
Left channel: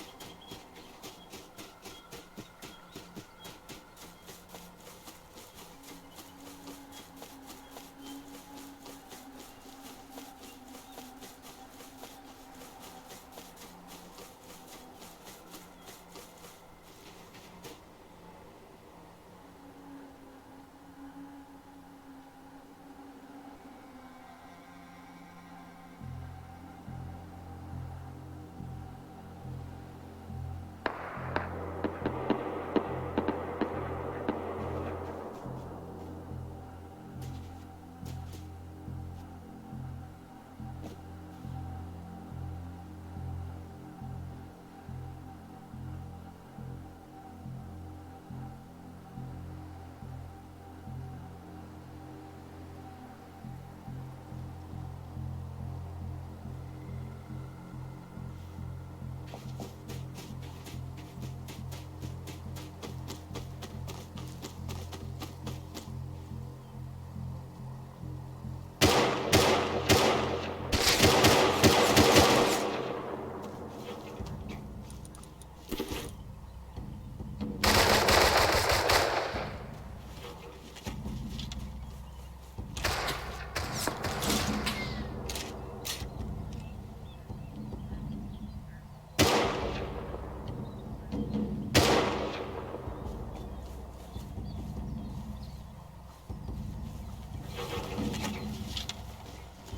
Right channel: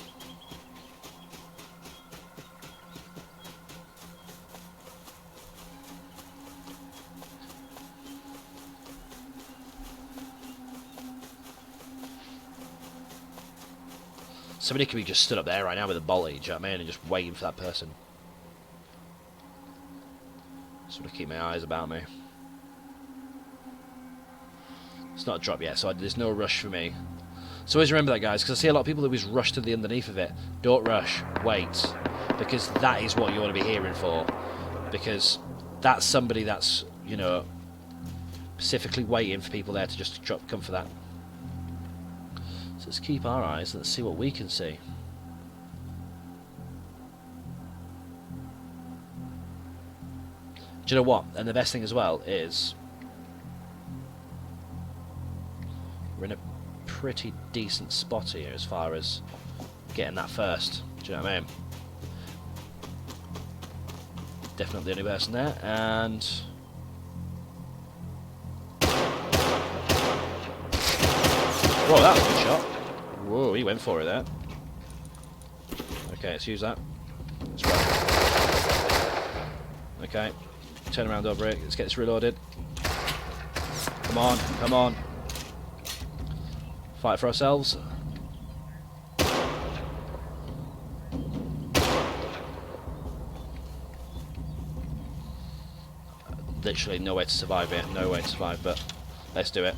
Somebody could be just stood up there right now with a volley, do you know what I mean, and just waiting for that person. Just want to keep my eyes about me. It's not a drop yet, so there's no rush for me. So always remember that, guys, because I see a lot of people that always rush to the underneath of it. Don't rush, wait, because that is what you want to be hearing for. Because that's somebody that's, you know, specifically waiting for people there to just come for that. So let's keep our eyes, let's see what we can see. Do you know what? And the best thing as well is we're in a pretty decent spot here as far as getting that first. Do you know what I mean? Definitely the only person there, and whoa, that was a shot. Whoa, he went for it there. Okay, let's use that. Let's run. Okay, turn around over it. Let's get this reloaded. Come on, come on. Fight for ourselves. Literally no way to survive it, no way to survive, but let's do it.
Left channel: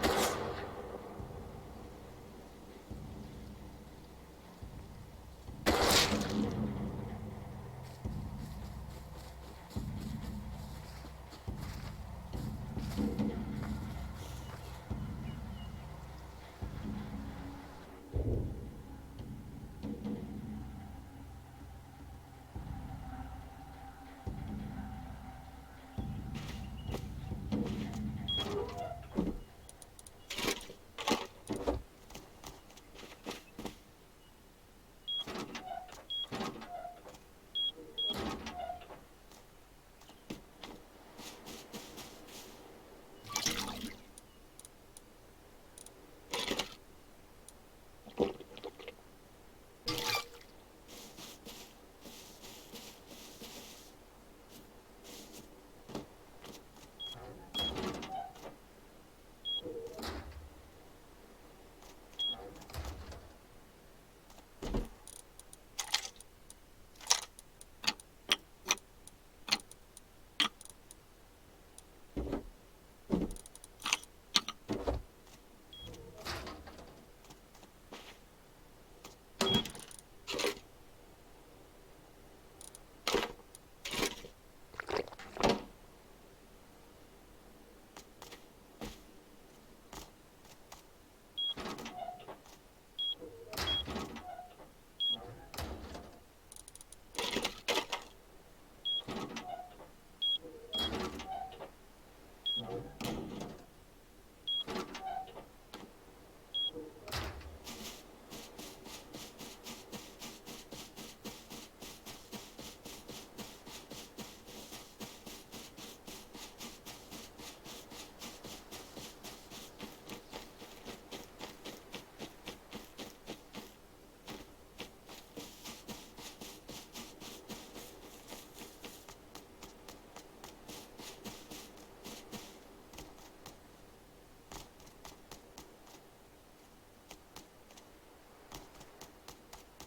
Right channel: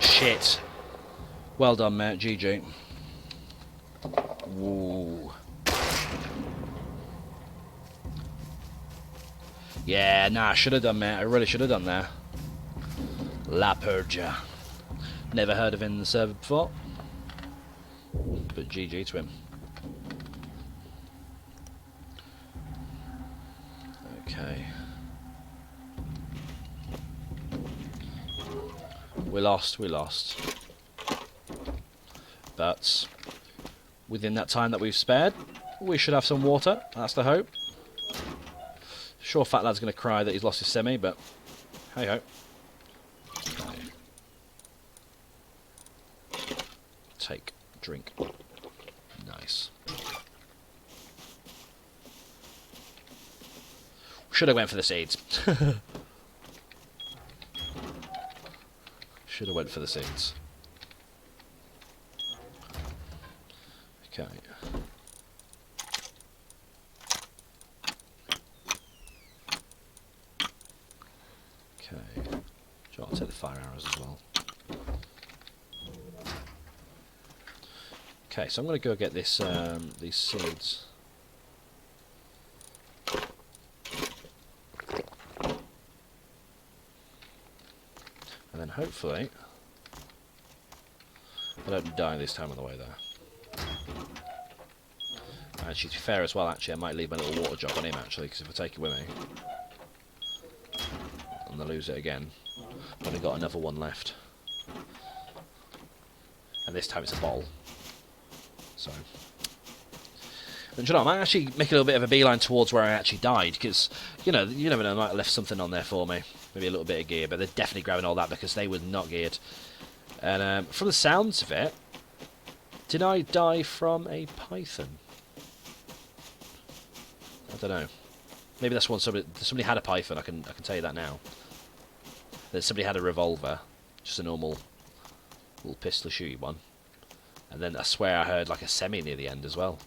Shit. Well done, mate. GG. Ooh. Yeah, nah, I should have done, mate. I really should have done there. La Purgia. Never heard of him in the server before. But GG to him. Okay. We lost. But within that time that we've spared, we should have some water. That's the hope. Sure, Fat Lad's going to cry that he's lost his semi, but hey ho. Take, drink. Nice. Should have went for the seeds. Should have went for the seeds. Okay. Okay. I'll take the fire arrows as well. Okay, so I'm going to go get this these seeds. And then hopefully I don't die this time on the way there. Actually, to be fair as well, actually I might leave my little water jug on him actually, because if I take it with me and I lose it again, I've only got another one left. And this time it's a bottle. So, and you know, I might actually make a little bit of a beeline towards where I actually died, because, you know, you never know, I might have left something on there for me. Maybe a little bit of gear, but they're definitely grabbing all that because they were not geared. And from the sounds of it, did I die from a python? I don't know. Maybe that's one somebody had a python, I can tell you that now. Then somebody had a revolver, just a normal little pistol shooty one. And then I swear I heard like a semi near the end as well.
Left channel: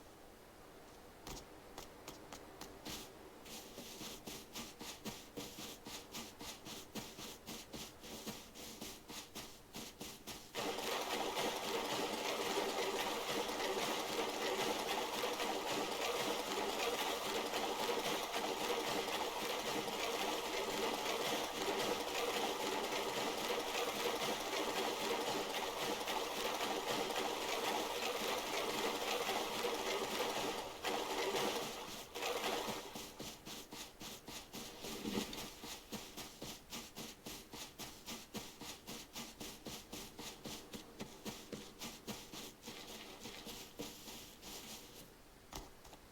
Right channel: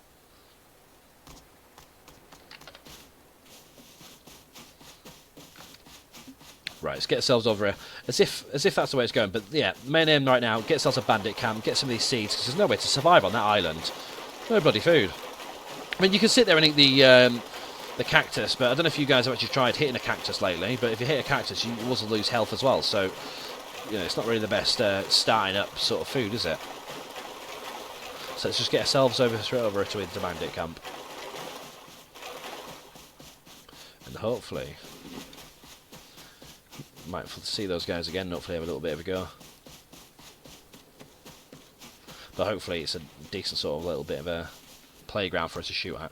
Right, let's get ourselves over here. As if that's the way it's going. But yeah, main aim right now, get ourselves a bandit camp, get some of these seeds, because there's no way to survive on that island. No bloody food. I mean, you can sit there and eat the cactus, but I don't know if you guys have actually tried hitting a cactus lately, but if you hit a cactus, you also lose health as well. So, you know, it's not really the best starting up sort of food, is it? So let's just get ourselves over to the bandit camp. And hopefully might see those guys again, hopefully have a little bit of a go. But hopefully it's a decent sort of little bit of a playground for us to shoot at.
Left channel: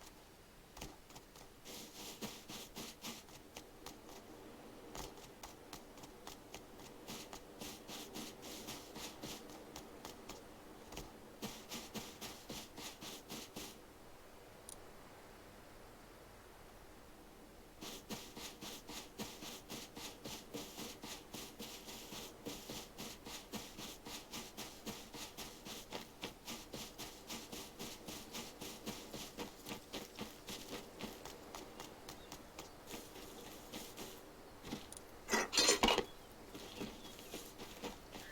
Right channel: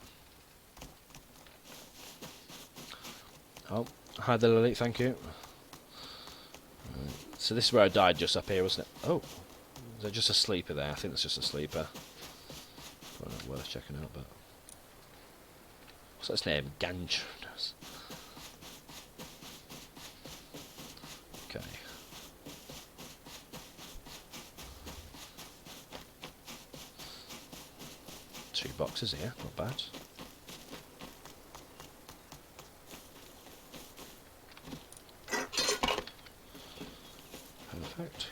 Oh, hi there, Lily, thank you. So this is where I died, just up here, wasn't it? Oh, is there just a sleeper there? I think it's just a sleeper. Well, worth checking out, but... What's its name? Ganj. Okay. Two boxes here, not bad. Perfect.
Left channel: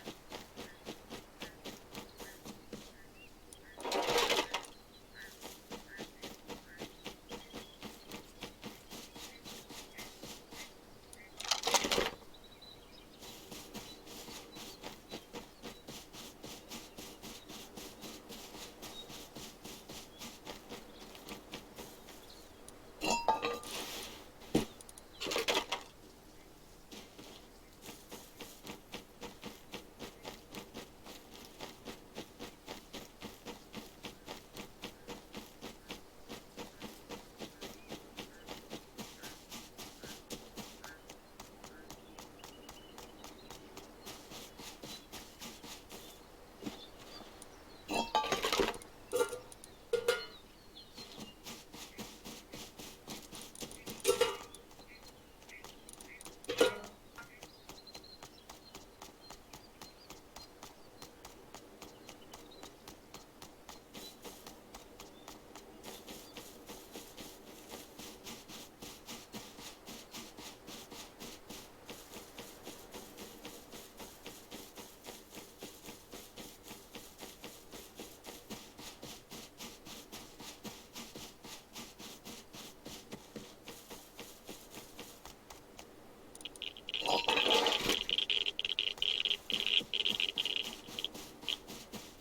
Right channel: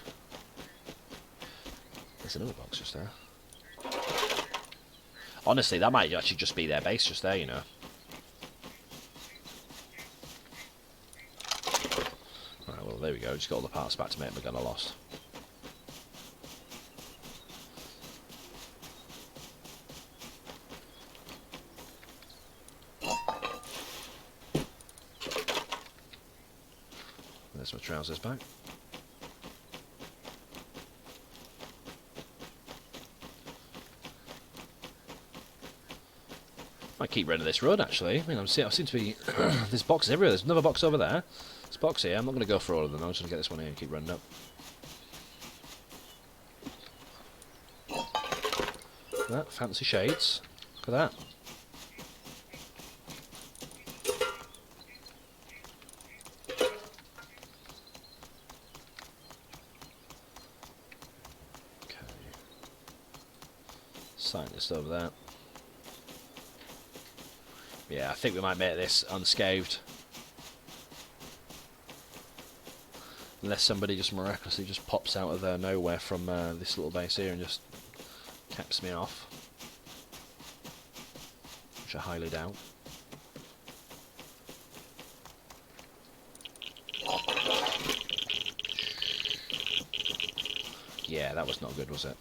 There's another box just there. Honestly, that might actually just be their base just there, you know. Alright, well, there we go. Just got all the parts back to make the gun I lost. There's my trousers back. I keep running this road actually. I mean, I seem to be. There's boxes everywhere. There's another box over there. There's a box here. I'm not going to go for all of them. I'm just going to get this one here and keep running up. That fancy shades. Look at that. Okay. Scientist over there. Yeah, I think we might make this unscathed. Unless somebody just miraculously just pops out of nowhere from this little base here and just caps me off. Which I highly doubt. Yeah, that was not good, was it?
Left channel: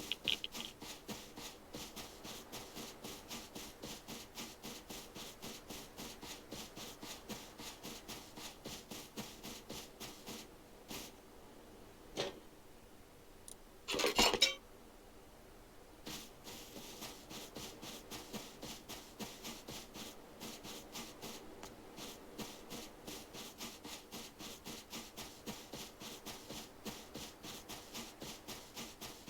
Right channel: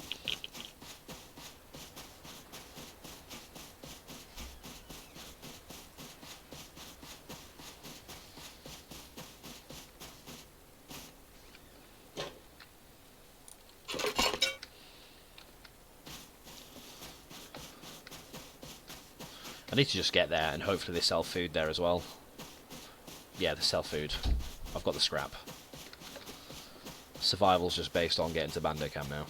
I need to just get there and hopefully they sell food there as well. Yeah, they sell food. I've got the scrap. Survival's just based on getting to Bando Camp now.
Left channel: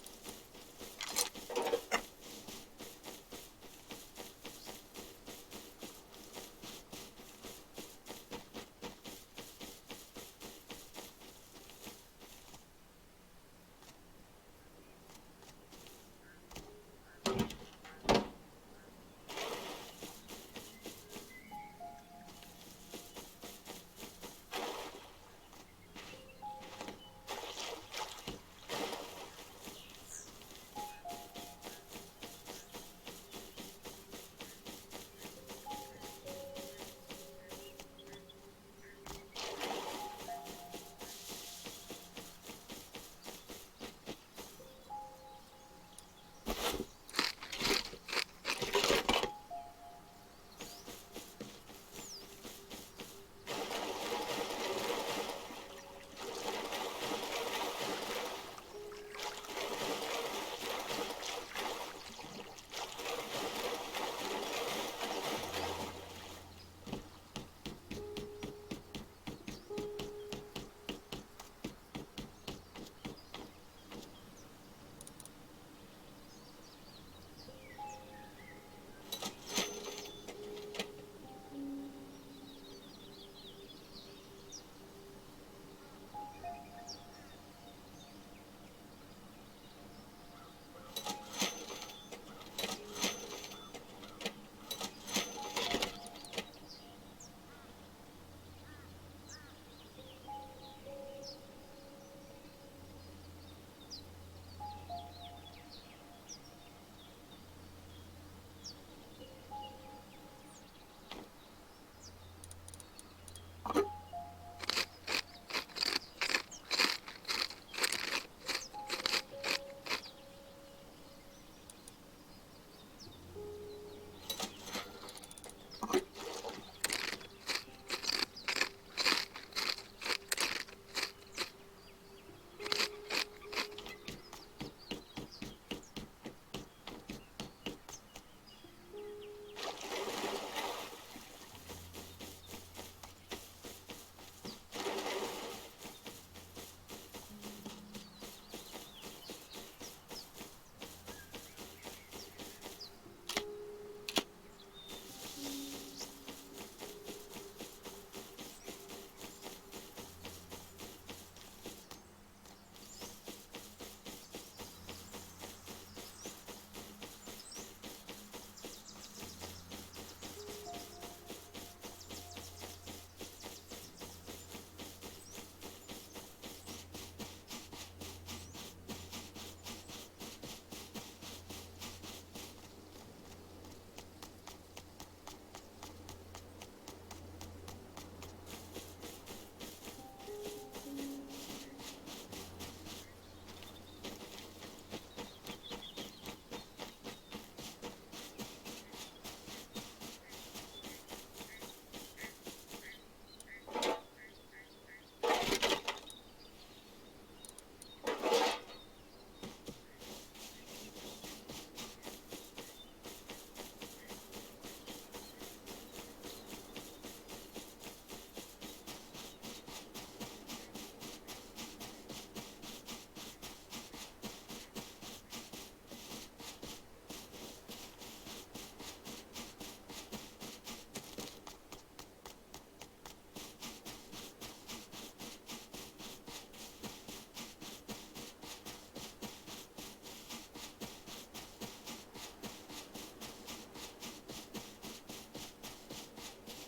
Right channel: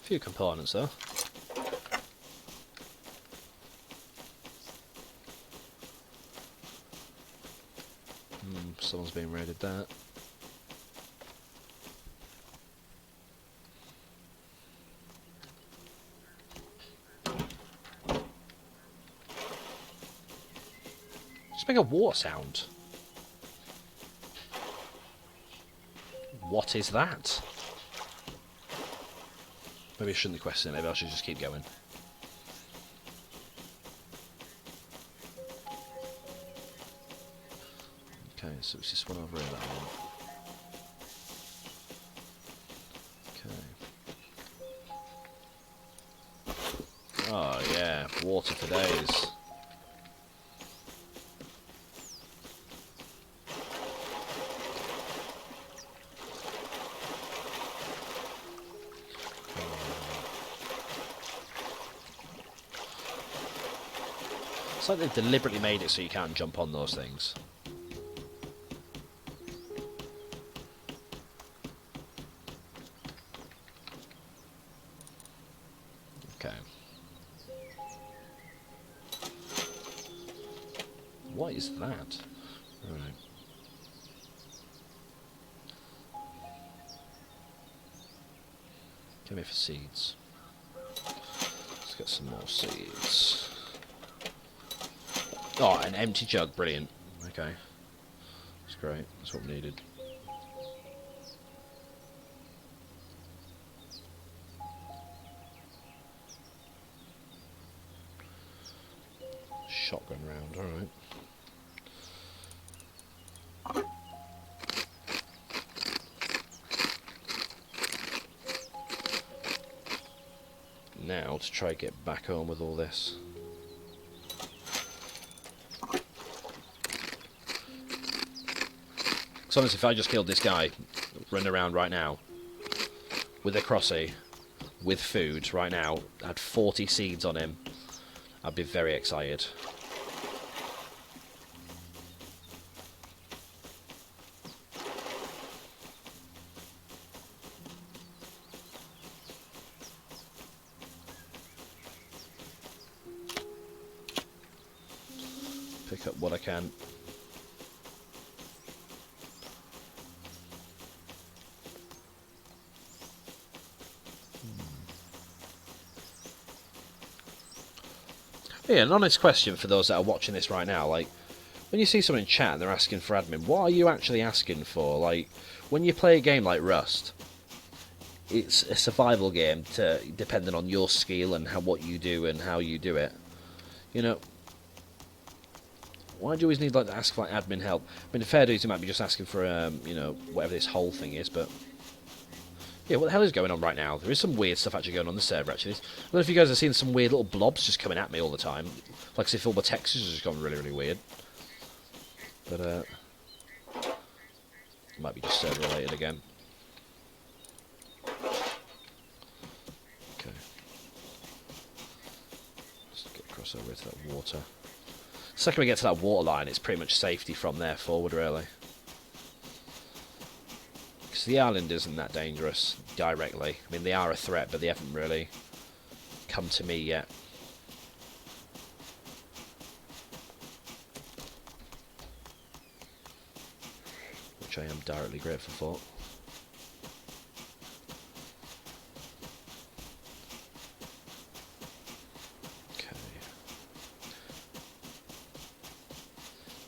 A few components though. Someone's been raided there. Just make a water sound. What is that? Maybe I shouldn't question it, maybe I should just keep going. Okay, so it's this one over here. Okay. Oh yeah, water for days. It's like they've deliberately made it so you can't jump on those things. Okay. What is that? Alright. Give me for seeds. Let's get some more seeds. Oh, an empty jug, brilliant. Okay. That's great, that's what we needed. Shotgun round, alright. Now to try and get back home with all this. Because honestly, if I just killed this guy, running around right now, with a crossy, with food right now, had 40 seeds on him, I'd be very excited. Pick up what I can. Yeah, an honest question for those that are watching this right now, like, when you see someone in chat and they're asking for admin, what are you actually asking for? Like, when you play a game like Rust, it's a survival game, depending on your skill and what you do and how you do it. You know, why do you always need like to ask for like admin help? I mean, the fair dues, you might be just asking for you know, whatever this whole thing is, but yeah, what the hell is going on right now? There is some weird stuff actually going on the server. Actually, I don't know if you guys have seen some weird little blobs just coming at me all the time, like as if all the textures have just gone really, really weird. But it might be just server related again. Okay, let's get across over to that water. The second we get to that water line, it's pretty much safety from there forward, really. Because the island isn't that dangerous directly. I mean, they are a threat, but they haven't really come to me yet. Which I am directly grateful for.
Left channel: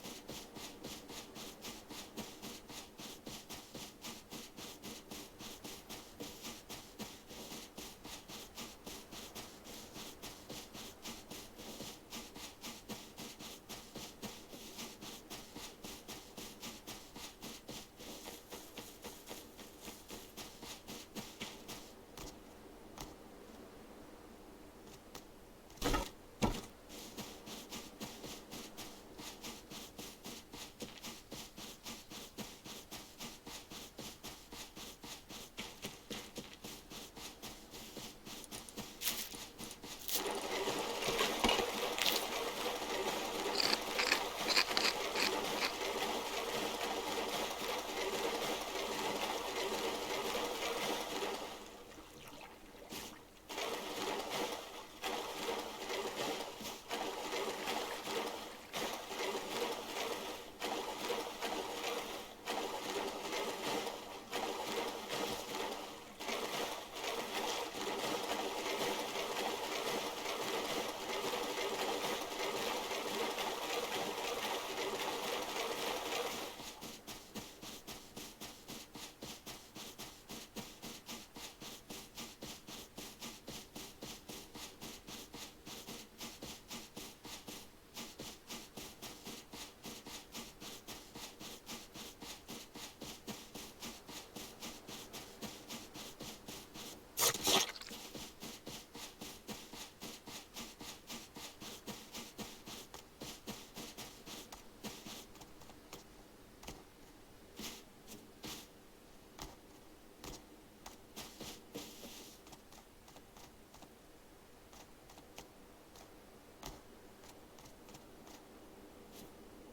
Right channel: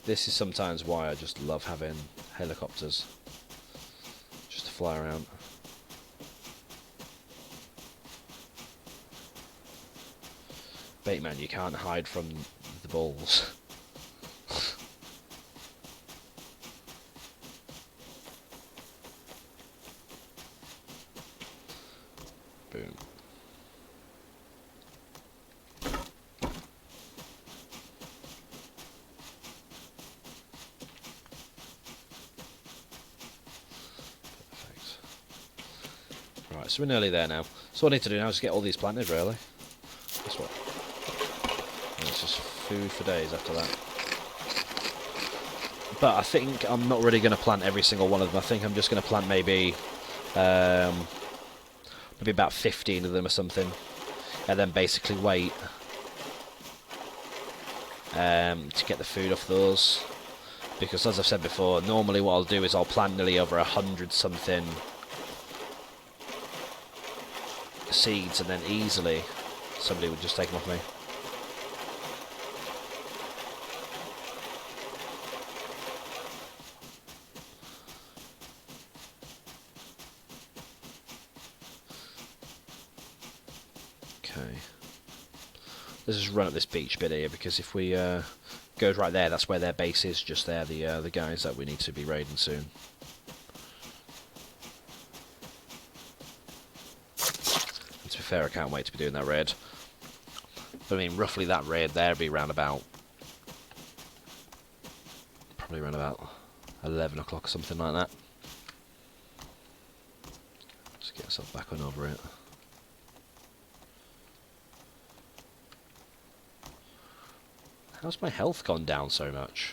This is sometimes why I just love having helicopters, just to fly around. Bateman, you can't hide from the balls. Boom. So we're nearly there now. So what I need to do now is get all these planted, really. That's what. And it's just food for days after that. But I think I'm not really going to plant every single one of them. I think I'm just going to plant maybe about 15 of them or something, and then basically wait to get the food off those. Because as I've said before, normally what I'll do is I'll plant nearly over 100 something seeds, and then easily somebody would just take them off me. Okay, let's just run up this beach bit here, because if we go right there, that's where their base is, just there, the guys that we need to be raiding soon. Fair, I can't wait to be doing that raid. But I mean, roughly that raid there would be around about, probably around about 11 o'clock or something like that. Just get myself back on over it. How's my health gone down so much?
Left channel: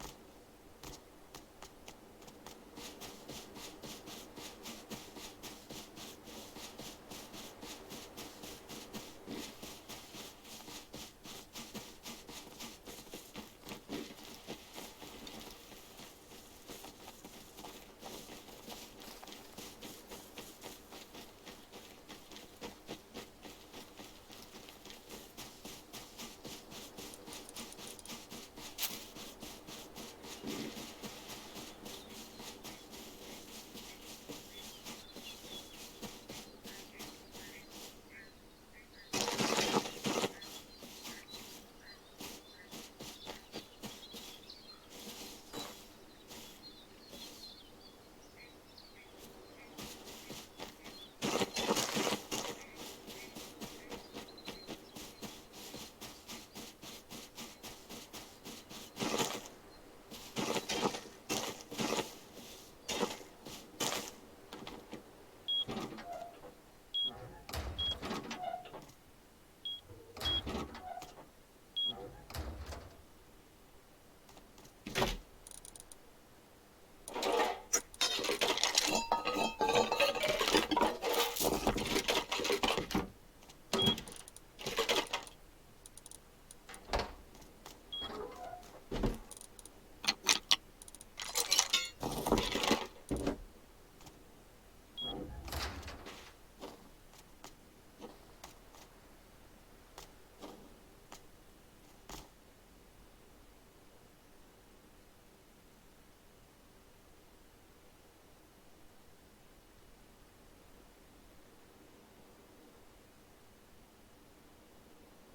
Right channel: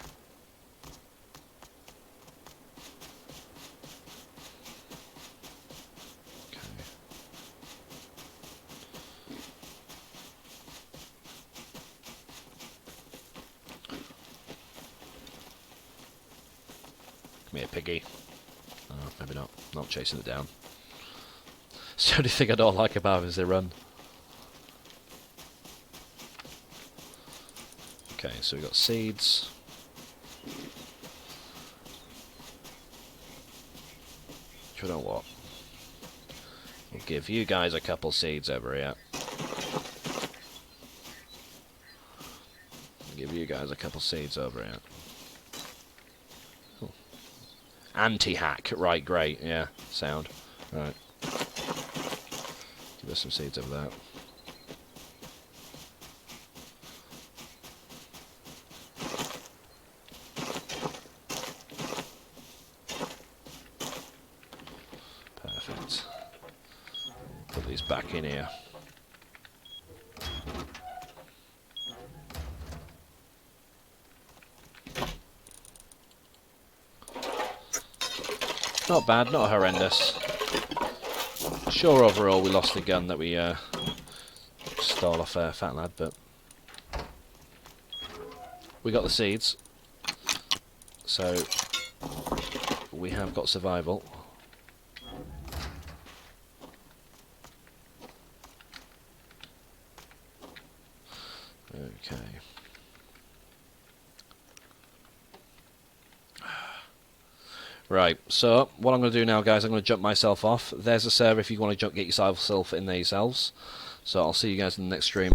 Piggy. Oh, maybe not. Not chasing it down. It's the only thing I don't like about them is they run. Okay, so we've got seeds. You know what? We'll give you guys a couple seeds over here. Give you guys a couple seeds over here. Anti-hack, right, great, yeah, sound. Right. There's some seeds over there. Perfect. Put these back in here. Not bad, not horrendous. Sure, overall we lost the gun that we stole off Fat Lad, but we got the seeds, so we have got survival. Okay. Right, so what I'm going to do now, guys, I'm going to jump myself off. There's a server if you want to get yourself in there yourselves. So I'll see you guys in the next stream.